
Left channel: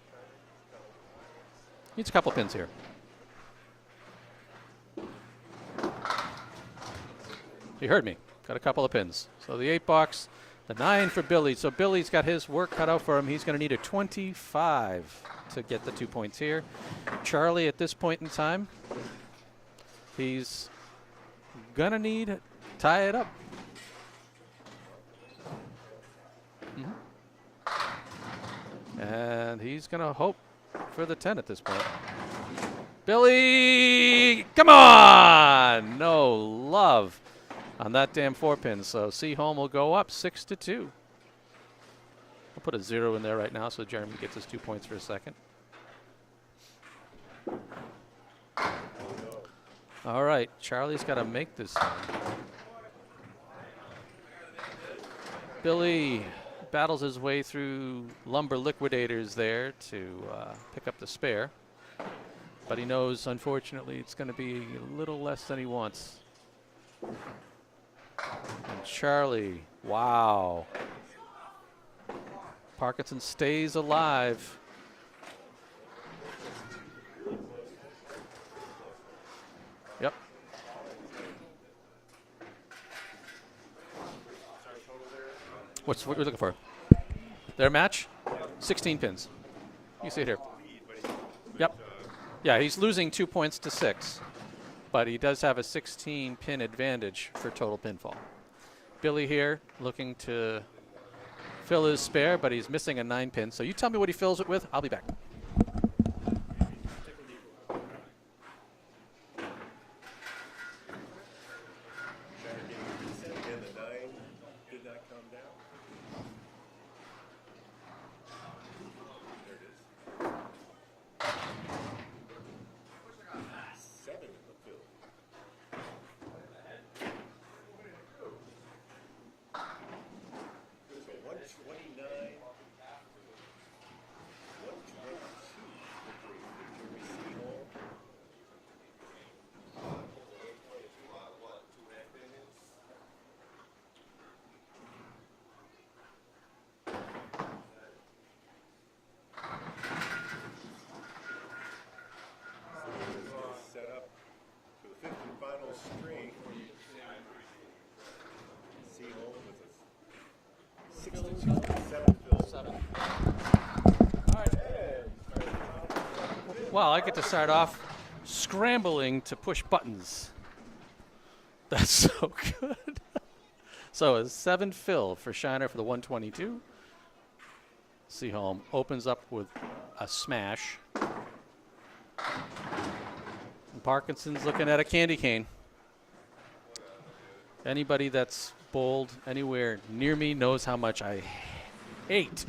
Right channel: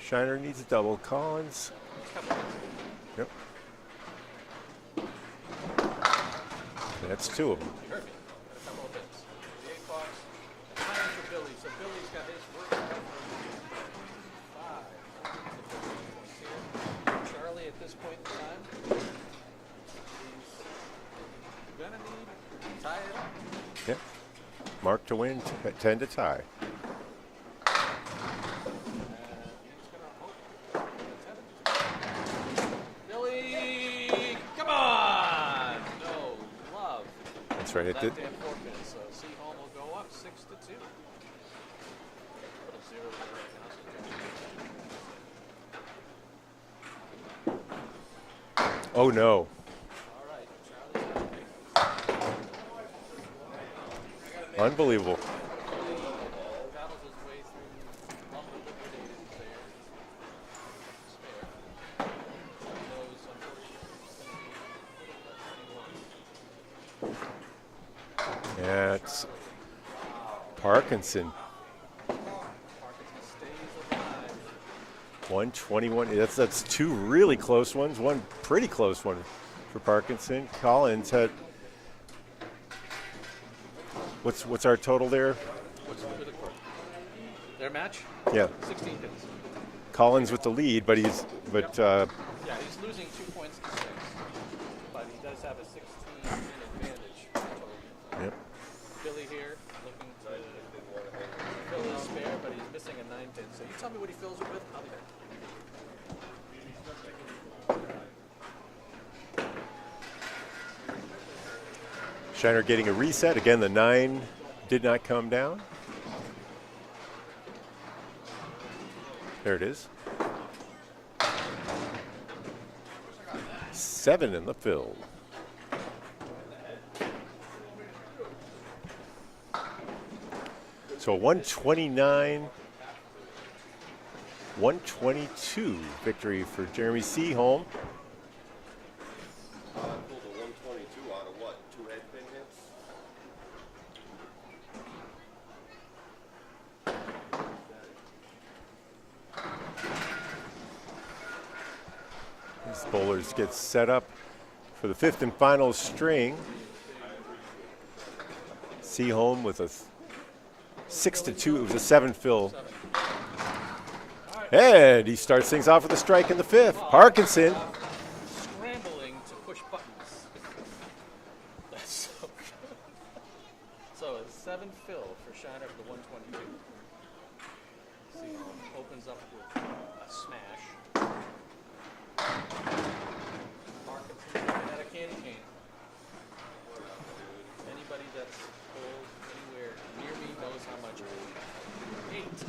Shiner needs a double. Collins. Needs a couple pins here. Yep. That's 2 of them. He heard me. Got a couple of pins. So the 8 box, the 9 for Billy. So Billy's got his work cut out for him. He's going to need a 25 to get the 2 points here. Charlie, at this point in time, he's going to need to tie it up. Yep. Mark to win, 10 to tie. And he's going to hope for the 10 at this point. Billy, come on! No love That's right. on that damn 4-pin. So Seaholm will go up 6 to 2. We'll put a 0 in there right now so Jeremy gets his 2 points for a second. Oh no. All right, Charlie's got to make this. Unbelievable. Billy battles his way through lumber liquidators there to pick up the spare. But he knows, unfortunately, it's going to be a little less than he wants. Yeah, Charlie, wow. Parkinson. Parkinson stays alive. 121. That's 2 really close ones. 1 pretty close one for Parkinson. Yep. Collins had. What's our total there? What are we looking for? Their match? Yeah. 16 pins. Collins with the lead, but he's yeah, he's losing 2 points to 6, but he does have a 16-pin advantage for total pinfall. Yep. Billy here looking to fill his spare, but he's missing a 9-pin. So you tell me what he fills it with. I'll be back. Shiner getting a reset. Again, the 9 did not come down. There it is. 7 in the fill. So 129, 122 victory for Jeremy Seaholm. Bowlers get set up for the 5th and final string. Seaholm with a 6 to 2 with a 7 fill. And he starts things off with a strike in the 5th. Well, Parkinson off scrambling to push buttons. That's so good. So a 7 fill for Shiner for the 122. Seaholm opens up with a smash. Parkinson's looking at a candy cane. Anybody that's bowled anywhere near me knows how much I hate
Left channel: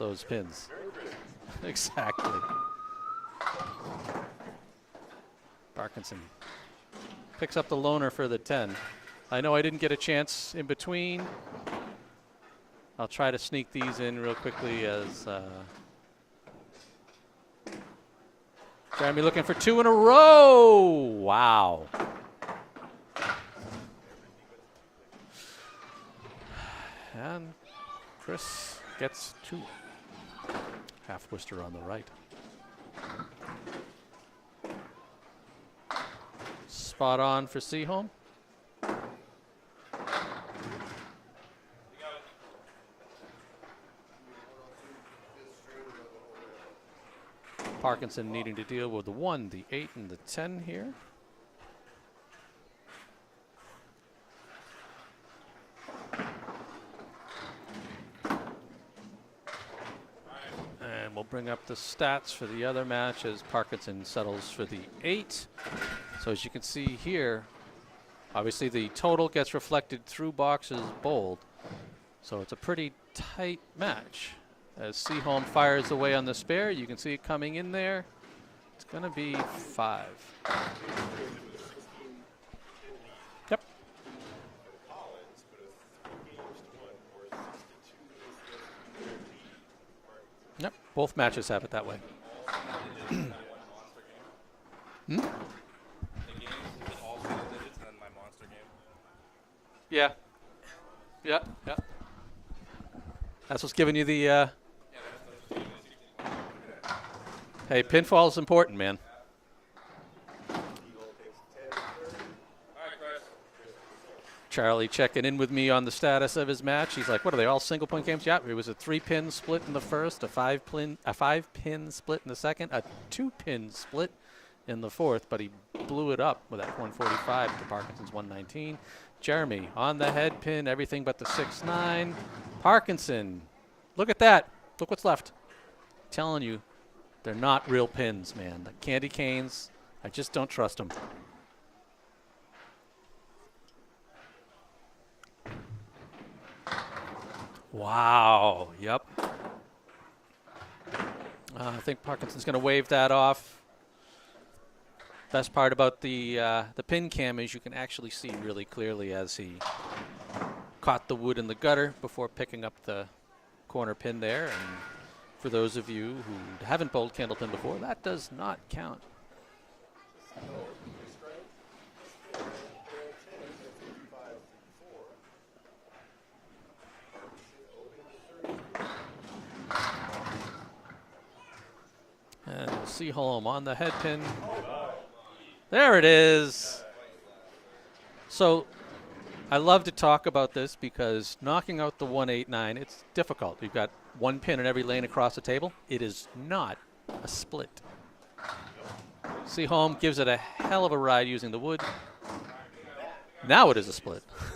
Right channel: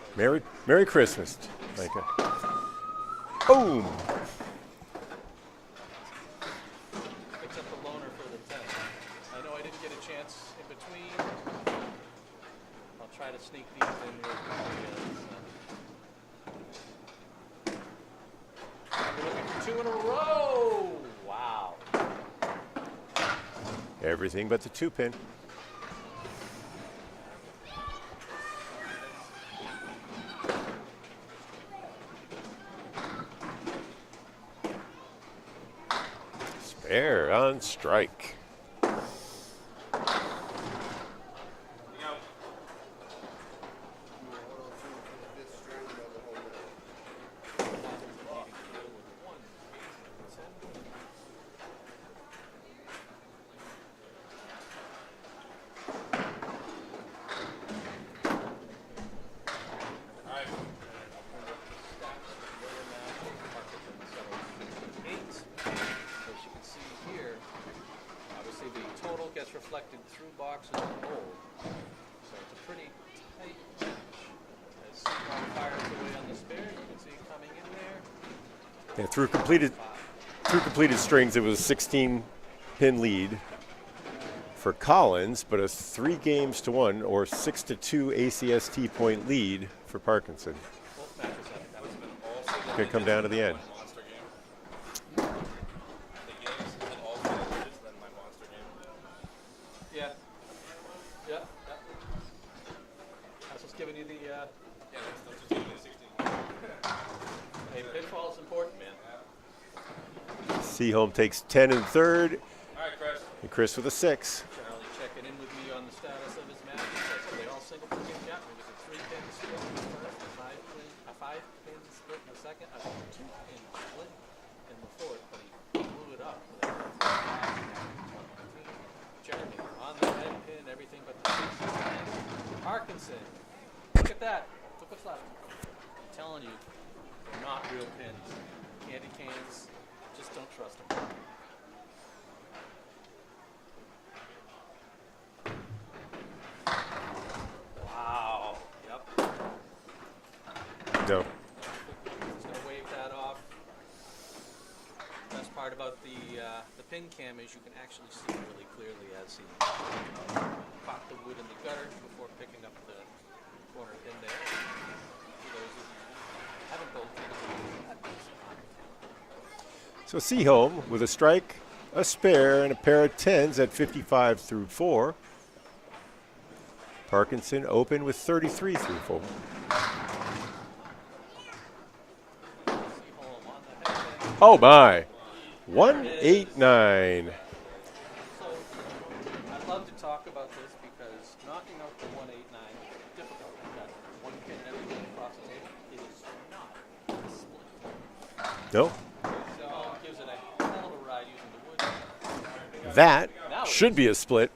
those pins. Merry Christmas. Exactly. Boom. Parkinson picks up the loner for the 10. I know I didn't get a chance in between. I'll try to sneak these in real quickly as Grammy looking for 2 in a row. Wow. Everything but the 2-pin. And Chris gets 2. Half twister on the right. Spare on strike. Parkinson needing to deal with the 1, the 8, and the 10 here. the stats for the other matches. Parkinson settles for the 8. So as you can see here, obviously the total gets reflected through boxes bold. So it's a pretty tight match. As Seaholm fires away on the spare, you can see it coming in there. It's going to be 5. Through completed strings, it was a 16-pin lead. Yep. For Collins, but a 3-games-to-1 or 6-2 ACST point lead for Parkinson. Yep. Both matches have it that way. Could come down to the end. Yeah. Yeah. Yeah. That's what's giving you the. Hey, pinfall is important, man. Seaholm takes 10 and third. And Chris with a 6. Charlie checking in with me on the status of his match. He's like, what are they, all single-point games? Yeah, it was a 3-pin split in the first, a 5-pin split in the second, a 2-pin split in the fourth, but he blew it up with that 145 to Parkinson's 119. Jeremy on the head pin, everything but the 6-9. Parkinson, look at that. Look what's left. I'm telling you, they're not real pins, man. The candy canes, I just don't trust them. Wow. Yep. No. I think Parkinson's going to wave that off. Best part about the pin cam is you can actually see really clearly as he caught the wood in the gutter before picking up the corner pin there. And for those of you who haven't bowled Candlepin before, that does not count. So Seaholm with a strike, a spare, and a pair of 10s at 55 through 4. Parkinson open with 33 through 4. And Seaholm on the head pin. Oh my! There it is. 1-8-9. So I love to talk about this because knocking out the 1-8-9, it's difficult. You've got one pin in every lane across the table. It is not a split. No. Seaholm gives it a hell of a ride using the wood. That now it should be a split.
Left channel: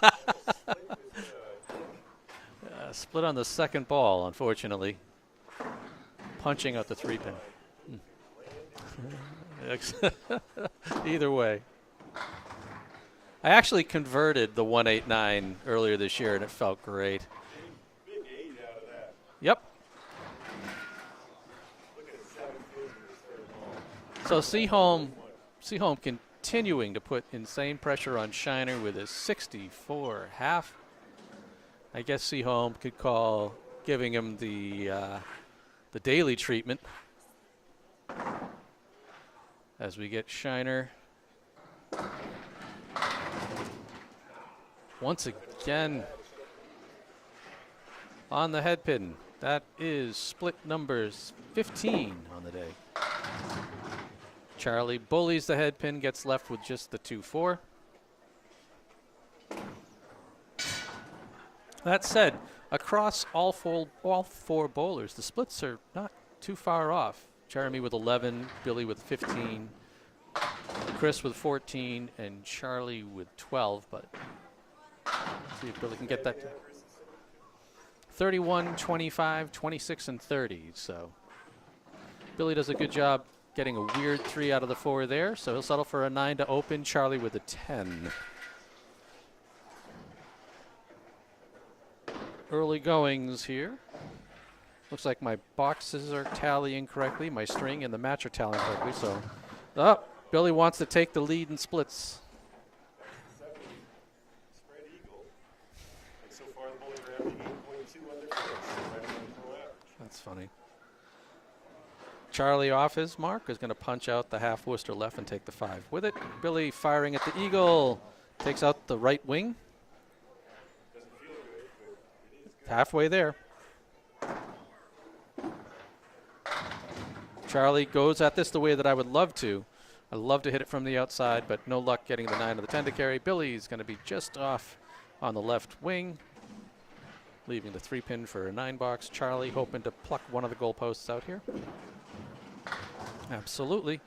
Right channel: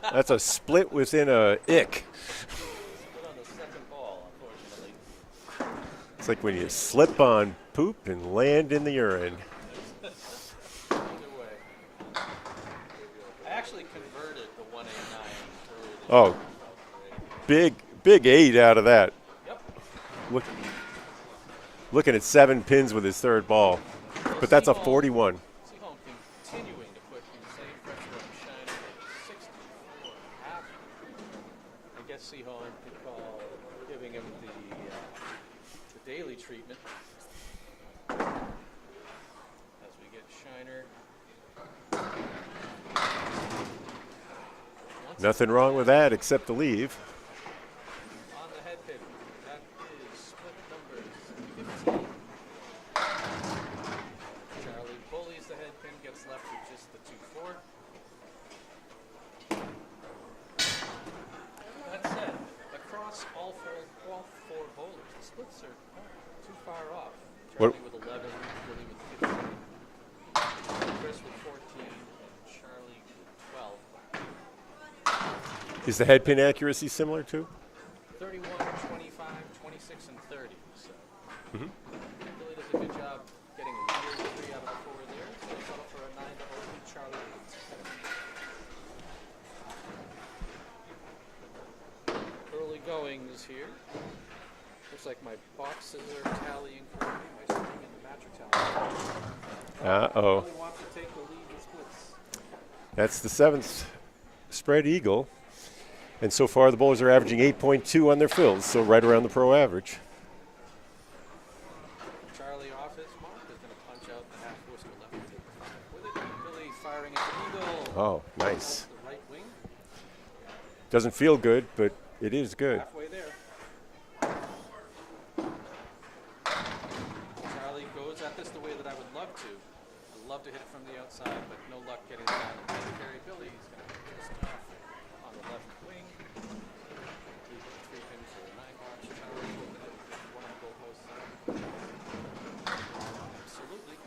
That's a split within a ick. Split on the second ball, unfortunately. It's like when you Punching out the slip on poop and land in the urine. Either way. I actually converted the 1-8-9 earlier this year, and it felt great. Big 8 out of that. Yep. Looking at 7 pins with his third ball. So But that's a 41. Seaholm continuing to put insane pressure on Shiner with his 64 half. I guess Seaholm could call giving him the daily treatment. As we get Shiner. Nothing wrong with that except the leave. On the head pin. That is split numbers 15 on the day. Charlie bullies the head pin, gets left with just the 2-4. That said, across all four bowlers, the splits are not too far off. Jeremy with 11, Billy with 15, Chris with 14, and Charlie with 12. But is the head pin accuracy similar too? 31, 25, 26, and 30. So Billy does a good job getting a weird 3 out of the 4 there. So he'll settle for a 9 to open. Charlie with a 10. Early goings here. Looks like my boxes are tallying correctly. My string and the match are tallying correctly. So Billy wants to take the lead in splits. That's the 7th spread eagle. And so far the bowlers are averaging 8.2 on their fills, so right around the pro average. That's funny. Charlie off his mark is going to punch out the half Worcester left and take the 5 with it. Billy firing at the eagle. Oh, nice. Takes out the right wing. Doesn't feel good, but it is good. Halfway there. Charlie goes at this the way that I would love to. I'd love to hit it from the outside, but no luck getting the 9 of the 10 to carry. Billy's going to be just off on the left wing, leaving the 3-pin for a 9 box. Charlie hoping to pluck one of the goalposts out here. Absolutely.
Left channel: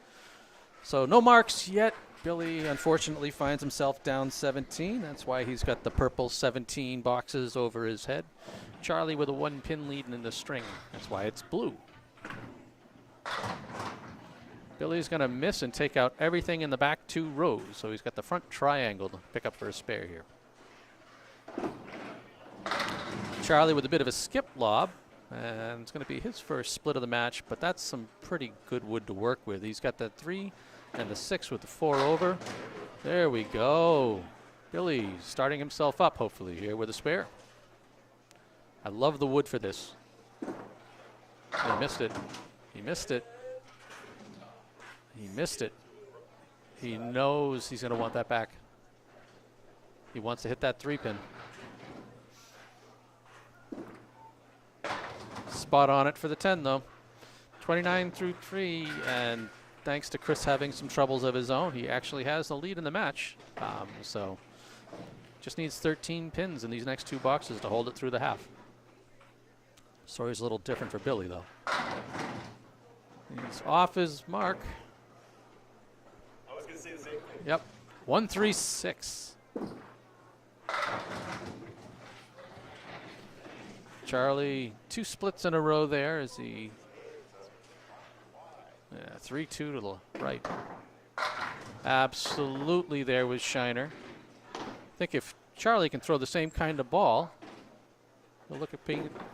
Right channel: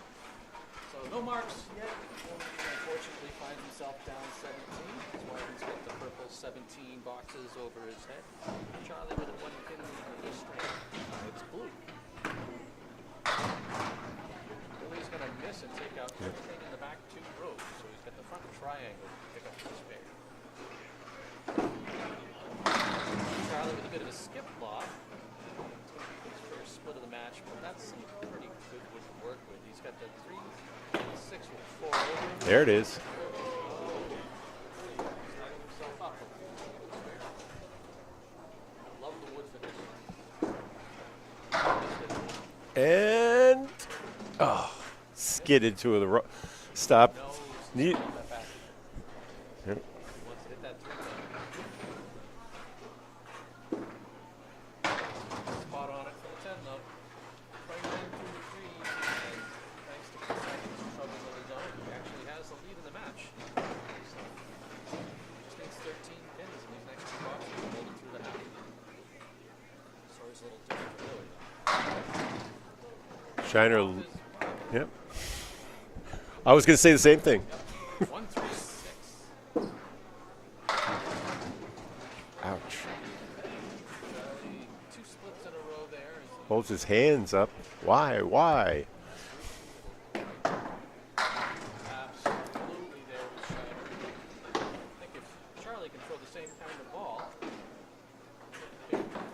So no marks yet. Billy unfortunately finds himself down 17. That's why he's got the purple 17 boxes over his head. Charlie with a 1-pin lead in the string. That's why it's blue. Billy's going to miss and take out everything in the back 2 rows. So he's got the front triangle to pick up for a spare here. Charlie with a bit of a skip lob. And it's going to be his first split of the match, but that's some pretty good wood to work with. He's got the 3 and the 6 with the 4 over. There it is. There we go. Billy starting himself up, hopefully, here with a spare. I love the wood for this. Missed it. And skidded to the stop. He knows he's going to want that back. Yep. He wants to hit that 3-pin. Spot on it for the 10, though. 29 through 3, and thanks to Chris having some troubles of his own, he actually has the lead in the match. So just needs 13 pins in these next 2 boxes to hold it through the half. Story's a little different for Billy, though. Shiner Off his mark. Yep. I was going to say the same thing. Yep. 1-3-6. Ouch. Charlie, 2 splits in a row there as he Holds his hands up. Why? 3-2 to the right. Absolutely there with Shiner. I think if Charlie can throw the same kind of ball, we'll look at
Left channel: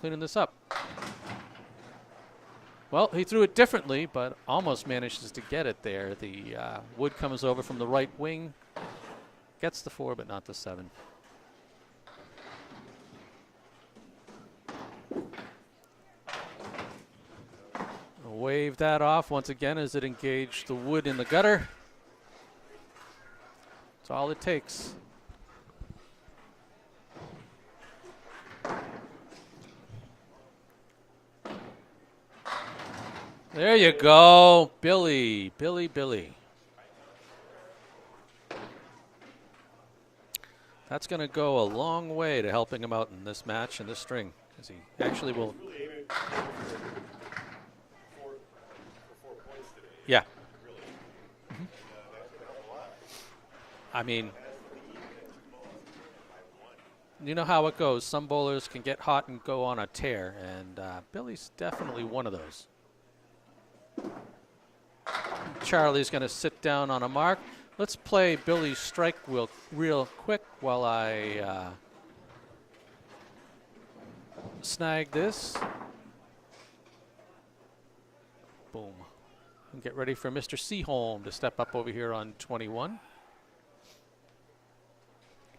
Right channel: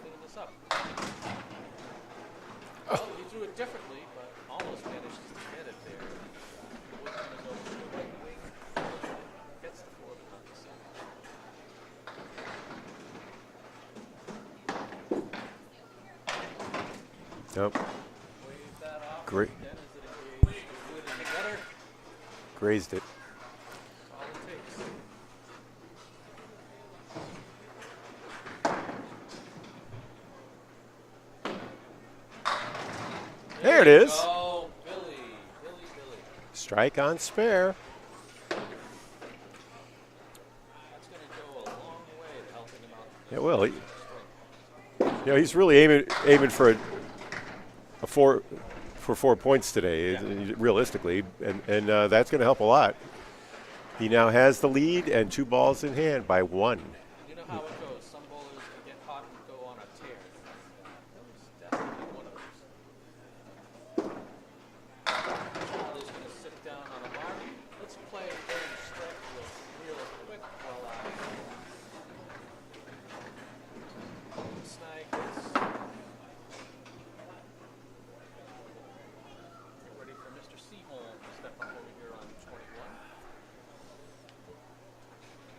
cleaning this up. Well, he threw it differently, but almost manages to get it there. The wood comes over from the right wing, gets the 4, but not the 7. Nope. Wave that off once again as it engaged the wood in the gutter. Grazed it. That's all it takes. There you go. Billy. Strike on spare. That's going to go a long way to helping him out in this match and this string. He's really aiming for a 4 points today, realistically, and that's going to help a lot. He now has the lead and 2 balls in hand by 1. You know how it goes. Some bowlers can get hot and go on a tear, and Billy's definitely one of those. Charlie's going to sit down on a mark. Let's play Billy's strike wheel real quick while I snag this. Boom. And get ready for Mr. Seaholm to step up over here on 21.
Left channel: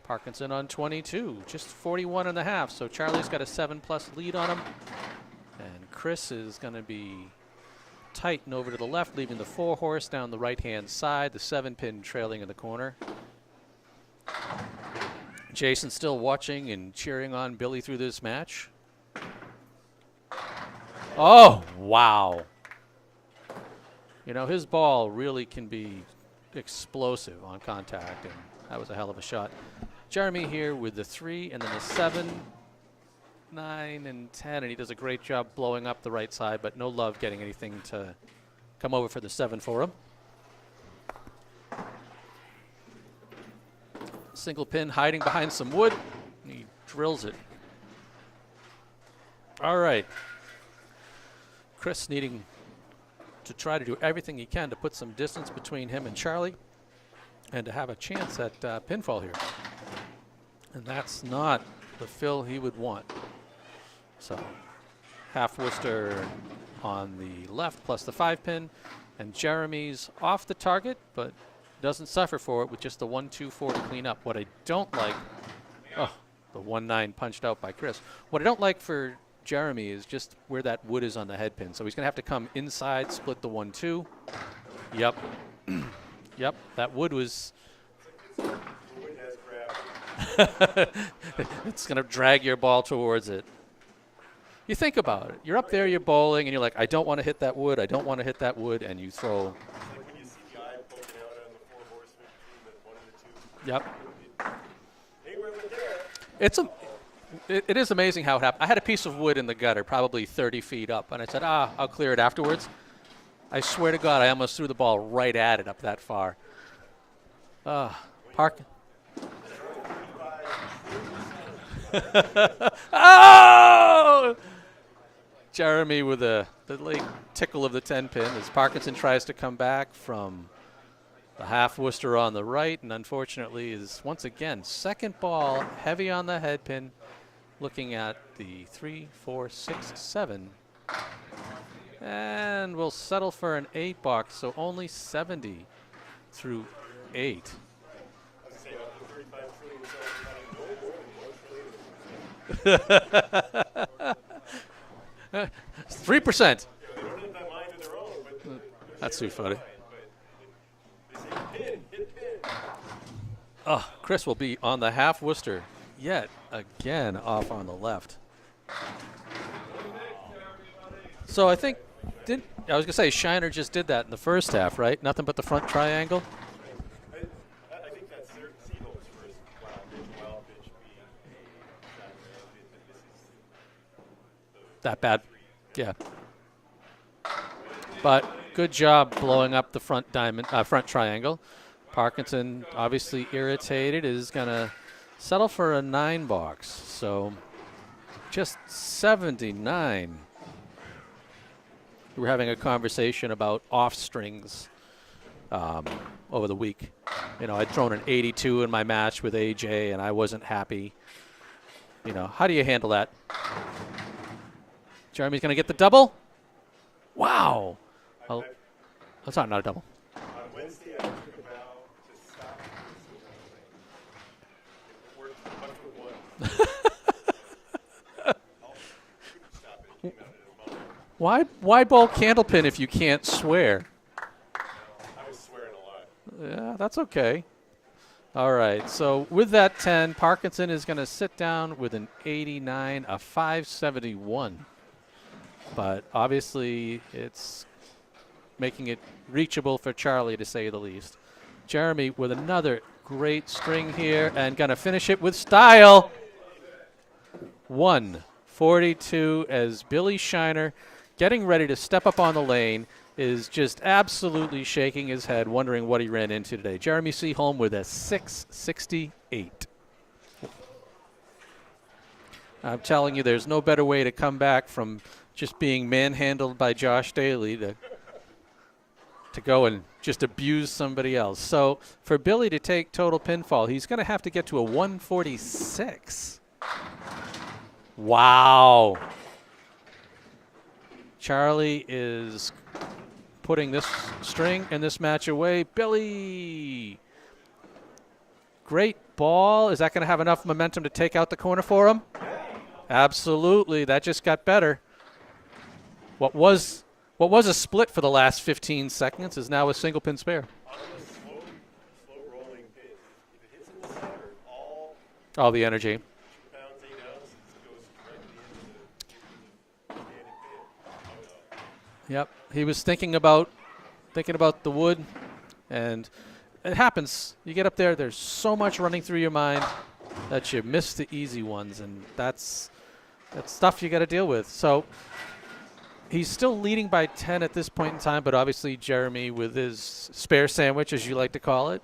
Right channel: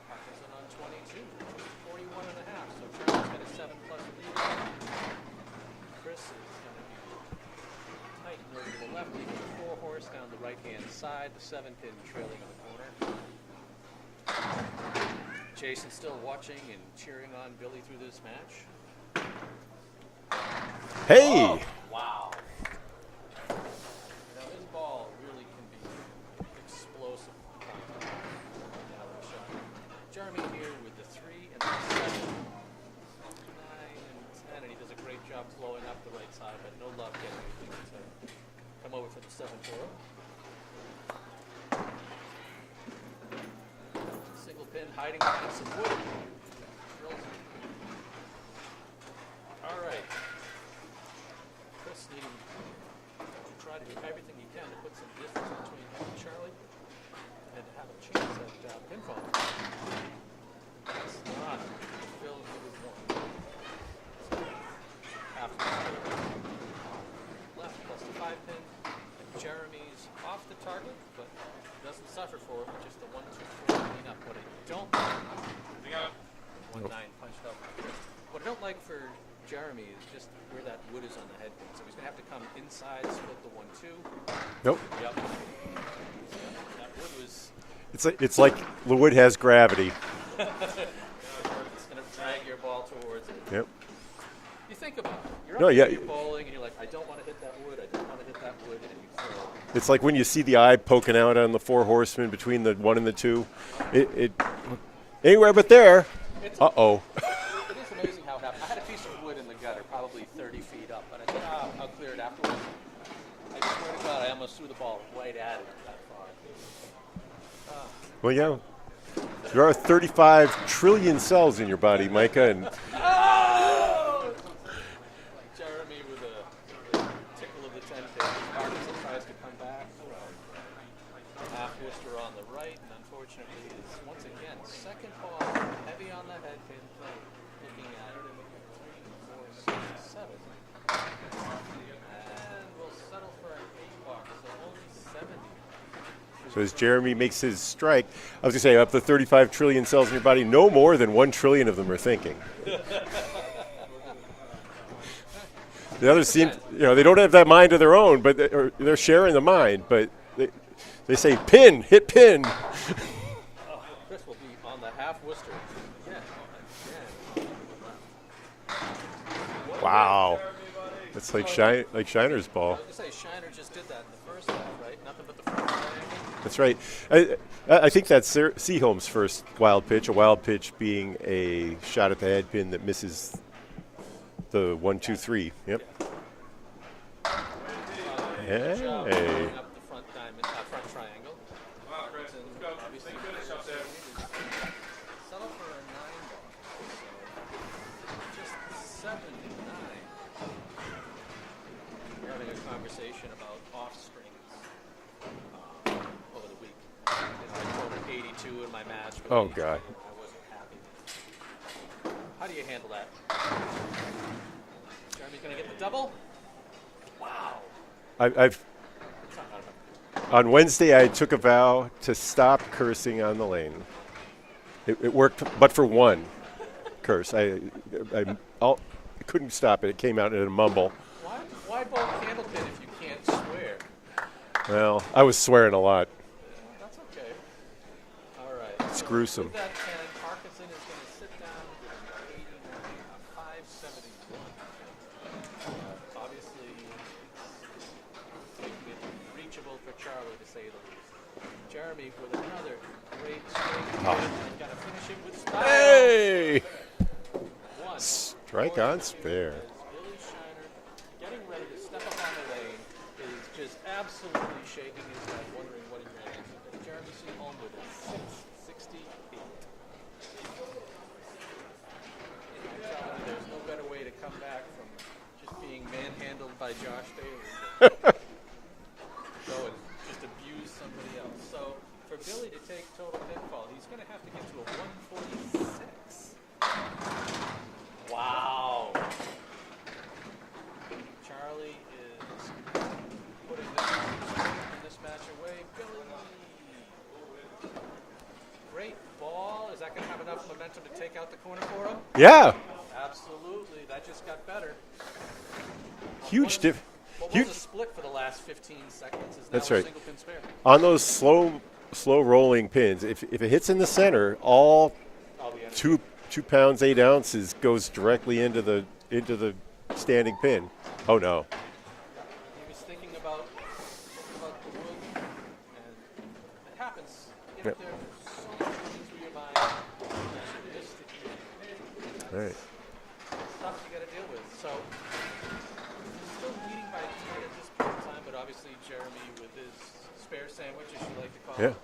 Parkinson on 22, just 41 and a half. So Charlie's got a 7+ lead on him. And Chris is going to be tight and over to the left, leaving the 4 horse down the right-hand side, the 7-pin trailing in the corner. Jason still watching and cheering on Billy through this match. Hey! Oh, wow. You know, his ball really can be explosive on contact. That was a hell of a shot. Jeremy here with the 3 and then the 7, 9 and 10, and he does a great job blowing up the right side, but no love getting anything to come over for the 7 for him. Single pin hiding behind some wood. He drills it. All right. Chris needing to try to do everything he can to put some distance between him and Charlie and to have a chance at pinfall here. And that's not the fill he would want. So half Worcester on the left plus the 5-pin, and Jeremy's off the target, but doesn't suffer for it with just the 1-2-4 clean up. What I don't like, the 1-9 punched out by Chris. What I don't like for Jeremy is just where that wood is on the head pin. So he's going to have to come inside, split the 1-2. Nope. Yep. Yep. That wood was. It's like the wood has gravity. It's going to drag your ball towards it. Yep. You think about it. You're up there, you're bowling, and you're like, I don't want to hit that wood. I don't want to hit that wood, and you throw. It's like when you see the eye poking out on the 4 horsemen between the 1 and the 2. Yep. It anywhere but there. It's Uh-oh. It is amazing how it happened. I had a piece of wood in the gutter, probably 30 feet up, and I said, I'll clear it afterwards. I swear to God, I almost threw the ball right at it up that far. Well, you know, there are 35 trillion cells in your body, Micah. And Jeremy with the late tickle of the 10 pin as Parkinson tries to come back from the half Worcester on the right, and unfortunately is once again second ball heavy on the head pin, looking at the 3, 4, 6, 7, and we'll settle for an 8 box, so only 70 through. So as Jeremy makes his strike, I was going to say, up to 35 trillion cells in your body, no more than 1 trillion of them are thinking. 3%. You know, they don't have that mind of their own, but they're sharing the mind. But they say pin, hit pin. Oh, Chris will be on the half Worcester yet again off on the left. Wow. That's So like Shiner's ball. I was going to say, Shiner just did that in the first half, right? Nothing but the front triangle. That's right. I think that's Seaholm's first wild pitch, a wild pitch being a shot at the head pin that misses the 1, 2, 3. Yep. Yeah. But good job blowing up the front front triangle. Parkinson, obviously irritated, is going to settle for a 9 box. So just 79. We were having a conversation about off strings over the week. You know, I'd thrown an 82 in my match with AJ, God. And I wasn't happy. You know, how do you handle that? Jeremy's going to get the double. Wow. That's not a double. On Wednesday, I took a vow to stop cursing on the lane. It worked, but for one curse. I couldn't stop it. It came out in a mumble. Why bowl Candlepin if you can't swear? Well, I was swearing a lot. Yeah, that's okay. All right, so gruesome. With that 10, Parkinson is going to sit down with an 89, a 571. But obviously, it's making it reachable for Charlie, to say the least. Jeremy with another great string here and going to finish it with style. Hey! 142 as Billy Shiner, getting ready to step up on the lane, is just absolutely shaking his head, wondering what he ran into today. Jeremy Seaholm with a 668. I'm telling you, there's no better way to come back from just being manhandled by Josh Daly to go and just abuse somebody else. So for Billy to take total pinfall, he's going to have to get to a 146. Wow. Charlie is putting this string and this match away. Billy. Great ball. Is that going to have enough momentum to take out the corner for him? Yeah. Absolutely. That just got better. What Huge was a split for the last 15 seconds is now a single pin spare. On those slow rolling pins, if it hits in the center, all the energy. 2 pounds 8 ounces goes directly into the standing pin. Oh no. Yep. He was thinking about the wood, and it happens. You get up there, there's so much running through your mind that you miss the easy ones, and that's stuff you got to deal with. So he's still leading by 10 at this point in time, but obviously Jeremy with his spare sandwich, as you like to call it.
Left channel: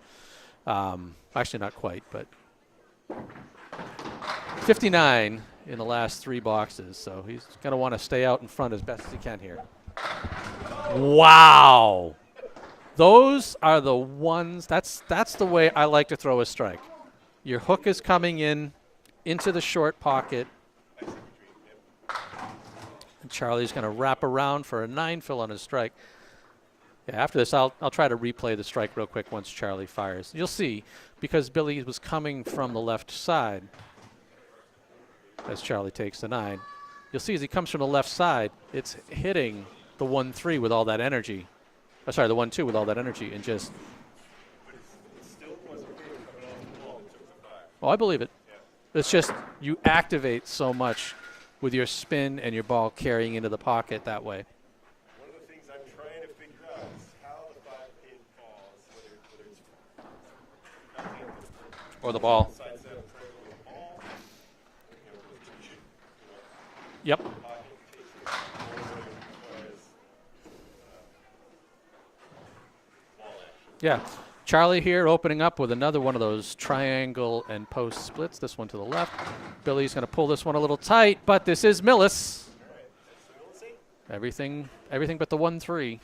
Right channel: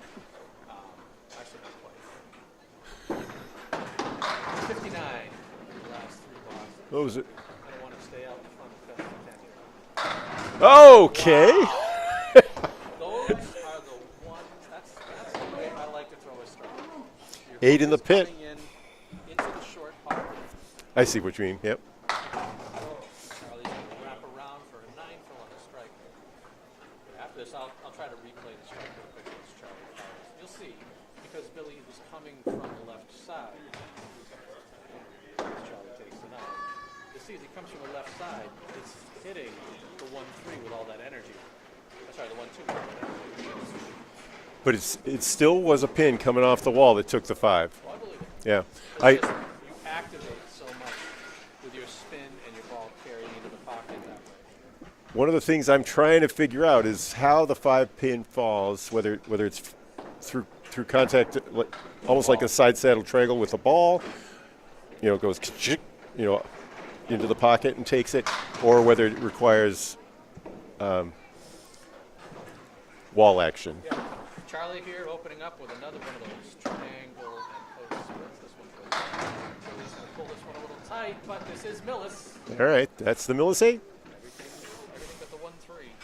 Actually, not quite, but 59 in the last 3 boxes. So he's going to want to stay out in front as best as he can here. Oh, wow. Those are the ones. That's the way I like to throw a strike. Your hook is coming into the short pocket. I see what you mean. Yep. Charlie's going to wrap around for a 9 fill on his strike. Yeah, after this, I'll try to replay the strike real quick once Charlie fires. You'll see, because Billy was coming from the left side as Charlie takes the 9. You'll see as he comes from the left side, it's hitting the 1-3 with all that energy. The 1-2 with all that energy, and just. But it still was a pin coming off the wall that took the 5. Oh, I believe it. Yeah. It's just you activate so much with your spin and your ball carrying into the pocket that way. One of the things I'm trying to figure out is how the 5-pin falls, whether it's through contact, almost like a side saddle triangle with the ball, goes, into the pocket and takes it, or whether it requires wall action. Yeah. Charlie here opening up with another one of those triangle and post splits. This one to the left. Billy's going to pull this one a little tight, but this is Millis. All right, that's the Millis 8. Everything but the 1-3.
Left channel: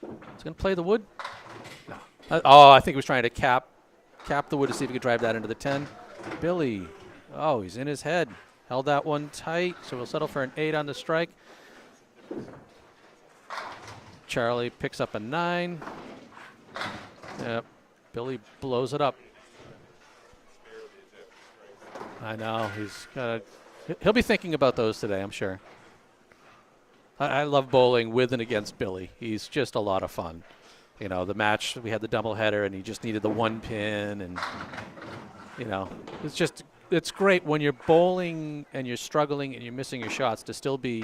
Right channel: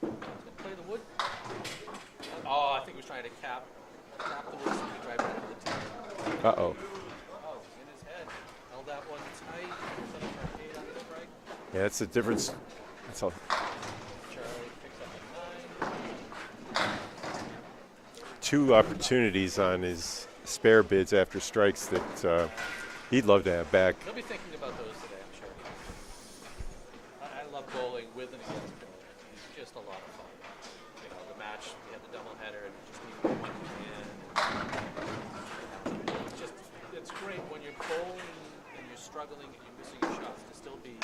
He's going to play the wood. I think he was trying to cap the wood to see if he could drive that into the 10. Billy, he's in his head. Held that one tight, so we'll settle for an 8 on the strike. Yeah, that's the difference. Charlie picks up a 9. Yep. Billy Two blows opportunities on his spare bids after strikes that he'd love to have back. He'll be thinking about those today, I'm sure. I love bowling with and against Billy. He's just a lot of fun. You know, the match, we had the doubleheader, and he just needed the 1 pin. And, you know, it's great when you're bowling and you're struggling and you're missing your shots to still be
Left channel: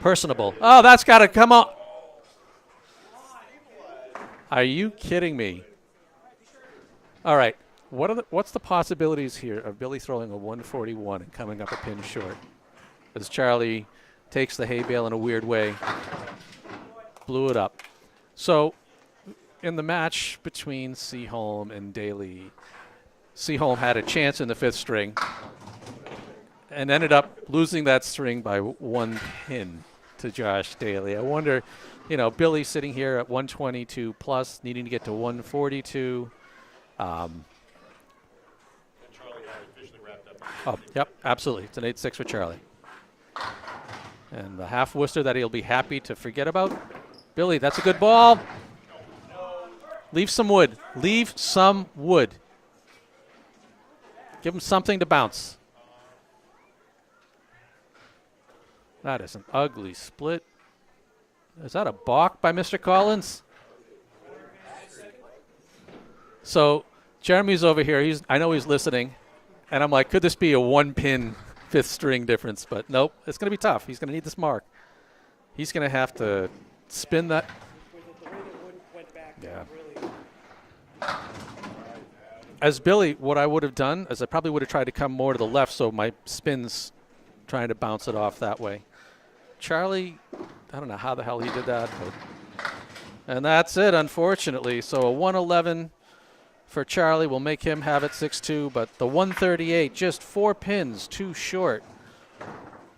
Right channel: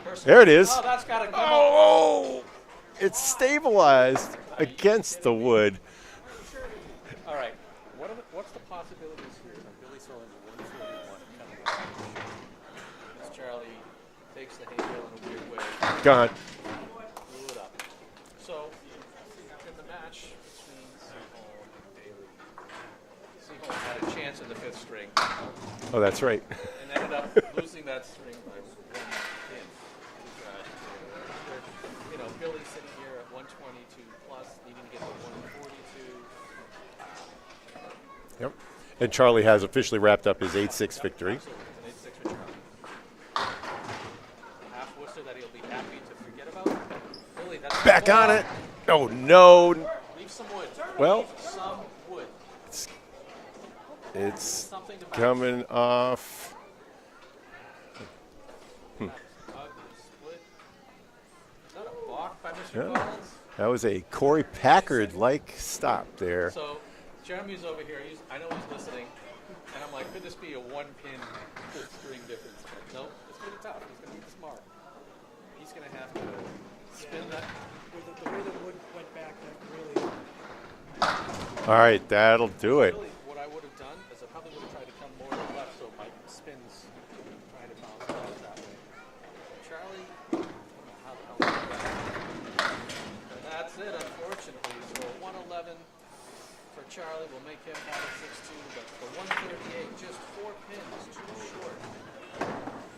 personable. There it is. Oh, that's got to come up. Oh, it's stabilized. Are you against kidding the me? wood. All right. What's the possibilities here of Billy throwing a 141 and coming up a pin short? As Charlie takes the hay bale in a weird way. Gone. Blew it up. So, in the match between Seaholm and Daly, Seaholm had a chance in the 5th string. Oh, that's right. And ended up losing that string by 1 pin to Josh Daly. I wonder, you know, Billy sitting here at 122 plus, needing to get to 142. Yep. And Charlie has officially wrapped up his 8-6 victory. Absolutely. It's an 8-6 for Charlie. And the half Worcester that he'll be happy to forget about. Billy, that's a good ball. On it. Oh, no. Leave some wood. Leave some wood. It's Give him something to bounce. coming off. That is an ugly split. Is that a balk by Mr. Collins? That was a Corey Packard-like stop there. So Jeremy's over here. I know he's listening. And I'm like, could this be a 1-pin 5th string difference? But nope, it's going to be tough. He's going to need this mark. He's going to have to spin that. All right, that'll do As it. Billy, what I would have done is I probably would have tried to come more to the left so my spin's trying to bounce it off that way. Charlie, I don't know how the hell he did that. And that's it, unfortunately. So a 111 for Charlie will make him have it 6-2, but the 138, just 4 pins too short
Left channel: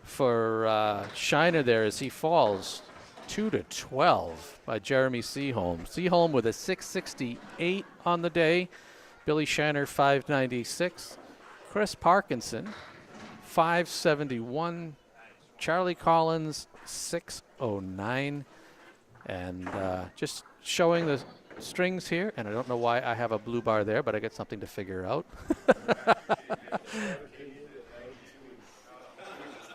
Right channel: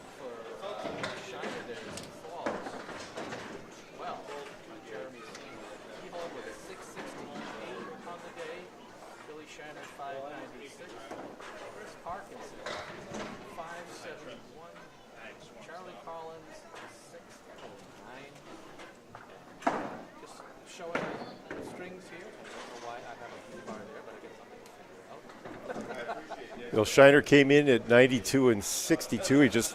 for Shiner there as he falls 2-12 by Jeremy Seaholm. Seaholm with a 668 on the day. Billy Shiner 596. Chris Parkinson 571. Charlie Collins 609. And just showing the strings here, and I don't know why I have a blue bar there, but I got something to figure out. Well, Shiner came in at 92 and 62. He just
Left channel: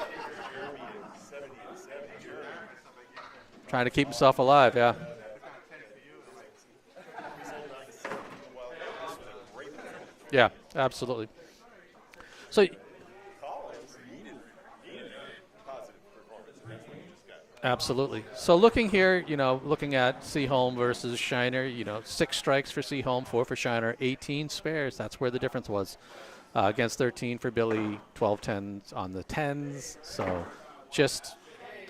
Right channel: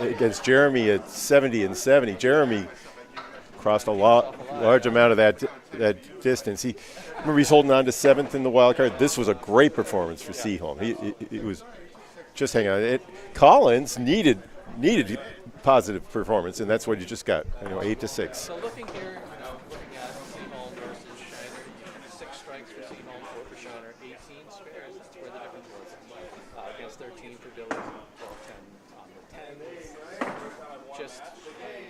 against Jeremy at 70 and 70. Jeremy crossed a large amount of that distance. Remember he's holding on to 7th in the wild card. This was a great performance for Seaholm. Absolutely. It was just hang on. Collins needed positive performance, and that's what you just got. Absolutely. 8-6. So looking here, looking at Seaholm versus Shiner, 6 strikes for Seaholm, 4 for Shiner, 18 spares. That's where the difference was. Against 13 for Billy, 12 10s on the 10s. So just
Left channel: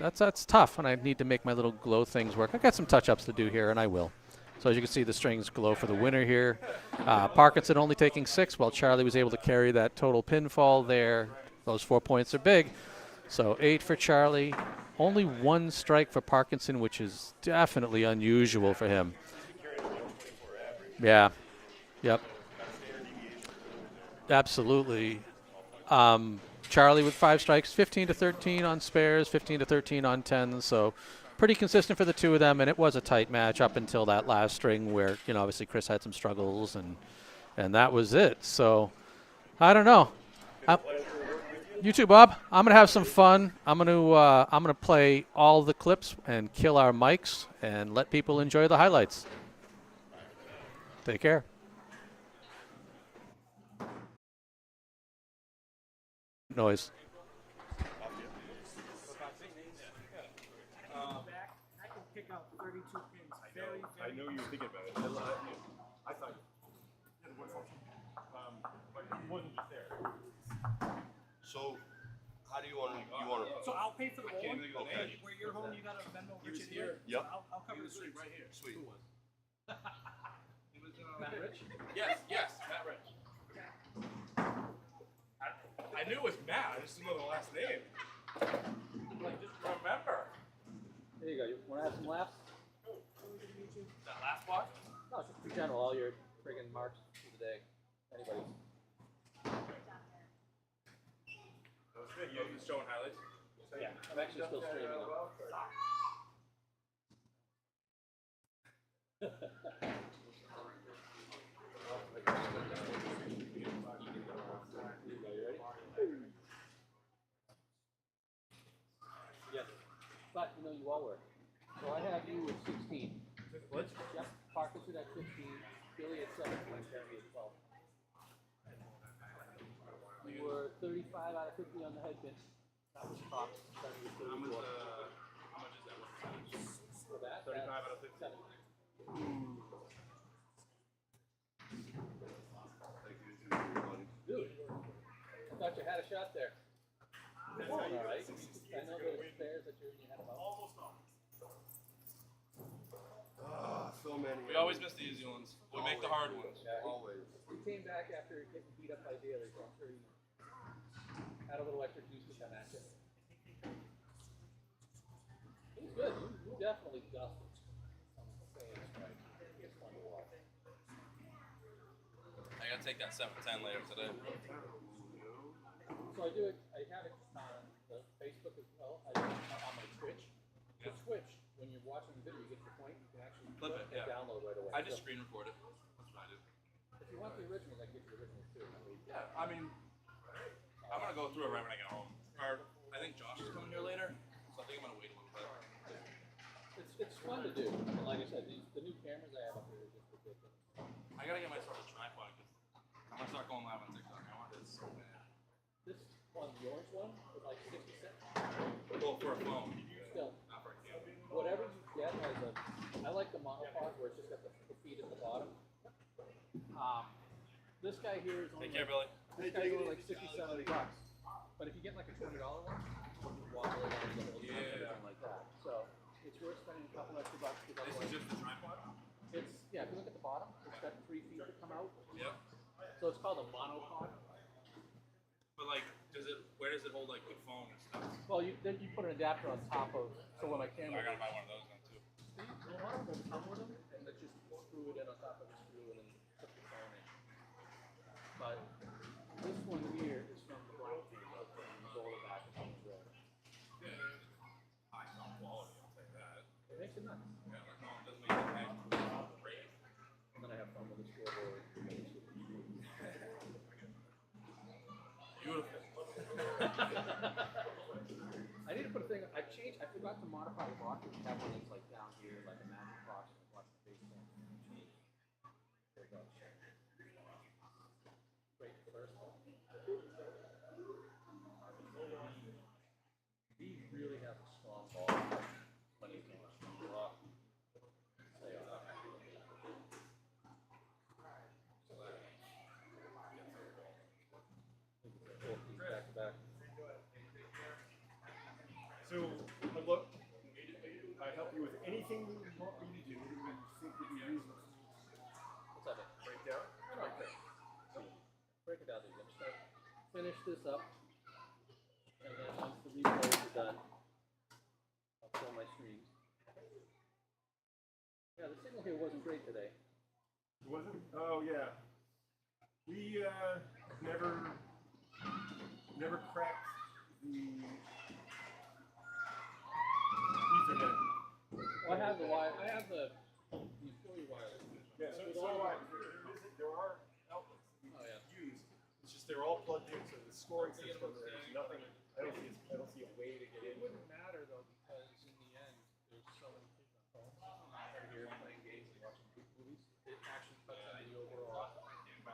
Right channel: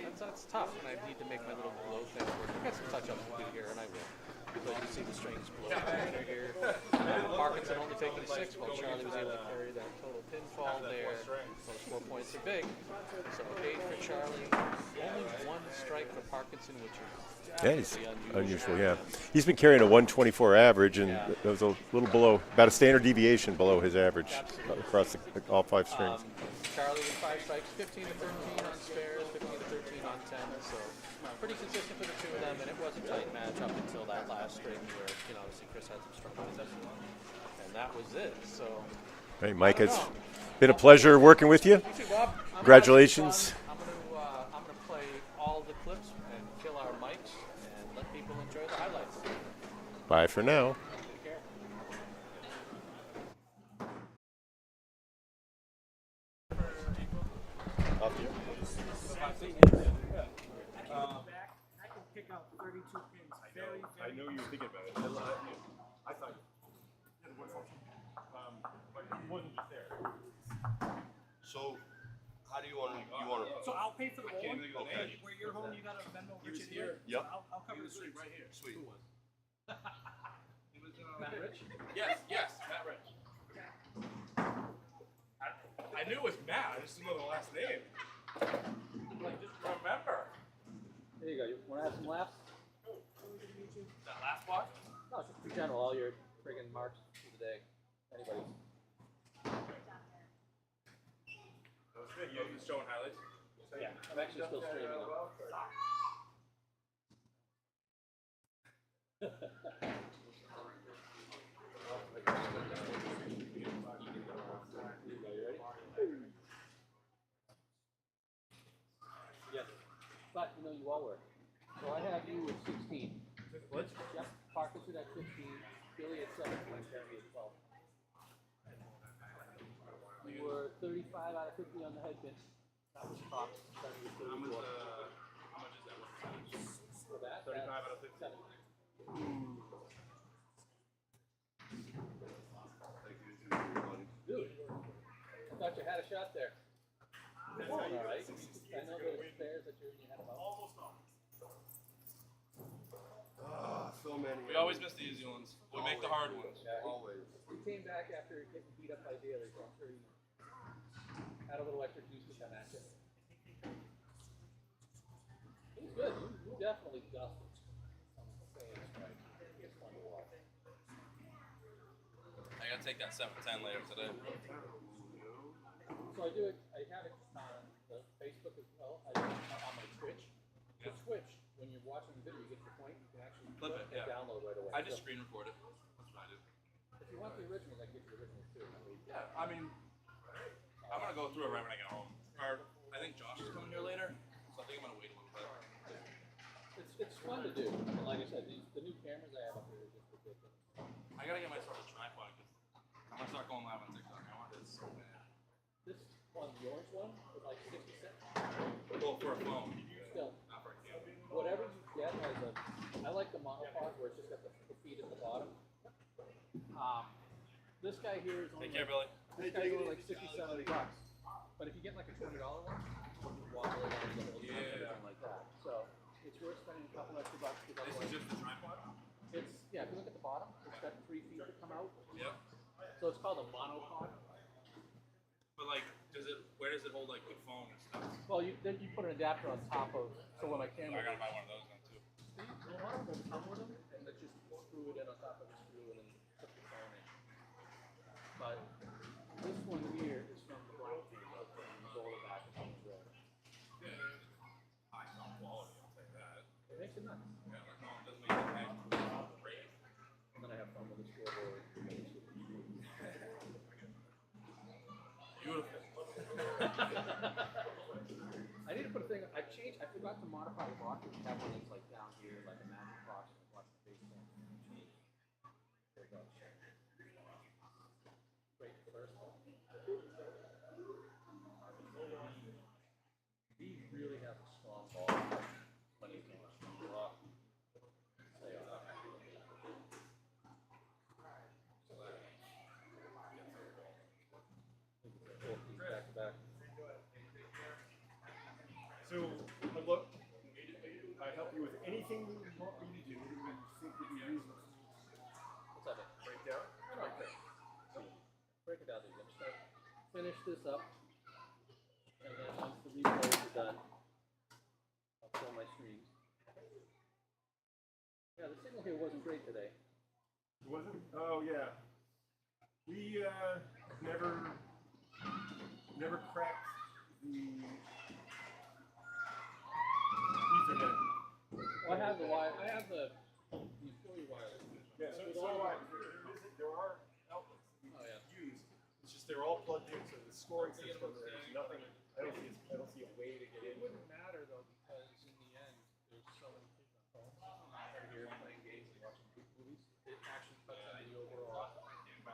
that's tough, and I need to make my little glow things work. I've got some touch-ups to do here, and I will. So as you can see, the strings glow for the winner here. Parkinson only taking 6, while Charlie was able to carry that total pinfall there. Those 4 points are big. So 8 for Charlie. Only 1 strike for Parkinson, which is definitely unusual for him. He's been carrying a 124 average, and Yeah. it was a little below, about a standard deviation below his average. Absolutely. Across all 5 strings. Charlie with 5 strikes, 15 to 13 on spares, 15 to 13 on 10s. So pretty consistent for the two of them, and it was a tight match up until that last string where, obviously Chris had some struggles, and that was it. So Hey, I Micah, don't know. Been a pleasure working with you. You too, Bob. I'm gonna have some fun. Congratulations. I'm gonna play all the clips and kill our mics and let people enjoy the highlights. Bye for now. Take care. Noise. I can pick out 32 pins very, I know you were thinking about it. I thought you had one function, but it wasn't just there. So, How do you want to? So I'll pay for the rolling. Okay. Where you're home, you got a Venmo Richard here. Yep. So I'll cover the streets. Right here. Sweet. Matt Rich? Yes, Matt Rich. I knew it was Matt, I just didn't know the last name. Like, just remember. There you go. You want to have some laughs? That last part? No, just in general, all your friggin' marks for the day. Anybody's. That was good. You were just showing highlights? Yeah, I'm actually still streaming them. Yes, but you know you all were. So I have you at 16. What? Yep, Parkinson at 15, Billy at 17, Jeremy at 12. You were 35 out of 50 on the head pin. That was top. How much is that? What percentage? For that, 35 that's out of 50. 7. Dude, I thought you had a shot there. All right. I know those spares that you had about. So many. We always miss the easy ones. We make the hard ones. Yeah, Always. he came back after getting beat up by Daly, so I'm sure he had a little extra juice to come at you. It was good. You definitely dusted. I'm saying it's right. It's fun to watch. I gotta take that 7-10 later today. So I do it. I have it on the Facebook as well. I do it on my Twitch. The Twitch, when you're watching the video, you get to the point, you can actually Clip it, and yeah. download right away. I just So screen record it. That's what I do. if you want the originals, I can get you the originals too. Yeah, I mean, I'm gonna go through it right when I get home. Or I think Josh is coming here later, so I think I'm gonna wait a little bit. It's fun to do. And like I said, the new cameras I have up here are just ridiculous. I gotta get myself a tripod because I'm gonna start going live on TikTok. I want this so bad. This one, the orange one, was like 60 cents. Well, for a phone, Still, not for a camera. whatever you get has a. I like the monopod where it's just got the feet at the bottom. This guy here is only Take care, Billy. this guy's only like 60, 70 bucks. But if you get like a $20 one, you can walk around the whole time and everything like that. So it's worth spending a couple extra bucks. This is just the tripod? It's yeah. If you look at the bottom, it's got 3 feet that come out. Yep. So it's called a monopod. But like, where does it hold like the phone and stuff? Well, then you put an adapter on top of. So when my I camera. gotta buy one of those then too. See, a lot of them come with them, and let's just screw it in on top of the screw and then put the phone in. But this one here is from the black camera, from Zola back in the road. Yeah. High sound quality, I'll take that. It makes it nuts. Yeah, like no, it doesn't make it hang. Great. And then I have fun with the scoreboard. Beautiful. I need to put a thing. I forgot to modify the box. We have one that's like down here, like a magic box, and watch the face thing. There we go. Great first one. He really has a strong ball. When he's going rough. Stay on that. Back to back. So, look, I help you with anything you want me to do that you think would be reasonable. What's that? Break down? Right there. Break it down, dude. I'm just gonna finish this up, and then once the replays are done, I'll show my streams. Yeah, the signal here wasn't great today. It wasn't? Oh, yeah. We never cracked the Ethernet. Well, I have the wire. I have the utility wireless. Yeah, so do I. There are outlets that we Oh, yeah. use. It's just they're all plugged in, so the scoring system, there's nothing. I don't see a way to get It in. wouldn't matter though, because in the end, there's so many kids on phones out here playing games and watching movies. It actually cuts into the overall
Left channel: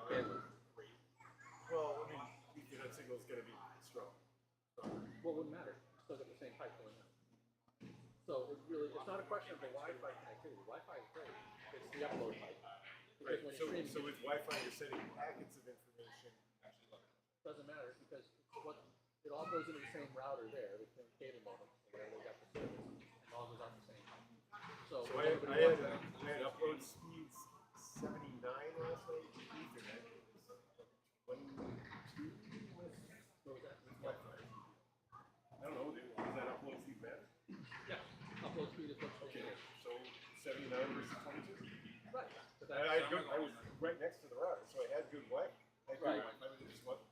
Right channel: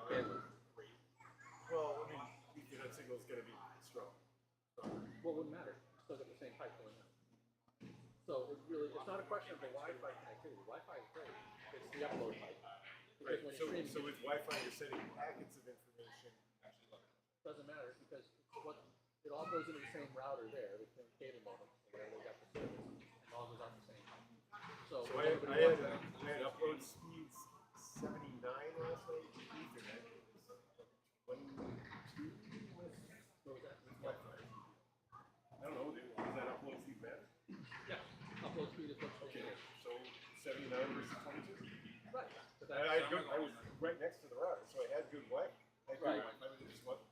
bandwidth. Well, I mean, Ethernet signal's going to be strong. Well, it wouldn't matter. It's still got the same pipe going on. So it's not a question of the Wi-Fi connectivity. Wi-Fi is great. It's the upload pipe. Because Right. when you're streaming, So with Wi-Fi, you're sending packets of information. it doesn't matter because it all goes into the same router there, the same cable modem, where they got the service, and it all goes out the same. So So I had upload speeds 79 last night. Ethernet. 1, 2 with Wi-Fi. I don't know. Does that upload speed matter? yeah, upload speed is what's Okay. okay. So 79 versus 22. Right. But I was right next to the router, so I had good Wi-Fi. I had good Right. Wi-Fi, but it just wasn't.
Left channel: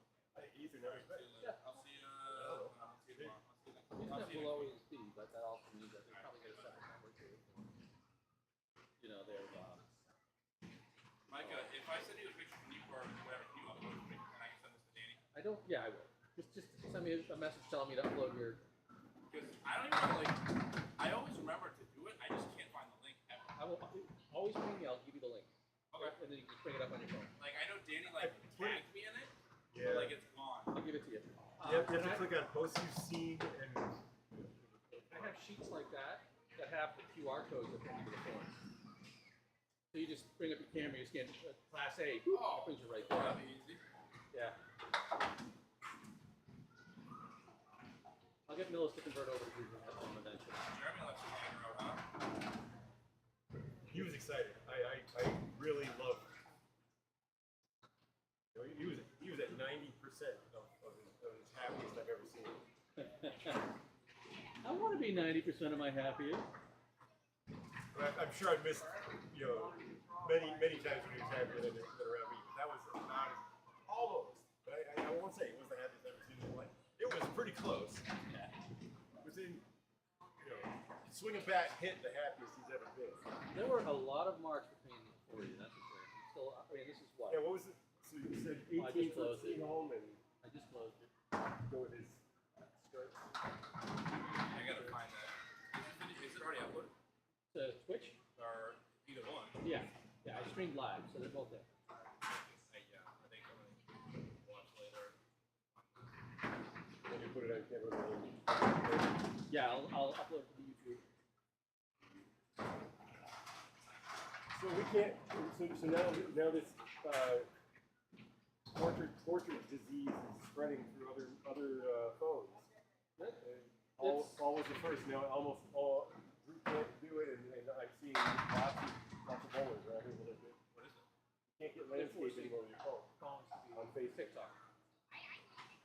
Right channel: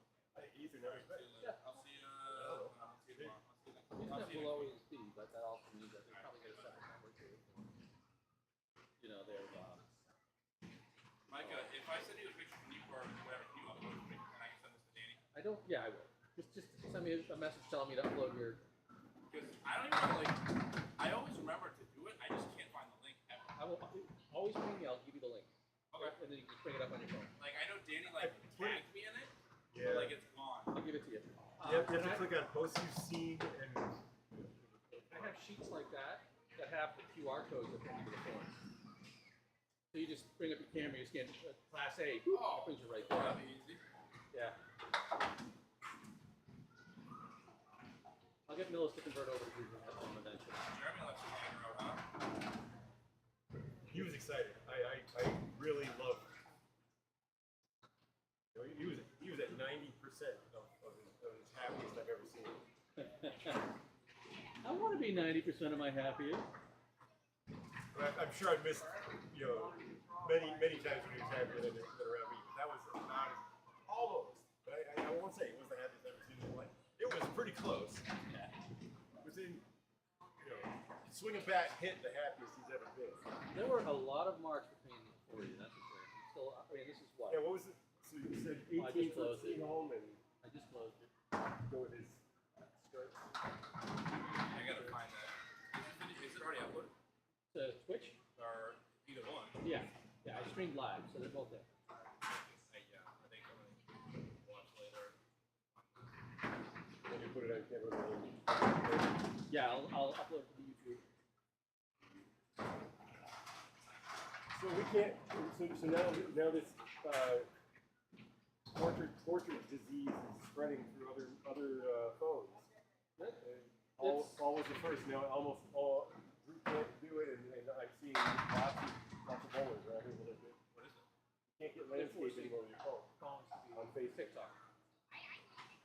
Ethernet was better. yeah. I'll see you. I'll see you tomorrow. Internet will always be, but that also means that they probably get a separate network too. You know, they're Micah, if I send you a picture from you or whatever, can you upload it and I can send this to Danny? I don't. Yeah, I will. Just send me a message telling me to upload your. Because I don't even know, like, I always remember to do it. I just can't find the link ever. I will always ping me. I'll give you the link. Okay. And then you can just bring it up on your phone. Like, I know Danny, like, tagged me in it, Yeah. but, like, it's gone. I'll give it to you. You have to click on posts you've seen and. I have sheets like that have the QR codes that bring you to the form. So you just bring up your camera, you scan Class A, it brings you right there. That'd be easy. Yeah. I'll get Millis to convert over to Google Home eventually. Jeremy lets you hang out, huh? He was excited. I really loved. You know, he was at 90% of his happiest I've ever seen him. I want to be 90% of my happiest. But I'm sure I missed, you know, many times when he was happier than around me. But that was not almost. But I won't say it was the happiest I've ever seen in his life. It was pretty close. Yeah. Within, you know, swing a bat hit the happiest he's ever been. There were a lot of marks between the four of you, that's for sure. Still, I mean, this is what? Yeah, what was it? So you said Well, I just 18 for closed it. Seaholm and I just closed it. go with his stripes. I gotta find that. Is it already uploaded? To Twitch? Or either one? Yeah. Yeah, I streamed live, so they're both there. Yeah, I think I'm gonna watch later. When you put it on camera. Yeah, I'll upload it to YouTube. So we can't. So now this portrait disease is spreading through other phones. All was the first. Now almost all group can't do it, and I'm seeing lots of bowlers around here that do. What is it? You can't get landscape anymore with your phone Phones to be on Facebook. TikTok.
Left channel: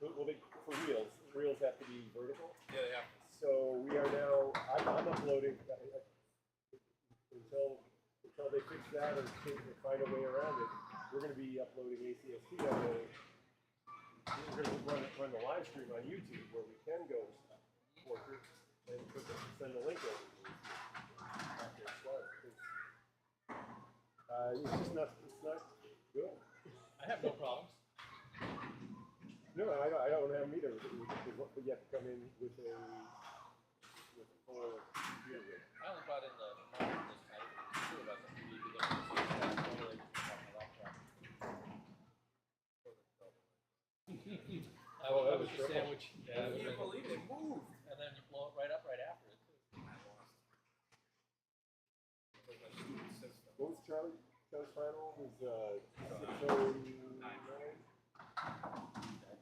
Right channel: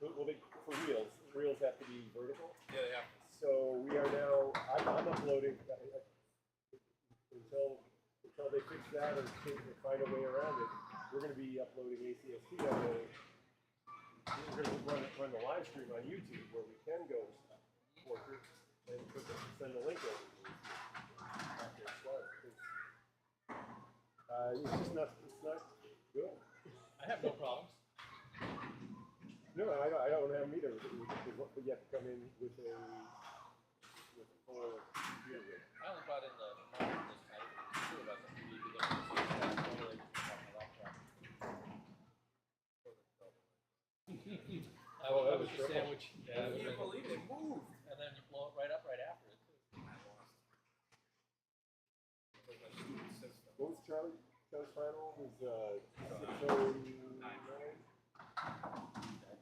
Well, for reels. Reels have to be vertical. Yeah, they have. So we are now. I'm uploading until they fix that or find a way around it. We're going to be uploading ACST on the. We're going to run the live stream on YouTube where we can go portrait and send the link over. After it's live. It's just not. It's not good. I have no problems. No, I don't have them either. But you have to come in with a full computer rig. I only brought in the monitor this time. Two of us, and we need to get totally off my laptop. I was a sandwich. Yeah, I can't believe it moved. And then you blow it right up right after it. What was Charlie's final? Was 6:09.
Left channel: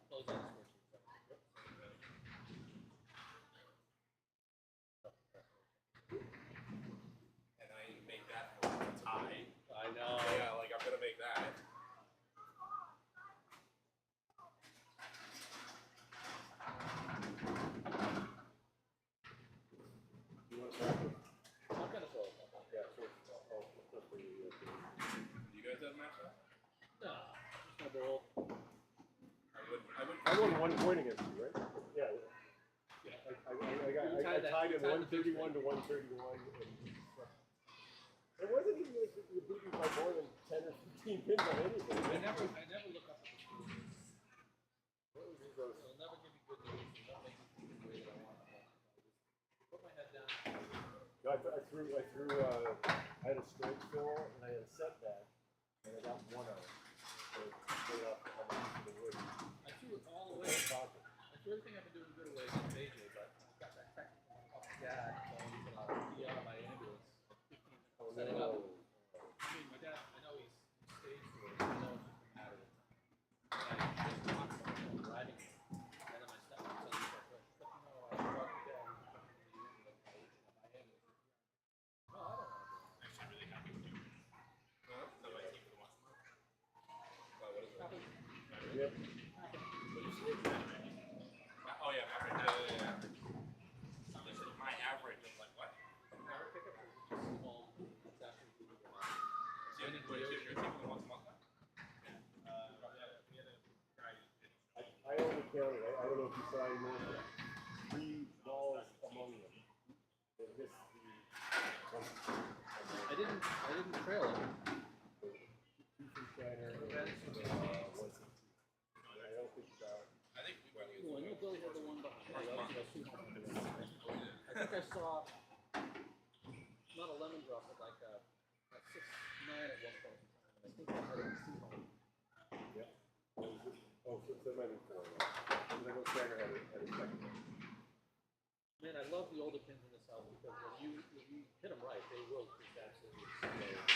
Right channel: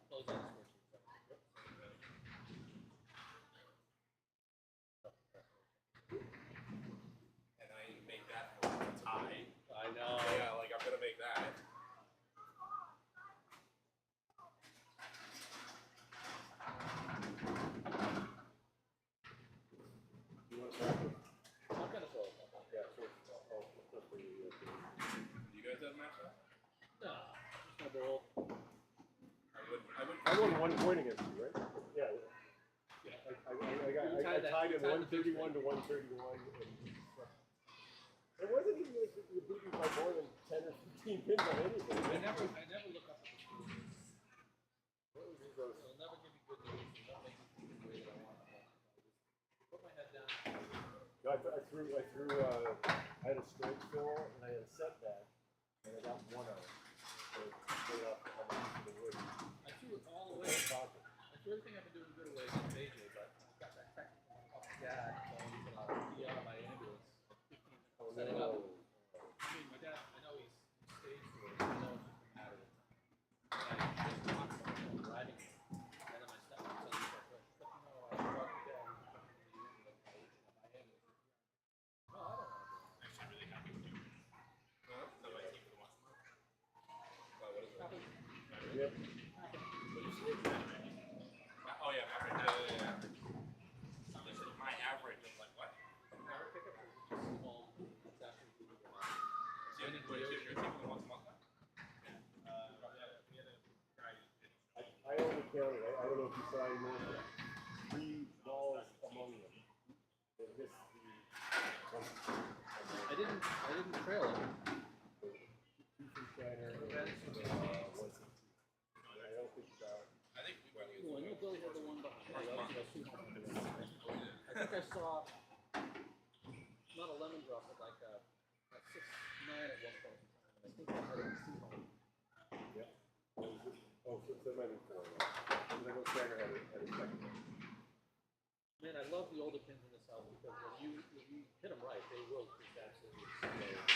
Close on the switch. And I make that a tie. I know. Yeah, like I'm gonna make that. You want to start with? I'm gonna throw it. Yeah, so that's for you. Do you guys have a match up? No, just my bowl. I won 1 point against you, right? Yeah. Yeah. I tied in 131 to 131. It wasn't even like you beat me by more than 10 or 15 pins on anything. I never look up at the screen. It'll never give me good news. It'll not make me think the way that I want it. Put my head down. No, I had a straight fill and I had a setback, and I got 1 out. So straight off the wood. I threw it all away. I threw everything I've been doing good away against AJ, but I got that technical off the dad, so I'll be out of my ambulance at 15 minutes setting up. I mean, my dad, I know he's staged for it, I know it's just a matter of time. And I just talked about driving it, and then my stepmom Yep. Oh yeah, yeah. They said my average. I was like, what? Power pickup is just small. It's actually really good. So you're taking them once a month now? I only counted, I don't know if you saw any more, 3 balls among them. They missed I didn't trail it. the two from Shiner, once. I don't think I think we might use Well, I know Billy had the one behind. I think I saw not a lemon drop, but like a 6-9 at one point in time. I think I had it in Seaholm. yeah. Oh, so there might be 4 of them. I know Shiner had a second one. Man, I love the older pins in the South because when you hit them right, they will just absolutely explode.